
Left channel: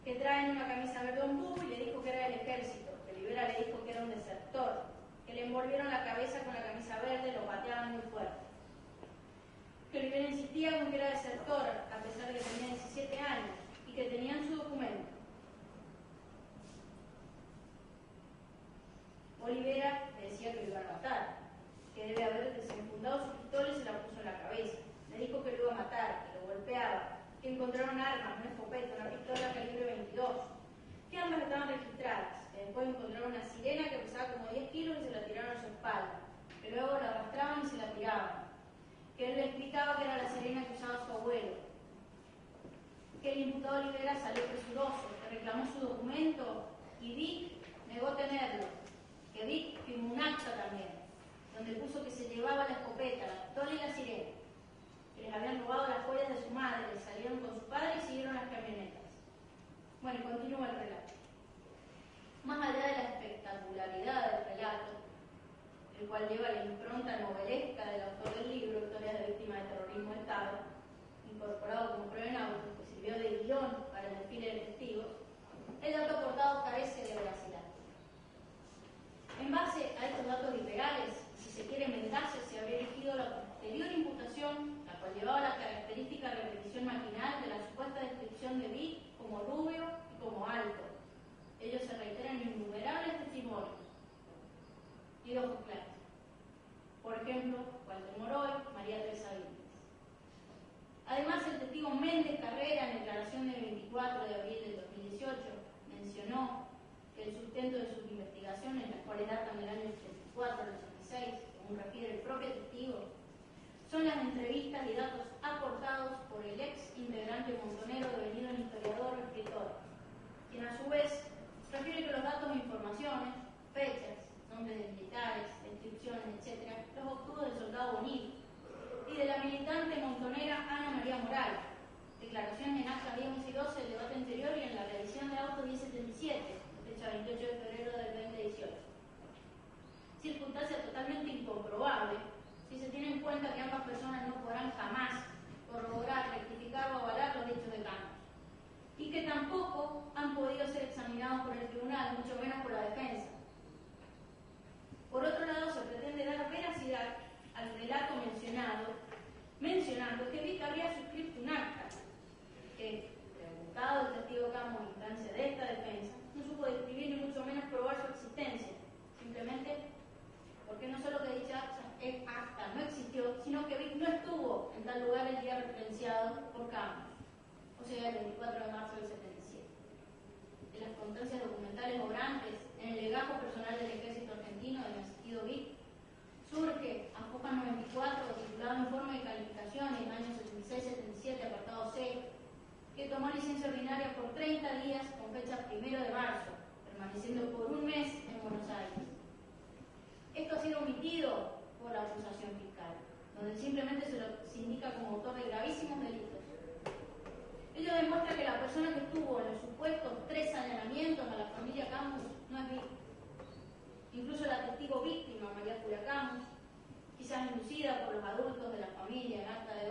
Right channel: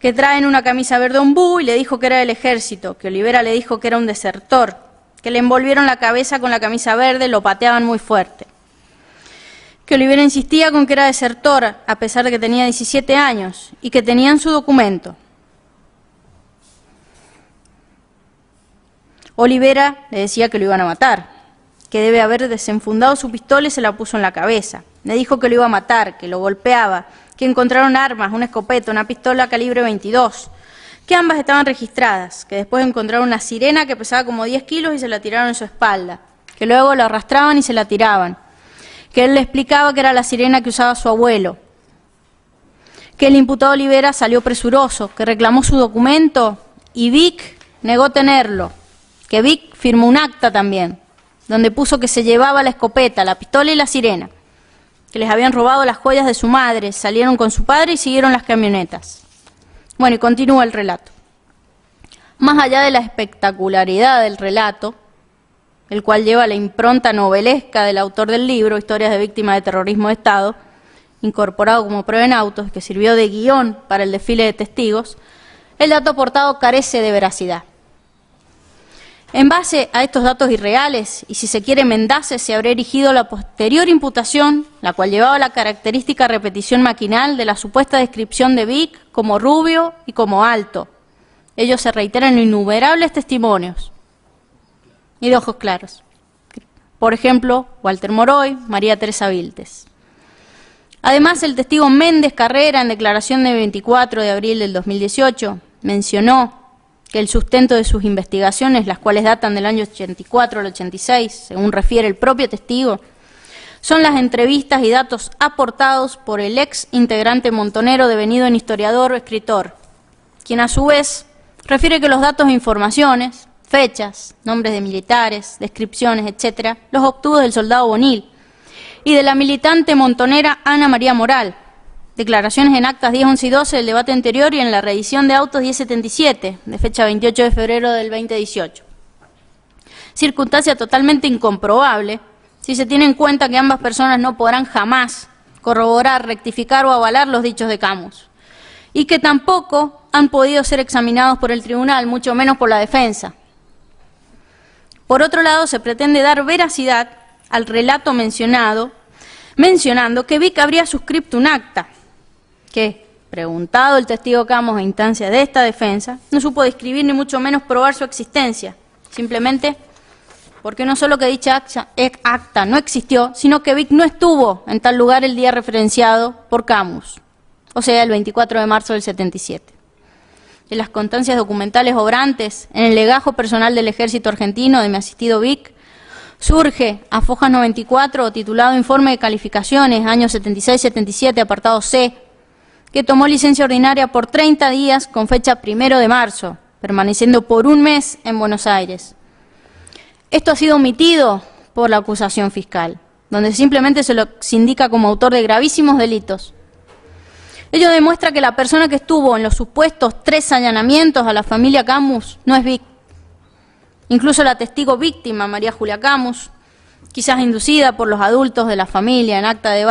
Que traen una camisa verde ombú y le dijo que era del ejército, que Olivera le dijo que era un desertor, que le envolvieron la cabeza con la camisa verde, lo pateaban muy fuerte. Que Olivera insistía con que era desertor, a pesar de que tenía 17 años, y que tenían su documento. Olivera le decía que lo iban a matar, que debe haber desenfundado su pistola y se la puso en la cabeza. Le dijo que lo iba a matar, que lo golpeaba, que encontraron armas, una escopeta, una pistola calibre 22, que ambas estaban registradas, que después encontraron una sirena que pesaba como 10 kilos y se la tiraron en su espalda, que luego la arrastraban y se la tiraban, que él le explicaba que era la sirena que usaba su abuelo, que el imputado Olivera salió presuroso, que reclamó su documento y Vic negó tenerlo, que Vic firmó un acta también, donde puso que se llevaba la escopeta, la pistola y la sirena, que les habían robado las joyas de su madre, salieron con su padre y siguieron las camionetas. Bueno, y continúa el relato. Más allá de la espectacularidad del relato, el cual lleva la impronta novelesca del autor del libro, Historias de Víctimas de Terrorismo de Estado, incorporado como prueba en autos, que sirvió de guión para el desfile de testigos, el dato aportado carece de veracidad. En base a estos datos irreales, y si se quiere mendaces, se habría erigido la posterior imputación, la cual llevaba la característica repetición maquinal de la supuesta descripción de Vic como rubio y como alto. Ellos se reiteran en innumerables testimonios y de ojos claros. Por ejemplo, Walter Moroy, María Teresa Viltes. Además, el testigo Méndez Carrera, en declaración de 24 de abril del 2018, mencionó que el sustento de sus investigaciones, las cuales datan del año 84 al 86, según refiere el propio testigo, son las entrevistas y datos aportados por el ex integrante montonero devenido en historiador o escritor, quien a su vez refiere que los datos e informaciones, fechas, nombres de militares, descripciones, etc., los obtuvo del soldado Bonil y de la militante montonera Ana María Moral, declaraciones en actas 10, 11 y 12 del debate anterior y en la reedición de autos 1077, de fecha 28 de febrero del 2018. Circunstancia totalmente incomprobable si se tiene en cuenta que ambas personas no podrán jamás corroborar, rectificar o avalar los dichos de Camus, y que tampoco han podido ser examinados por el tribunal, mucho menos por la defensa. Por otro lado, se pretende dar veracidad al relato mencionando que Vic habría suscrito un acta, que, preguntado el testigo Camus a instancia de esta defensa, no supo describir ni mucho menos probar su existencia, simplemente porque no solo que dicha acta no existió, sino que Vic no estuvo en tal lugar el día referenciado por Camus, o sea, el 24 de marzo del 77. En las constancias documentales obrantes, en el legajo personal del Ejército Argentino de mi asistido Vic, surge a Fojas 94, titulado Informe de Calificaciones, año 76-77, apartado C, que tomó licencia ordinaria por 30 días con fecha 1 de marzo, permaneciendo por un mes en Buenos Aires. Esto ha sido omitido por la acusación fiscal, donde simplemente se lo indica como autor de gravísimos delitos. Ello demuestra que la persona que estuvo en los supuestos 3 allanamientos a la familia Camus no es Vic. Incluso la testigo víctima, María Julia Camus, quizás inducida por los adultos de la familia en acta de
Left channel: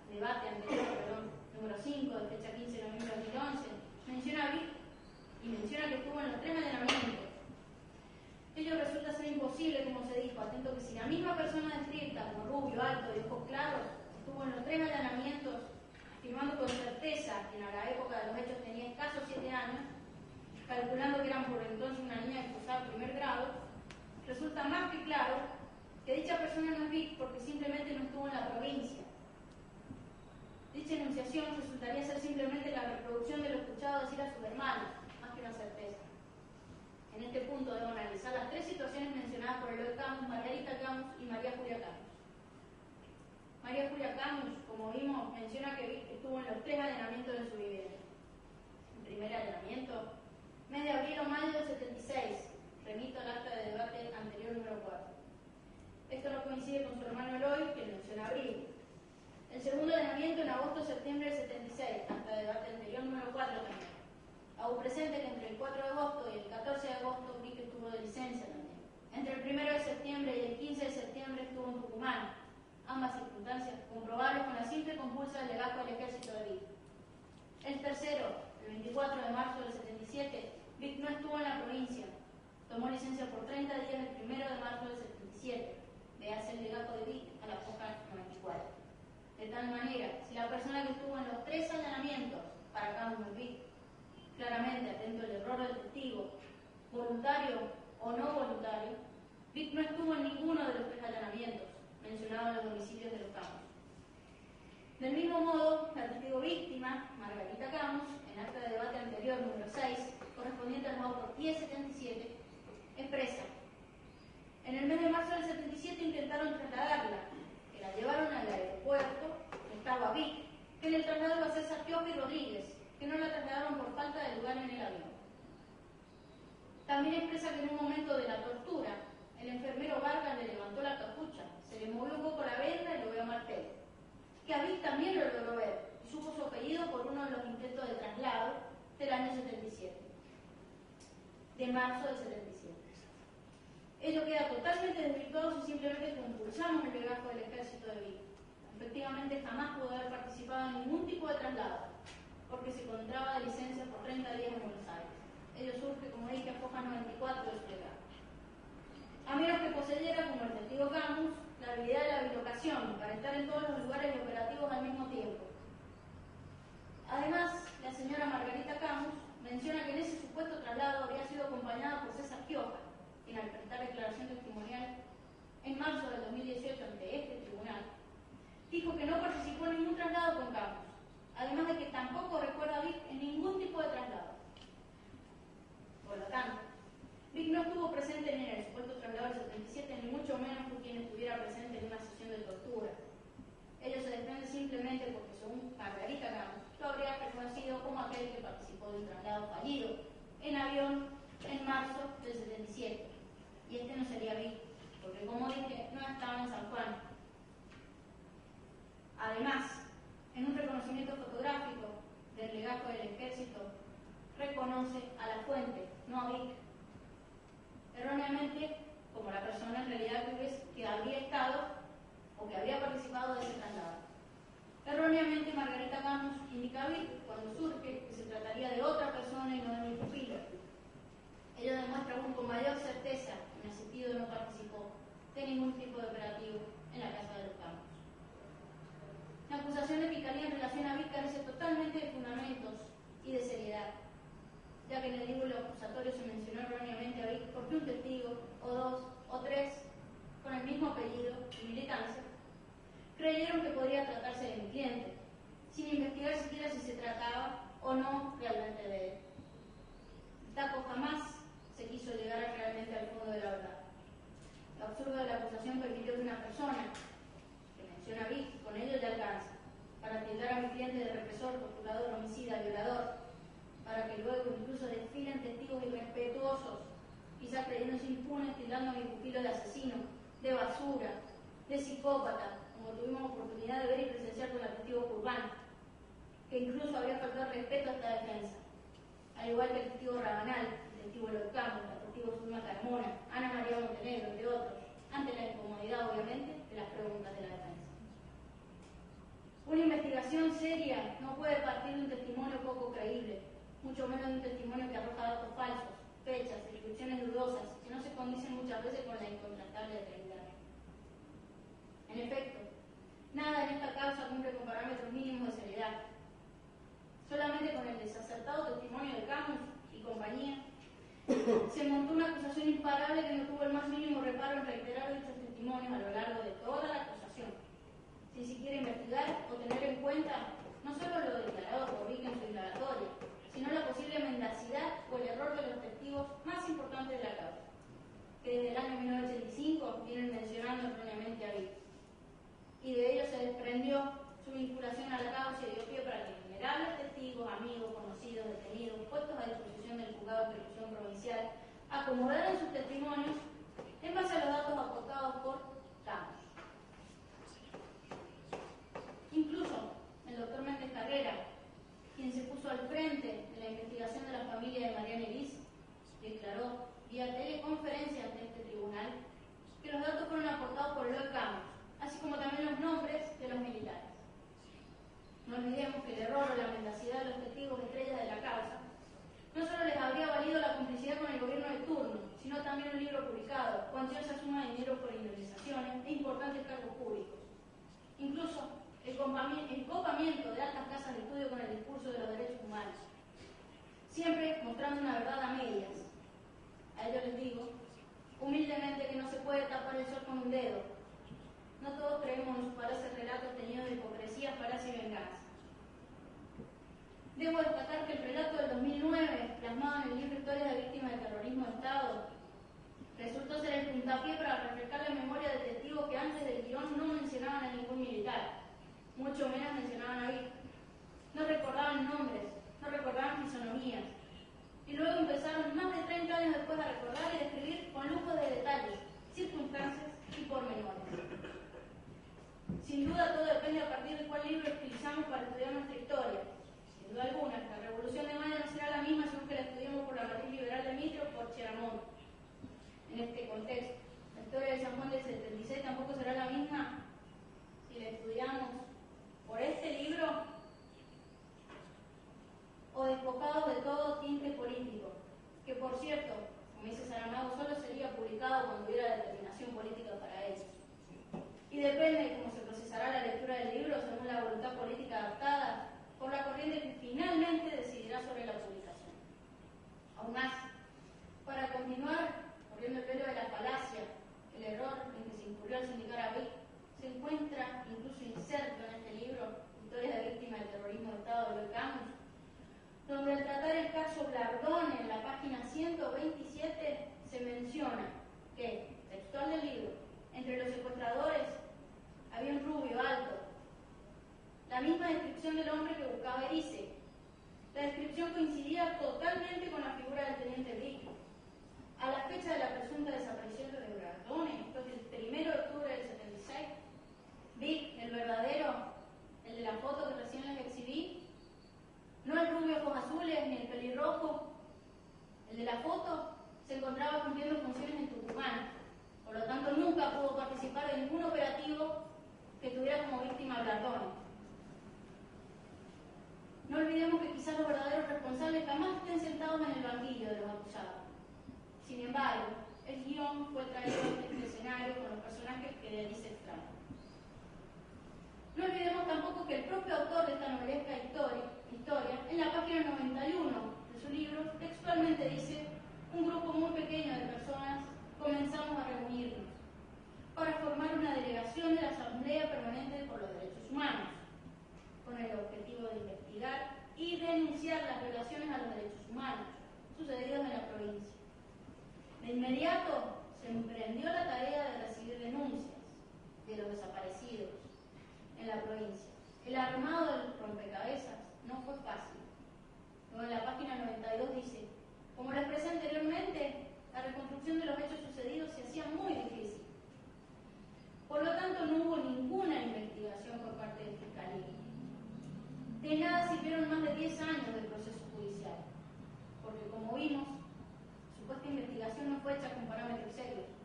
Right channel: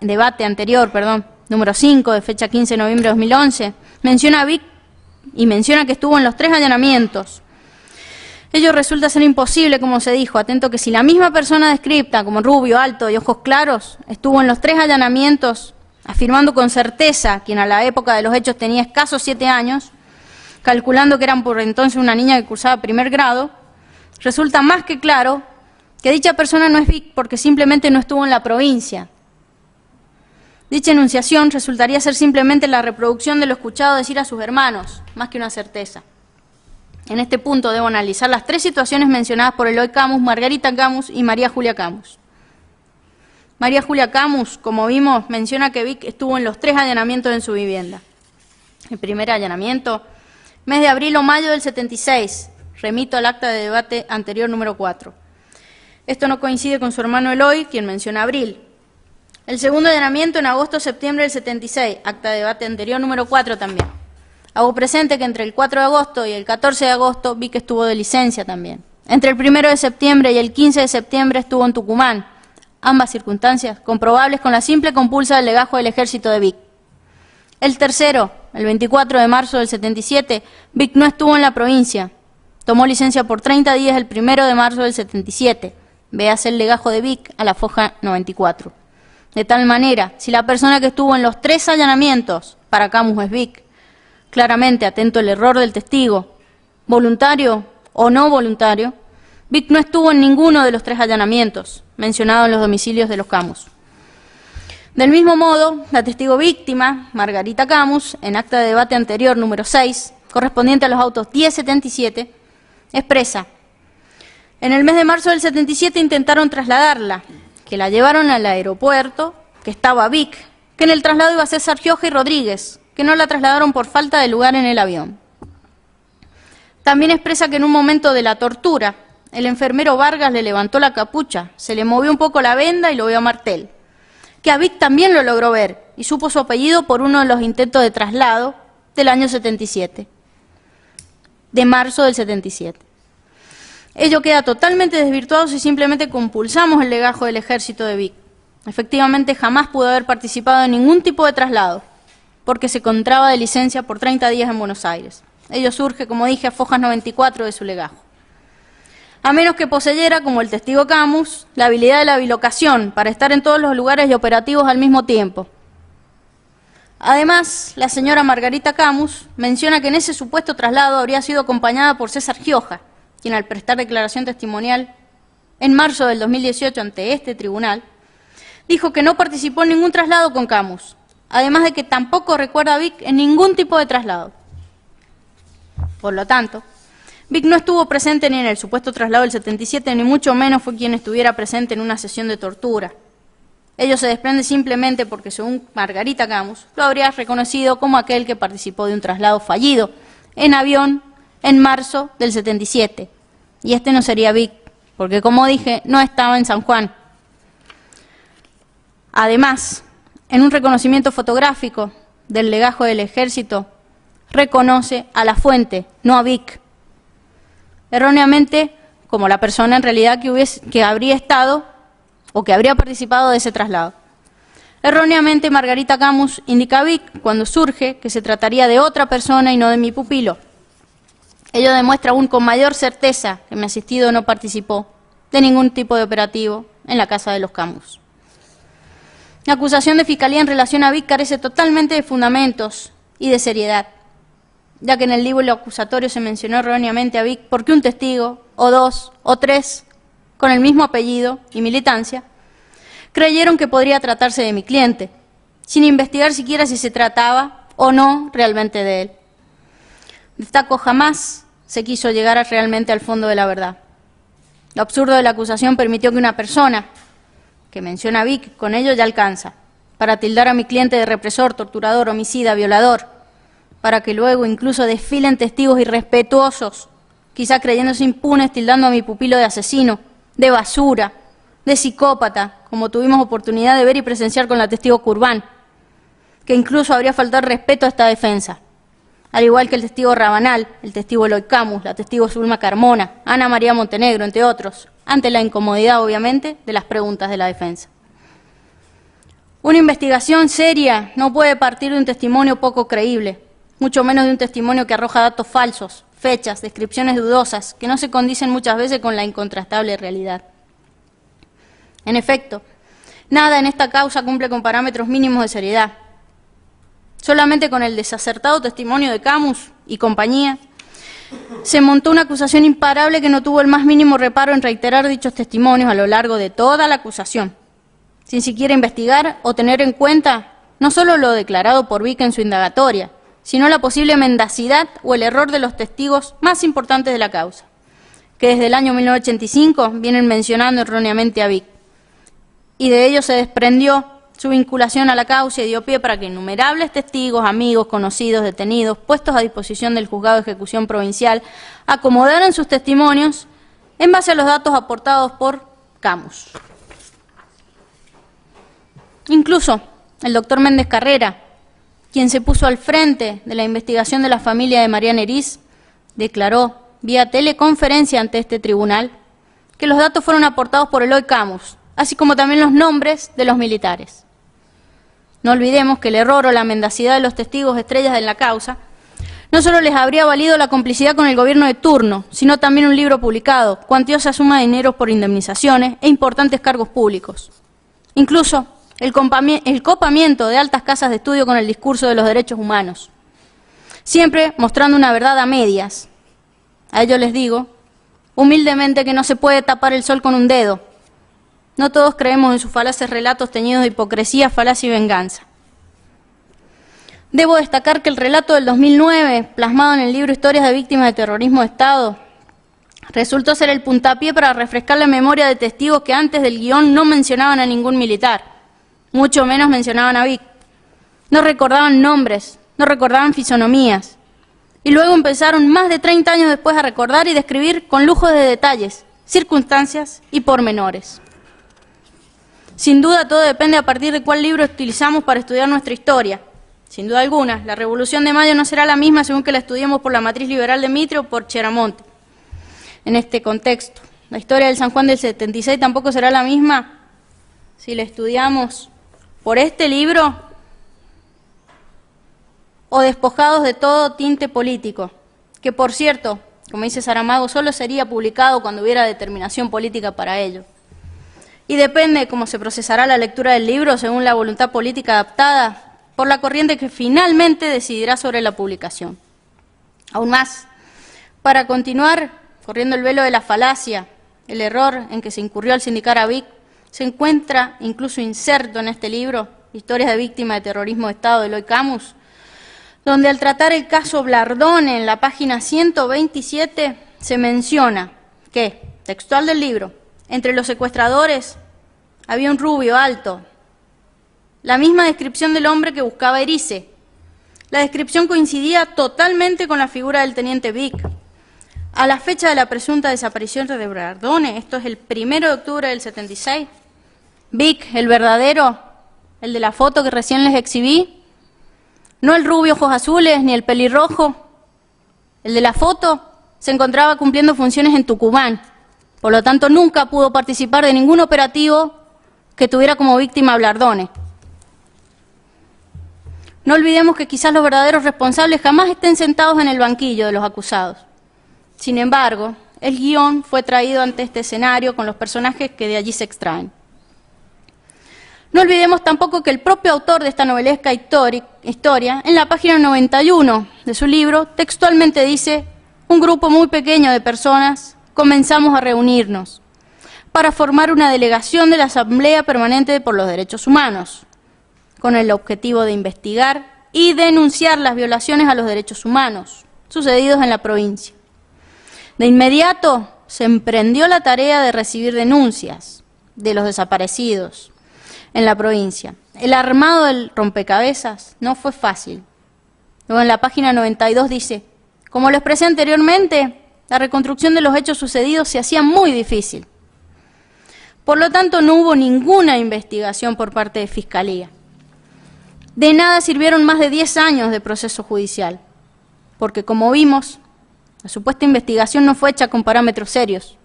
debate anterior, número 5, de fecha 15 de noviembre de 2011, menciona a Vic y menciona que estuvo en los 3 allanamientos. Ello resulta ser imposible, como se dijo, atento que si la misma persona descripta como rubio, alto y ojos claros, estuvo en los 3 allanamientos, afirmando con certeza, quien a la época de los hechos tenía escasos 7 años, calculando que eran por entonces una niña que cursaba 1er grado, resulta más que claro que dicha persona no es Vic porque simplemente no estuvo en la provincia. Dicha enunciación resultaría ser simplemente la reproducción de lo escuchado decir a sus hermanos, más que una certeza. En este punto debo analizar las 3 situaciones mencionadas por Eloy Camus, Margarita Camus y María Julia Camus. María Julia Camus, como vimos, menciona que Vic estuvo en los 3 allanamientos en su vivienda. El primer allanamiento, mes de abril o mayo del 76, remito al acta de debate anterior número 4. Esto no coincide con su hermano Eloy, quien menciona abril. El segundo allanamiento en agosto o septiembre del 76, acta de debate anterior número 4 también. Hago presente que entre el 4 de agosto y el 14 de agosto vi que estuvo de licencia también. Entre el 1 de septiembre y el 15 de septiembre estuvo en Tucumán. Ambas circunstancias comprobables con la simple compulsa del legajo del ejército de Vic. El tercero, el 24 de marzo del 77, Vic no estuvo en la provincia. Tomó licencia por 30 días el 1 de marzo del 77. Véase el legajo de Vic a la foja 94. De tal manera, si la persona que estuvo en los 3 allanamientos para Camus es Vic, claramente atento al error del testigo, voluntario o no voluntario, Vic no estuvo en ninguno de los 3 allanamientos mencionados en los domicilios de los Camus. Del mismo modo, la testigo víctima, Margarita Camus, en acta de debate anterior número 6, correspondiente a los autos 1077, expresa: en el mes de marzo del 77 intentaron trasladarla, que la llevaron al aeropuerto, que estaba Vic, que en el traslado iba a ser Sargioja y Rodríguez, que no la trasladaron por falta de lugar en el avión. También expresa que en un momento de la tortura, el enfermero Vargas le levantó la capucha, se le movió un poco la venda y lo vio a Martel. Que a Vic también lo logró ver y supo su apellido por uno de los intentos de traslado del año 77, de marzo del 77. Ello queda totalmente desvirtuado si simplemente compulsamos el legajo del ejército de Vic. Efectivamente, jamás pudo haber participado en ningún tipo de traslado, porque se encontraba de licencia por 30 días en Buenos Aires. Ello surge, como dije, a fojas 94 de su legajo. A menos que poseyera, como el testigo Camus, la habilidad de la bilocación para estar en todos los lugares y operativos al mismo tiempo. Además, la señora Margarita Camus menciona que en ese supuesto traslado habría sido acompañada por César Gioja, quien al prestar declaración testimonial en marzo del 2018 ante este tribunal, dijo que no participó en ningún traslado con Camus, además de que tampoco recuerda a Vic en ningún tipo de traslado. Por lo tanto, Vic no estuvo presente ni en el supuesto traslado del 77, ni mucho menos fue quien estuviera presente en una sesión de tortura. Ello se desprende simplemente porque, según Margarita Camus, lo habría reconocido como aquel que participó de un traslado fallido en avión en marzo del 77. Y este no sería Vic, porque, como dije, no estaba en San Juan. Además, en un reconocimiento fotográfico del legajo del ejército, reconoce a la fuente, no a Vic. Erróneamente, como la persona en realidad que habría estado o que habría participado de ese traslado. Erróneamente, Margarita Camus indica a Vic cuando surge que se trataría de otra persona y no de mi pupilo. Ello demuestra aún con mayor certeza que mi asistido no participó de ningún tipo de operativo en la casa de los Camus. La acusación de Fiscalía en relación a Vic carece totalmente de fundamentos y de seriedad, ya que en el libro acusatorio se mencionó erróneamente a Vic porque un testigo, o 2, o 3, con el mismo apellido y militancia, creyeron que podría tratarse de mi cliente, sin investigar siquiera si se trataba o no realmente de él. Destaco, jamás se quiso llegar realmente al fondo de la verdad. Lo absurdo de la acusación permitió que una persona que menciona a Vic, con ello ya alcanza, para tildar a mi cliente de represor, torturador, homicida, violador, para que luego incluso desfilen testigos irrespetuosos, quizá creyéndose impunes, tildando a mi pupilo de asesino, de basura, de psicópata, como tuvimos oportunidad de ver y presenciar con la testigo Curbán, que incluso habría faltado respeto a esta defensa, al igual que el testigo Rabanal, el testigo Eloy Camus, la testigo Zulma Carmona, Ana María Montenegro, entre otros, ante la incomodidad, obviamente, de las preguntas de la defensa. Una investigación seria no puede partir de un testimonio poco creíble, mucho menos de un testimonio que arroja datos falsos, fechas, descripciones dudosas, que no se condicen muchas veces con la incontrastable realidad. En efecto, nada en esta causa cumple con parámetros mínimos de seriedad. Solamente con el desacertado testimonio de Camus y compañía, se montó una acusación imparable que no tuvo el más mínimo reparo en reiterar dichos testimonios a lo largo de toda la acusación, sin siquiera investigar o tener en cuenta no solo lo declarado por Vic en su indagatoria, sino la posible mendacidad o el error de los testigos más importantes de la causa, que desde el año 1985 vienen mencionando erróneamente a Vic, y de ello se desprendió Su vinculación a la causa dio pie para que innumerables testigos, amigos, conocidos, detenidos, puestos a disposición del Juzgado de Ejecución Provincial, acomodaran sus testimonios en base a los datos aportados por Camus. Incluso el doctor Méndez Carrera, quien se puso al frente de la investigación de la familia de María Neriz, declaró vía teleconferencia ante este tribunal que los datos fueron aportados por Eloy Camus, así como también los nombres de los militares. No olvidemos que el error o la mendacidad de los testigos estrellas de la causa no solo les habría valido la complicidad con el gobierno de turno, sino también un libro publicado, cuantiosa suma de dinero por indemnizaciones e importantes cargos públicos. Incluso el copamiento de altas casas de estudio con el discurso de los derechos humanos, siempre mostrando una verdad a medias. A ello les digo, humildemente, que no se puede tapar el sol con un dedo. No todos creemos en sus falaces relatos teñidos de hipocresía, falacia y venganza. Debo destacar que el relato del 2009, plasmado en el libro Historias de Víctimas de Terrorismo de Estado, resultó ser el puntapié para refrescar la memoria de testigos que antes del guión no mencionaban a ningún militar, mucho menos mencionaban a Vic. No recordaban nombres, no recordaban fisonomías. Y luego empezaron más de 30 años después a recordar y describir con lujo de detalles, circunstancias y pormenores. Sin duda todo depende a partir de cuál libro utilizamos para estudiar nuestra historia. Sin duda alguna, la Revolución de Mayo no será la misma según que la estudiemos por la matriz liberal de Mitre o por Cheramonte. En este contexto, la historia del San Juan del 76 tampoco será la misma si la estudiamos por este libro o despojados de todo tinte político, que por cierto, como dice Saramago, solo sería publicado cuando hubiera determinación política para ello. Y depende de cómo se procesará la lectura del libro según la voluntad política adaptada por la corriente que finalmente decidirá sobre la publicación. Aún más, para continuar corriendo el velo de la falacia, el error en que se incurrió al sindicar a Vic se encuentra incluso inserto en este libro, Historias de Víctimas de Terrorismo de Estado, de Eloy Camus, donde al tratar el caso Blardone en la página 127 se menciona que, textual del libro, entre los secuestradores había un rubio alto, la misma descripción del hombre que buscaba Erice. La descripción coincidía totalmente con la figura del teniente Vic. A la fecha de la presunta desaparición de Blardone, esto es el 1 de octubre del 76, Vic, el verdadero, el de la foto que recién les exhibí, no el rubio ojos azules ni el pelirrojo, el de la foto se encontraba cumpliendo funciones en Tucumán, por lo tanto nunca pudo participar de ningún operativo que tuviera como víctima a Blardone. No olvidemos que quizás los verdaderos responsables jamás estén sentados en el banquillo de los acusados. Sin embargo, el guión fue traído ante este escenario con los personajes que de allí se extraen. No olvidemos tampoco que el propio autor de esta novelesca historia, en la página 91 de su libro, textualmente dice: un grupo muy pequeño de personas comenzamos a reunirnos para formar una delegación de la Asamblea Permanente por los Derechos Humanos, con el objetivo de investigar y denunciar las violaciones a los derechos humanos sucedidos en la provincia. De inmediato se emprendió la tarea de recibir denuncias de los desaparecidos en la provincia. El armado del rompecabezas no fue fácil. Luego en la página 92 dice: como lo expresé anteriormente, la reconstrucción de los hechos sucedidos se hacía muy difícil. Por lo tanto, no hubo ninguna investigación por parte de Fiscalía. De nada sirvieron más de 10 años de proceso judicial, porque como vimos, la supuesta investigación no fue hecha con parámetros serios,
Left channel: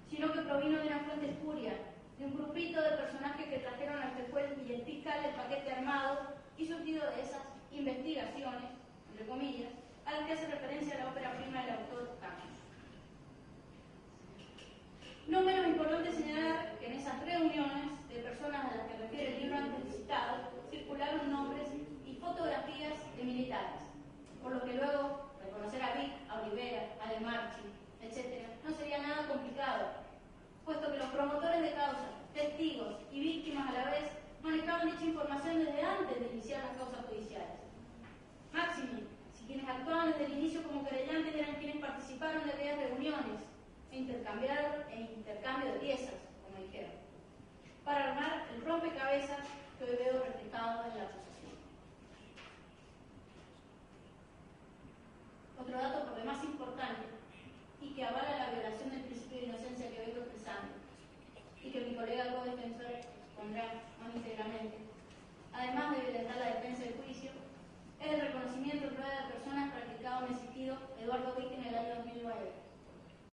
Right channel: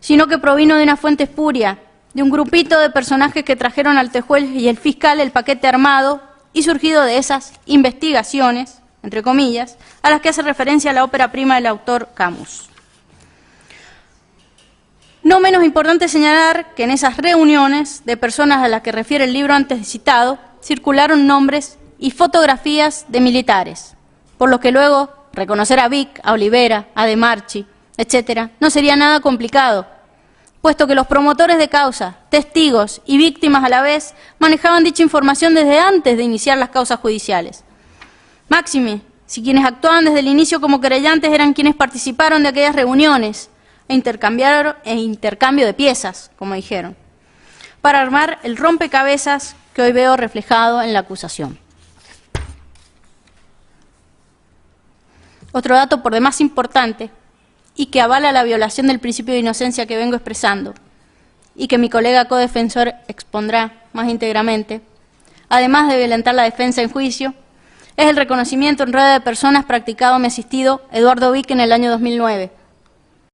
sino que provino de una fuente espuria, de un grupito de personajes que trajeron al juez y el fiscal el paquete armado y surgido de esas investigaciones, entre comillas, a las que hace referencia la ópera prima del autor Camus. No menos importante señalar que en esas reuniones de personas a las que refiere el libro antes citado, circularon nombres y fotografías de militares, por lo que luego reconocer a Vic, a Olivera, a De Marchi, etc., no sería nada complicado, puesto que los promotores de causa, testigos y víctimas a la vez manejaban dicha información desde antes de iniciar las causas judiciales. Máxime, si quienes actuaban desde el inicio como querellantes eran quienes participaron de aquellas reuniones e intercambio de piezas, como dijeron, para armar el rompecabezas que hoy veo reflejado en la acusación. Otro dato por demás importante y que avala la violación del principio de inocencia que vengo expresando y que mi colega codefensor expondrá más íntegramente, además de violentar la defensa en juicio, es el reconocimiento en rueda de personas practicado mi asistido Eduardo Vick en el año 2009,